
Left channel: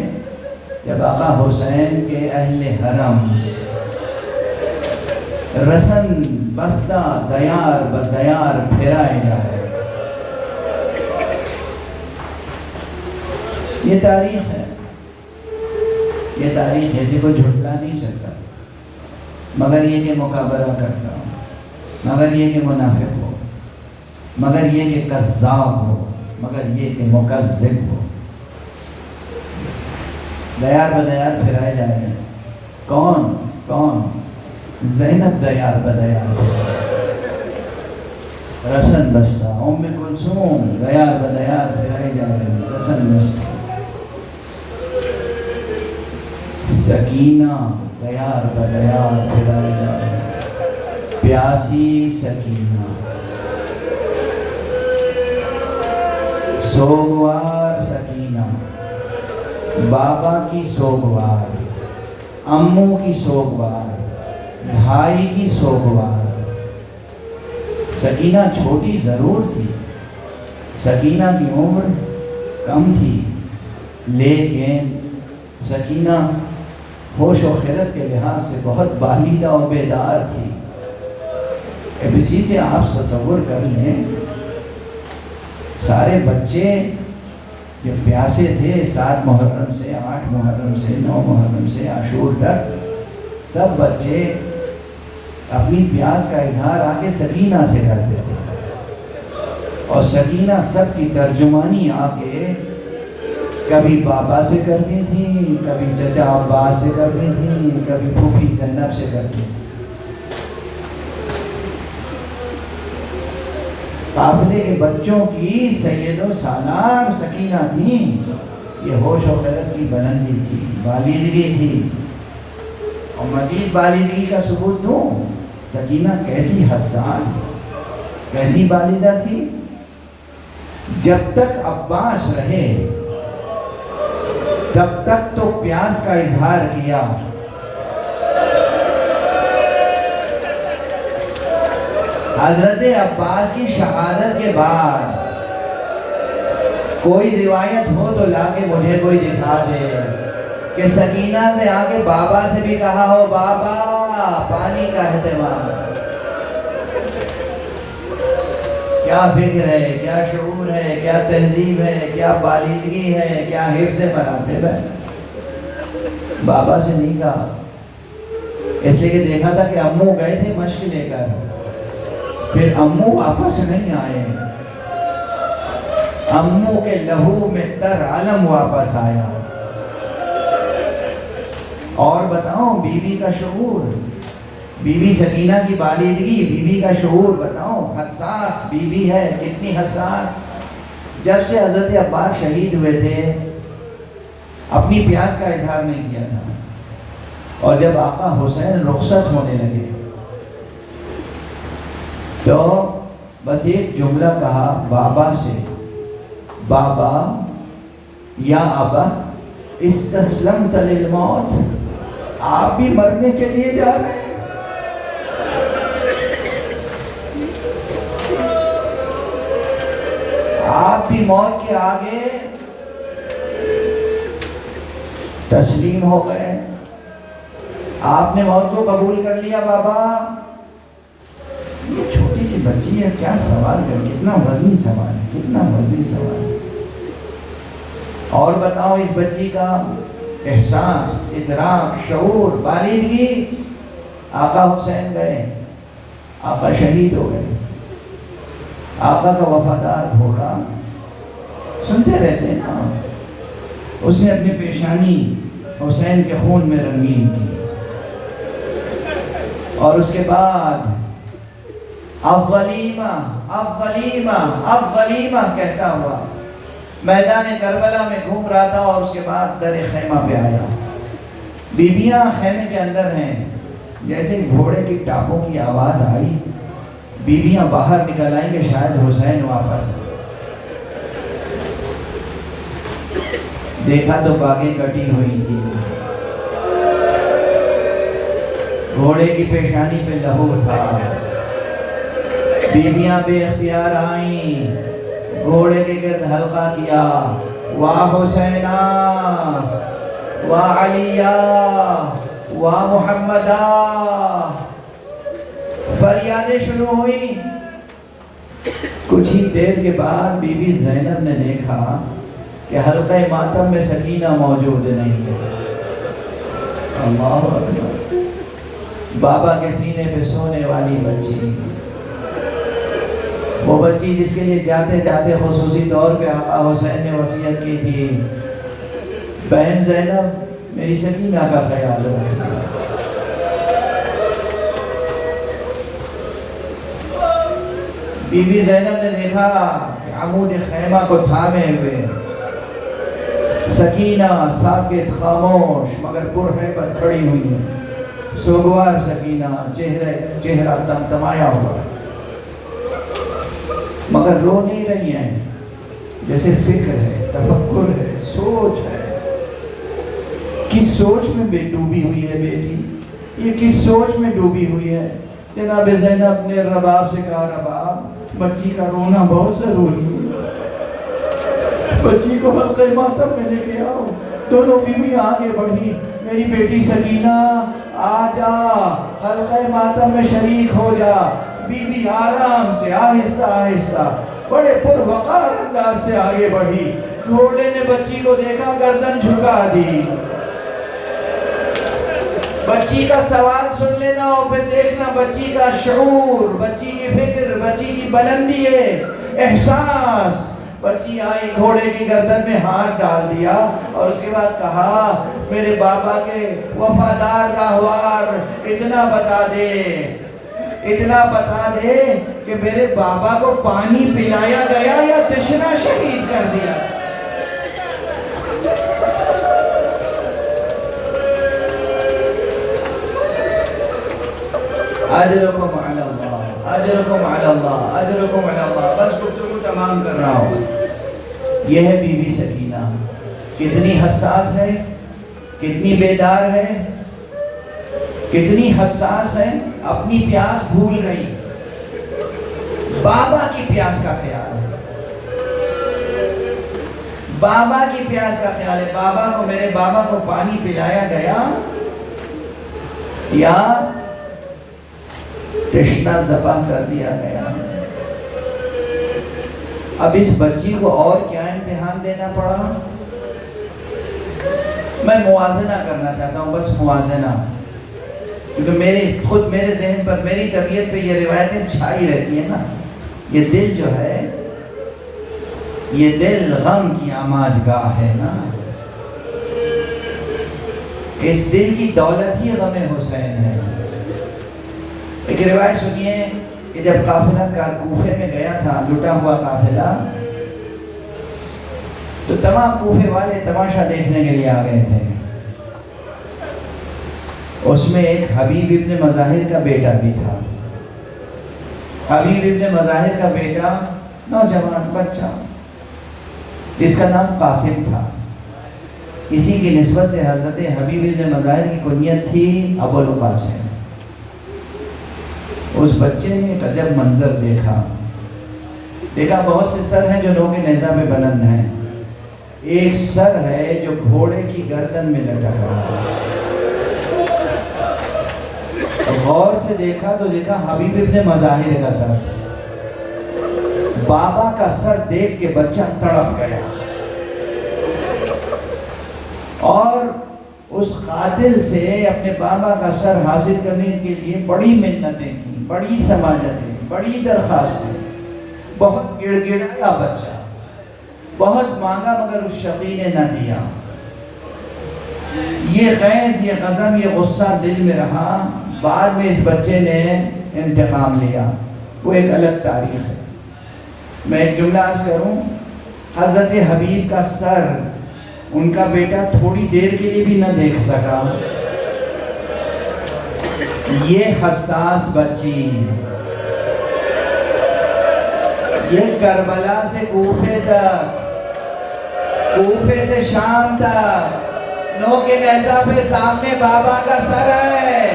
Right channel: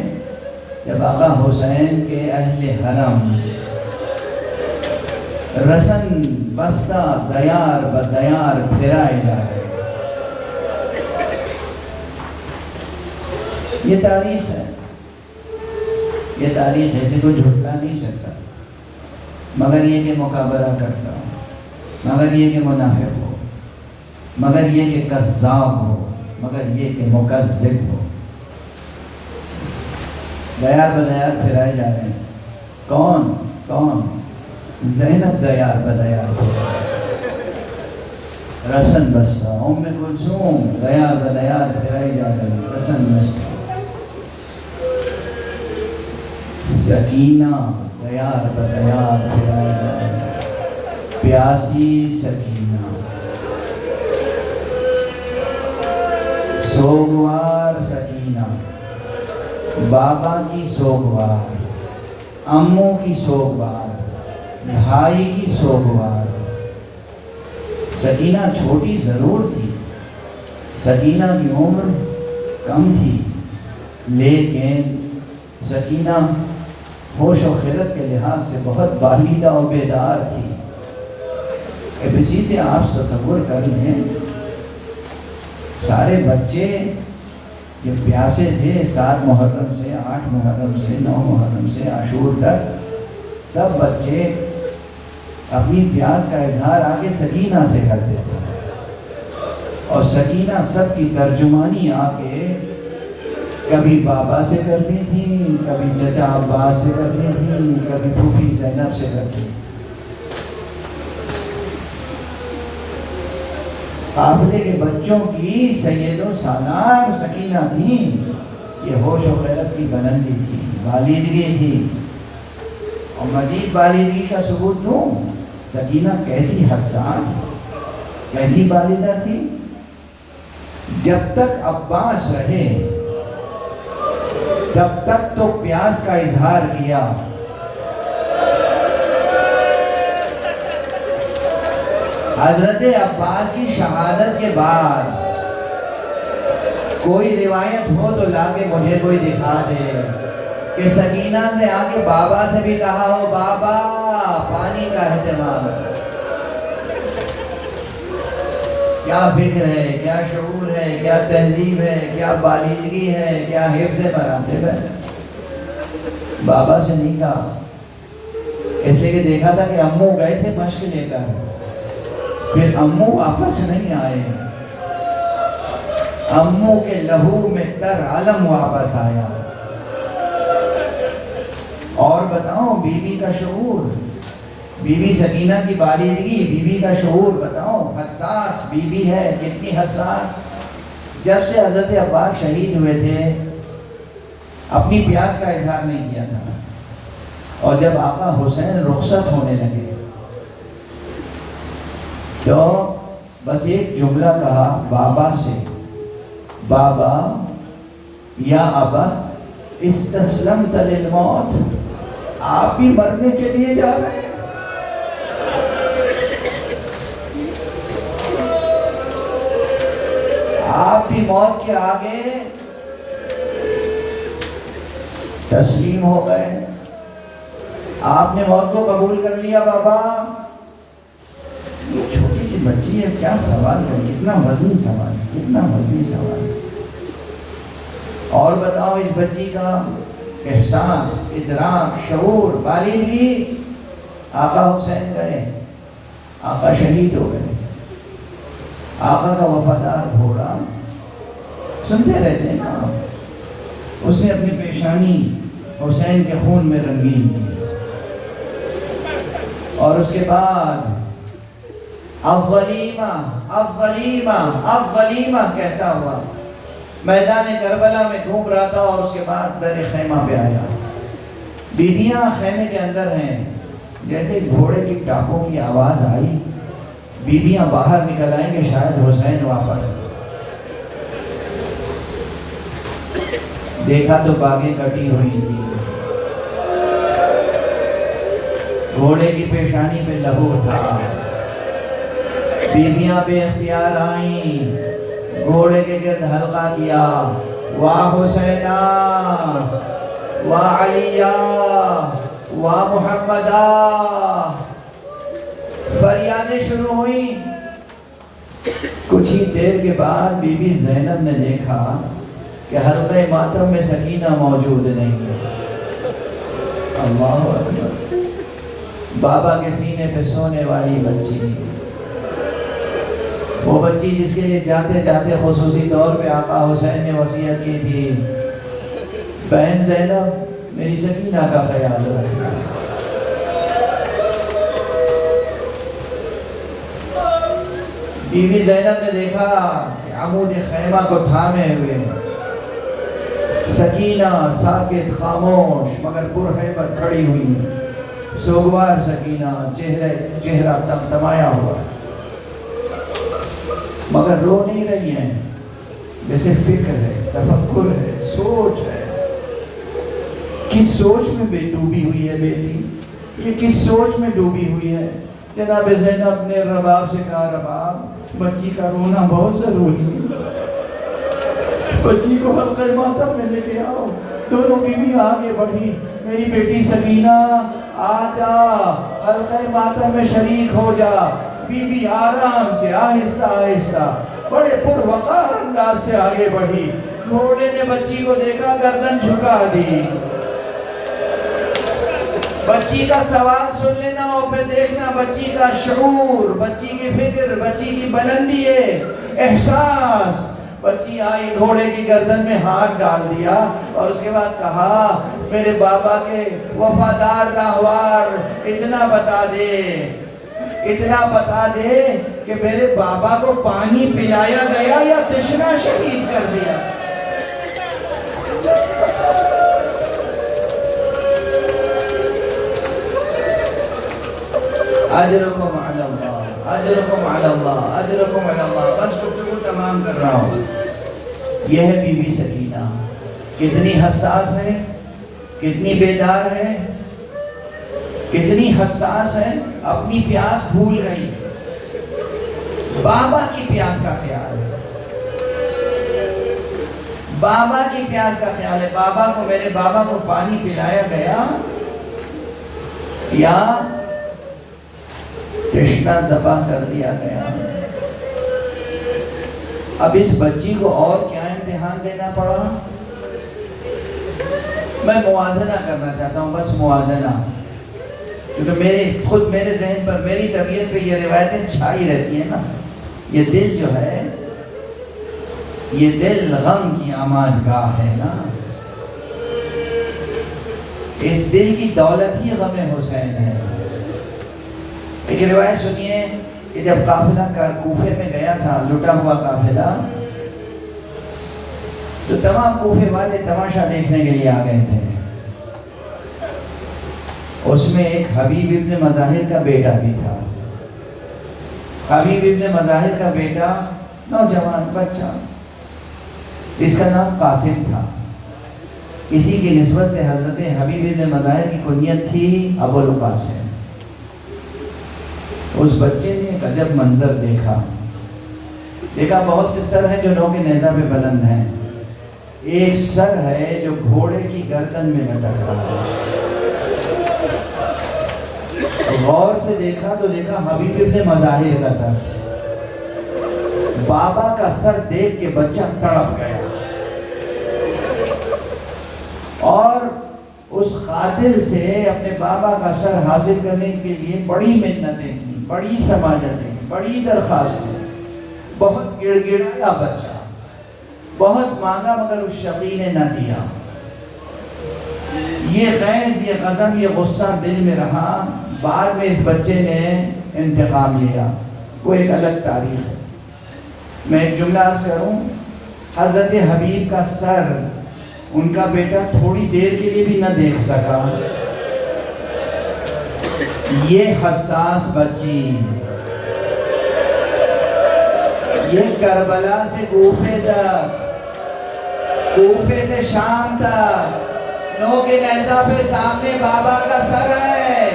جب آقا حسین کے اہل حرم رسن بستہ دیار بدیار پھرائے جا رہے ہیں۔ یہ تاریخ ہے، یہ تاریخ ایسے کوئی جھٹلا نہیں سکتا، مگر یہ کہ مقابلہ کرتا ہو، مگر یہ کہ منافق ہو، مگر یہ کہ کذاب ہو، مگر یہ کہ مکذب ہو۔ دیار بدیار پھرائے جا رہے ہیں۔ کون؟ زینب دیار بدیار، رسن بستہ، ام کلثوم دیار بدیار پھرائے جا رہے ہیں، رسن بستہ۔ سکینہ دیار بدیار پھرائے جا رہے ہیں، پیاسی سکینہ، سوگوار سکینہ، بابا کی سوگوار، امو کی سوگوار، بھائی کی سوگوار۔ سکینہ چھوٹی ضرور تھی سکینہ کی عمر کم تھی، لیکن سکینہ ہوش و خیرت کے لحاظ سے بہت بالیدہ اور بیدار تھی۔ اب اسی سے آپ تصور کر لیں، سارے بچے جو پیاسے تھے 7 محرم سے 8 محرم سے 9 محرم سے عاشور تک، سب بچے اپنی پیاس کا اظہار آگے سکینہ سے کرتے تھے، اور سکینہ سب کی ترجمانی آگے کبھی بابا سے کرتی تھی، کبھی چچا عباس سے کرتی تھی، کبھی پھوپھی زینب سے کرتی تھی۔ قافلے کے بچوں کی سید و سالار سکینہ تھی۔ یہ ہوش و خیرت کی بلندی تھی، بالیدگی تھی، اور مزید بالیدگی کا ثبوت دوں، سکینہ کیسی حساس، کیسی بالیدہ تھی۔ جب تک عباس رہے تب تک تو پیاس کا اظہار کیا، حضرت عباس کی شہادت کے بعد کوئی روایت ہو تو لا کے مجھے کوئی دکھا دے کہ سکینہ نے آگے بابا سے بھی کہا ہو، بابا پانی کا اہتمام۔ کیا فکر ہے، کیا شعور ہے، کیا تہذیب ہے، کیا بالیدگی ہے، کیا حفظ مراتب ہے۔ بابا سے نہیں کہا، ایسے کہ دیکھا تھا کہ امو گئے تھے مشق لے کر، پھر امو واپس نہیں آئے، امو کے لہو میں تر عالم واپس آیا۔ اور بتاؤ بی بی کا شعور، بی بی سکینہ کی بالیدگی، بی بی کا شعور بتاؤ، حساس بی بی ہے، کتنی حساس۔ جب سے حضرت عباس شہید ہوئے تھے اپنی پیاس کا اظہار نہیں کیا تھا، اور جب آقا حسین رخصت ہونے لگے تو بس ایک جملہ کہا بابا سے، بابا یا ابا استسلمت للموت، آپ بھی مرنے کے لیے جا رہے ہیں۔ آپ بھی موت کے آگے تسلیم ہو گئے، آپ نے موت کو قبول کر لیا۔ بابا یہ چھوٹی سی بچی ہے، کیا سوال کر، کتنا وزنی سوال ہے، کتنا وزنی سوال ہے۔ اور بتاؤ اس بچی کا احساس، ادراک، شعور، بالیدگی۔ آقا حسین گئے، آقا شہید ہو گئے، آقا کا وفادار گھوڑا سنتے رہتے ہیں نا، اس نے اپنی پیشانی حسین کے خون میں رنگین کی، اور اس کے بعد اب غلیمہ اب غلیمہ اب غلیمہ کہتا ہوا میدان کربلا میں گھوم رہا تھا، اور اس کے بعد در خیمہ پہ آیا۔ بیویاں خیمے کے اندر ہیں، جیسے گھوڑے کی ٹاپوں کی آواز آئی، بیویاں باہر نکل آئیں کہ شاید حسین واپس آئے۔ دیکھا تو باغیں کٹی ہوئی تھی، گھوڑے کی پیشانی پہ لہو تھا، بیویاں بے اختیار آئیں، گھوڑے کے گرد حلقہ کیا، واہ حسینہ واہ علیہ واہ محمدہ، فریادیں شروع ہوئی۔ کچھ ہی دیر کے بعد بی بی زینب نے دیکھا کہ حلقہ ماتم میں سکینہ موجود نہیں ہے۔ اللہ اکبر، بابا کے سینے پہ سونے والی بچی، وہ بچی جس کے لیے جاتے جاتے خصوصی طور پہ آقا حسین نے وصیت کی تھی، بہن زینب میری سکینہ کا خیال رکھنا۔ بی بی زینب نے دیکھا کہ عمود خیمہ کو تھامے ہوئے سکینہ ساکت خاموش مگر پرہیبت کھڑی ہوئی، سوگوار سکینہ، چہرہ تمتمایا ہوا، مگر رو نہیں رہی ہیں، جیسے فکر ہے، تفکر ہے، سوچ ہے۔ کس سوچ میں ڈوبی ہوئی ہے بیٹی، یہ کس سوچ میں ڈوبی ہوئی ہے؟ جناب زینب نے رباب سے کہا، رباب بچی کا رونا بہت ضروری ہے، بچی کو حلقہ ماتم میں لے کے آؤ. دونوں بیوی آگے بڑھی. میری بیٹی سکینہ آ جا, حلقہ ماتم میں شریک ہو جا. بیوی آرام سے آہستہ آہستہ بڑے پروقار انداز سے آگے بڑھی. گھوڑے نے بچی کو دیکھا, گردن جھکا دی. بچی کا سوال سن لینا اور پھر دیکھنا بچی کا شعور, بچی کی فکر, بچی کی بلندی ہے, احساس. بچی آئی, گھوڑے کی گردن میں ہاتھ ڈال دیا اور اس کے بعد کہا, میرے بابا کے وفادار راہوار, اتنا بتا دے کہ میرے بابا کو پانی پلایا گیا یا تشنا شہید کر دیا. اجرکم علی اللہ, اجرکم علی اللہ, اجرکم علی اللہ. بس گفتگو تمام کر رہا ہوں. یہ ہے بی بی سکینہ. کتنی حساس ہے, کتنی بیدار ہے, کتنی حساس ہے. اپنی پیاس بھول گئی, بابا کی پیاس کا خیال ہے, بابا کی پیاس کا خیال ہے. بابا کو, میرے بابا کو پانی پلایا گیا یا تشنا ذبح کر دیا گیا. اب اس بچی کو اور کیا امتحان دینا پڑا. میں موازنہ کرنا چاہتا ہوں, بس موازنہ, کیونکہ خود میرے ذہن پر, میری طبیعت پہ یہ روایتیں چھائی رہتی ہیں نا. یہ دل جو ہے, یہ دل غم کی آماج گاہ ہے نا. اس دل کی دولت ہی غم حسین ہے. ایک روایت سنیے کہ جب قافلہ کوفے میں گیا تھا, لٹا ہوا قافلہ, تو تمام کوفے والے تماشا دیکھنے کے لیے آ گئے تھے. اس میں ایک حبیب ابن مظاہر کا بیٹا بھی تھا. حبیب ابن مظاہر کا بیٹا, نوجوان بچہ, جس کا نام قاسم تھا. اسی کی نسبت سے حضرت حبیب ابن مظاہر کی کنیت تھی ابو القاسم. اس بچے نے ایک عجب منظر دیکھا. بہت سے سر ہیں جو نو کے نیزہ پہ بلند ہیں. ایک سر ہے جو گھوڑے کی گردن میں لٹک رہا ہے. غور سے دیکھا تو دیکھا حبیب ابن مظاہر کا سر. بابا کا سر دیکھ کے بچہ تڑپ گیا اور اس قاتل سے اپنے بابا کا سر حاصل کرنے کے لیے بڑی محنتیں کی, بڑی سماجتیں, بڑی درخواستیں. بہت گڑ گڑایا بچہ, بہت مانگا, مگر اس شقی نے نہ دیا. یہ غیظ, یہ غضب, یہ غصہ دل میں رہا. بعد میں اس بچے نے انتقام لیا. وہ ایک الگ تاریخ ہے. میں ایک جملہ عرض کروں, حضرت حبیب کا سر ان کا بیٹا تھوڑی دیر کے لیے بھی نہ دیکھ سکا. یہ حساس بچی, یہ کربلا سے کوفے تک, کوفے سے شام تک, نو کے نیزہ پہ سامنے بابا کا سر ہے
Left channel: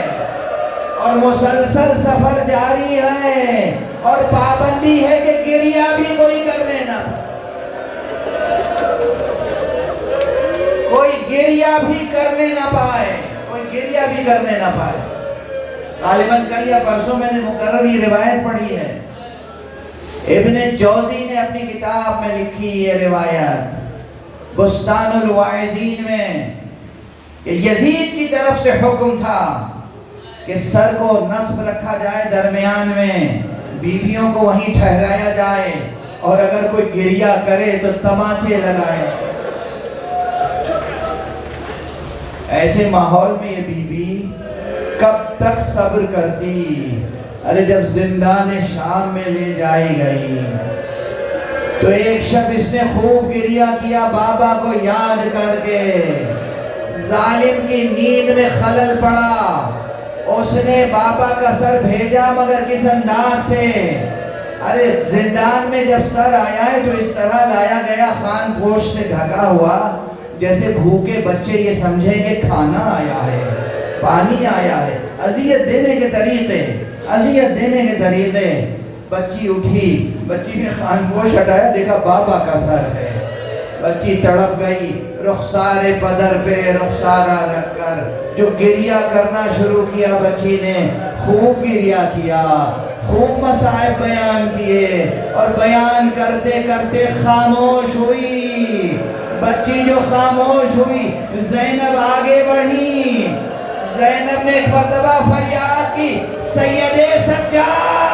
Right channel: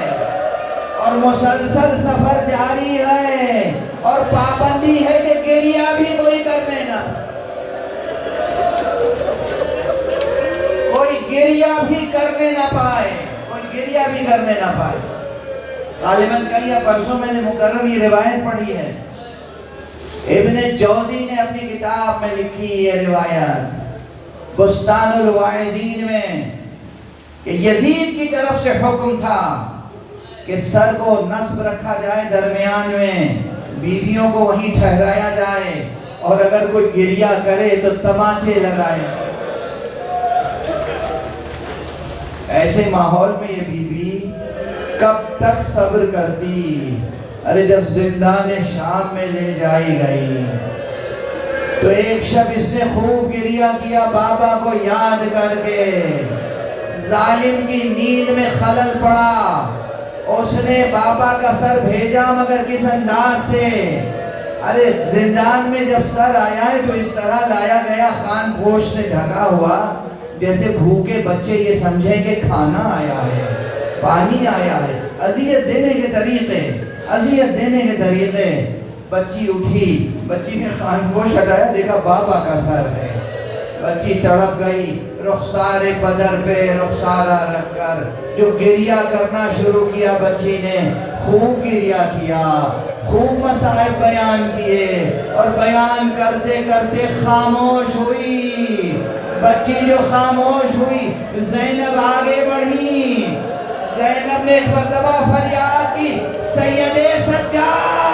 اور مسلسل سفر جاری ہے اور پابندی ہے کہ گریہ بھی کوئی کرنے نہ, کوئی گریہ بھی کرنے نہ پائے, کوئی گریہ بھی کرنے نہ پائے. غالباً کل یا پرسوں میں نے مقرر یہ روایت پڑھی ہے. ابن جوزی نے اپنی کتاب میں لکھی یہ روایت بستان الواعظین میں, کہ یزید کی طرف سے حکم تھا کہ سر کو نصب رکھا جائے درمیان میں, بیویوں کو وہیں ٹھہرایا جائے, اور اگر کوئی گریہ کرے تو تماچے لگائے. ایسے ماحول میں یہ بی بی کب تک صبر کرتی. ارے جب زندان شام میں لے جائی گئی تو ایک شب اس نے خوب گریہ کیا بابا کو یاد کر کے. ظالم کی نیند میں خلل پڑا, اس نے بابا کا سر بھیجا, مگر کس انداز سے. ارے زندان میں جب سر آیا ہے تو اس طرح لایا گیا, خان گوشت سے ڈھکا ہوا, جیسے بھوکے بچے یہ سمجھیں کہ کھانا آیا ہے, پانی آیا ہے. اذیت دینے کے طریقے, اذیت دینے کے طریقے. بچی اٹھی, بچی نے خان گوشت ہٹایا, دیکھا بابا کا سر ہے. بچی تڑپ گئی، رخسار بدر پہ رخسارہ رکھ کر جو گریہ کرنا شروع کیا بچی نے، خوب گریہ کیا، خوب مسائب بیان کیے، اور بیان کرتے کرتے خاموش ہوئی۔ بچی جو خاموش ہوئی، زینب آگے بڑھی۔ زینب نے ایک مرتبہ فریاد کی، سید سجاد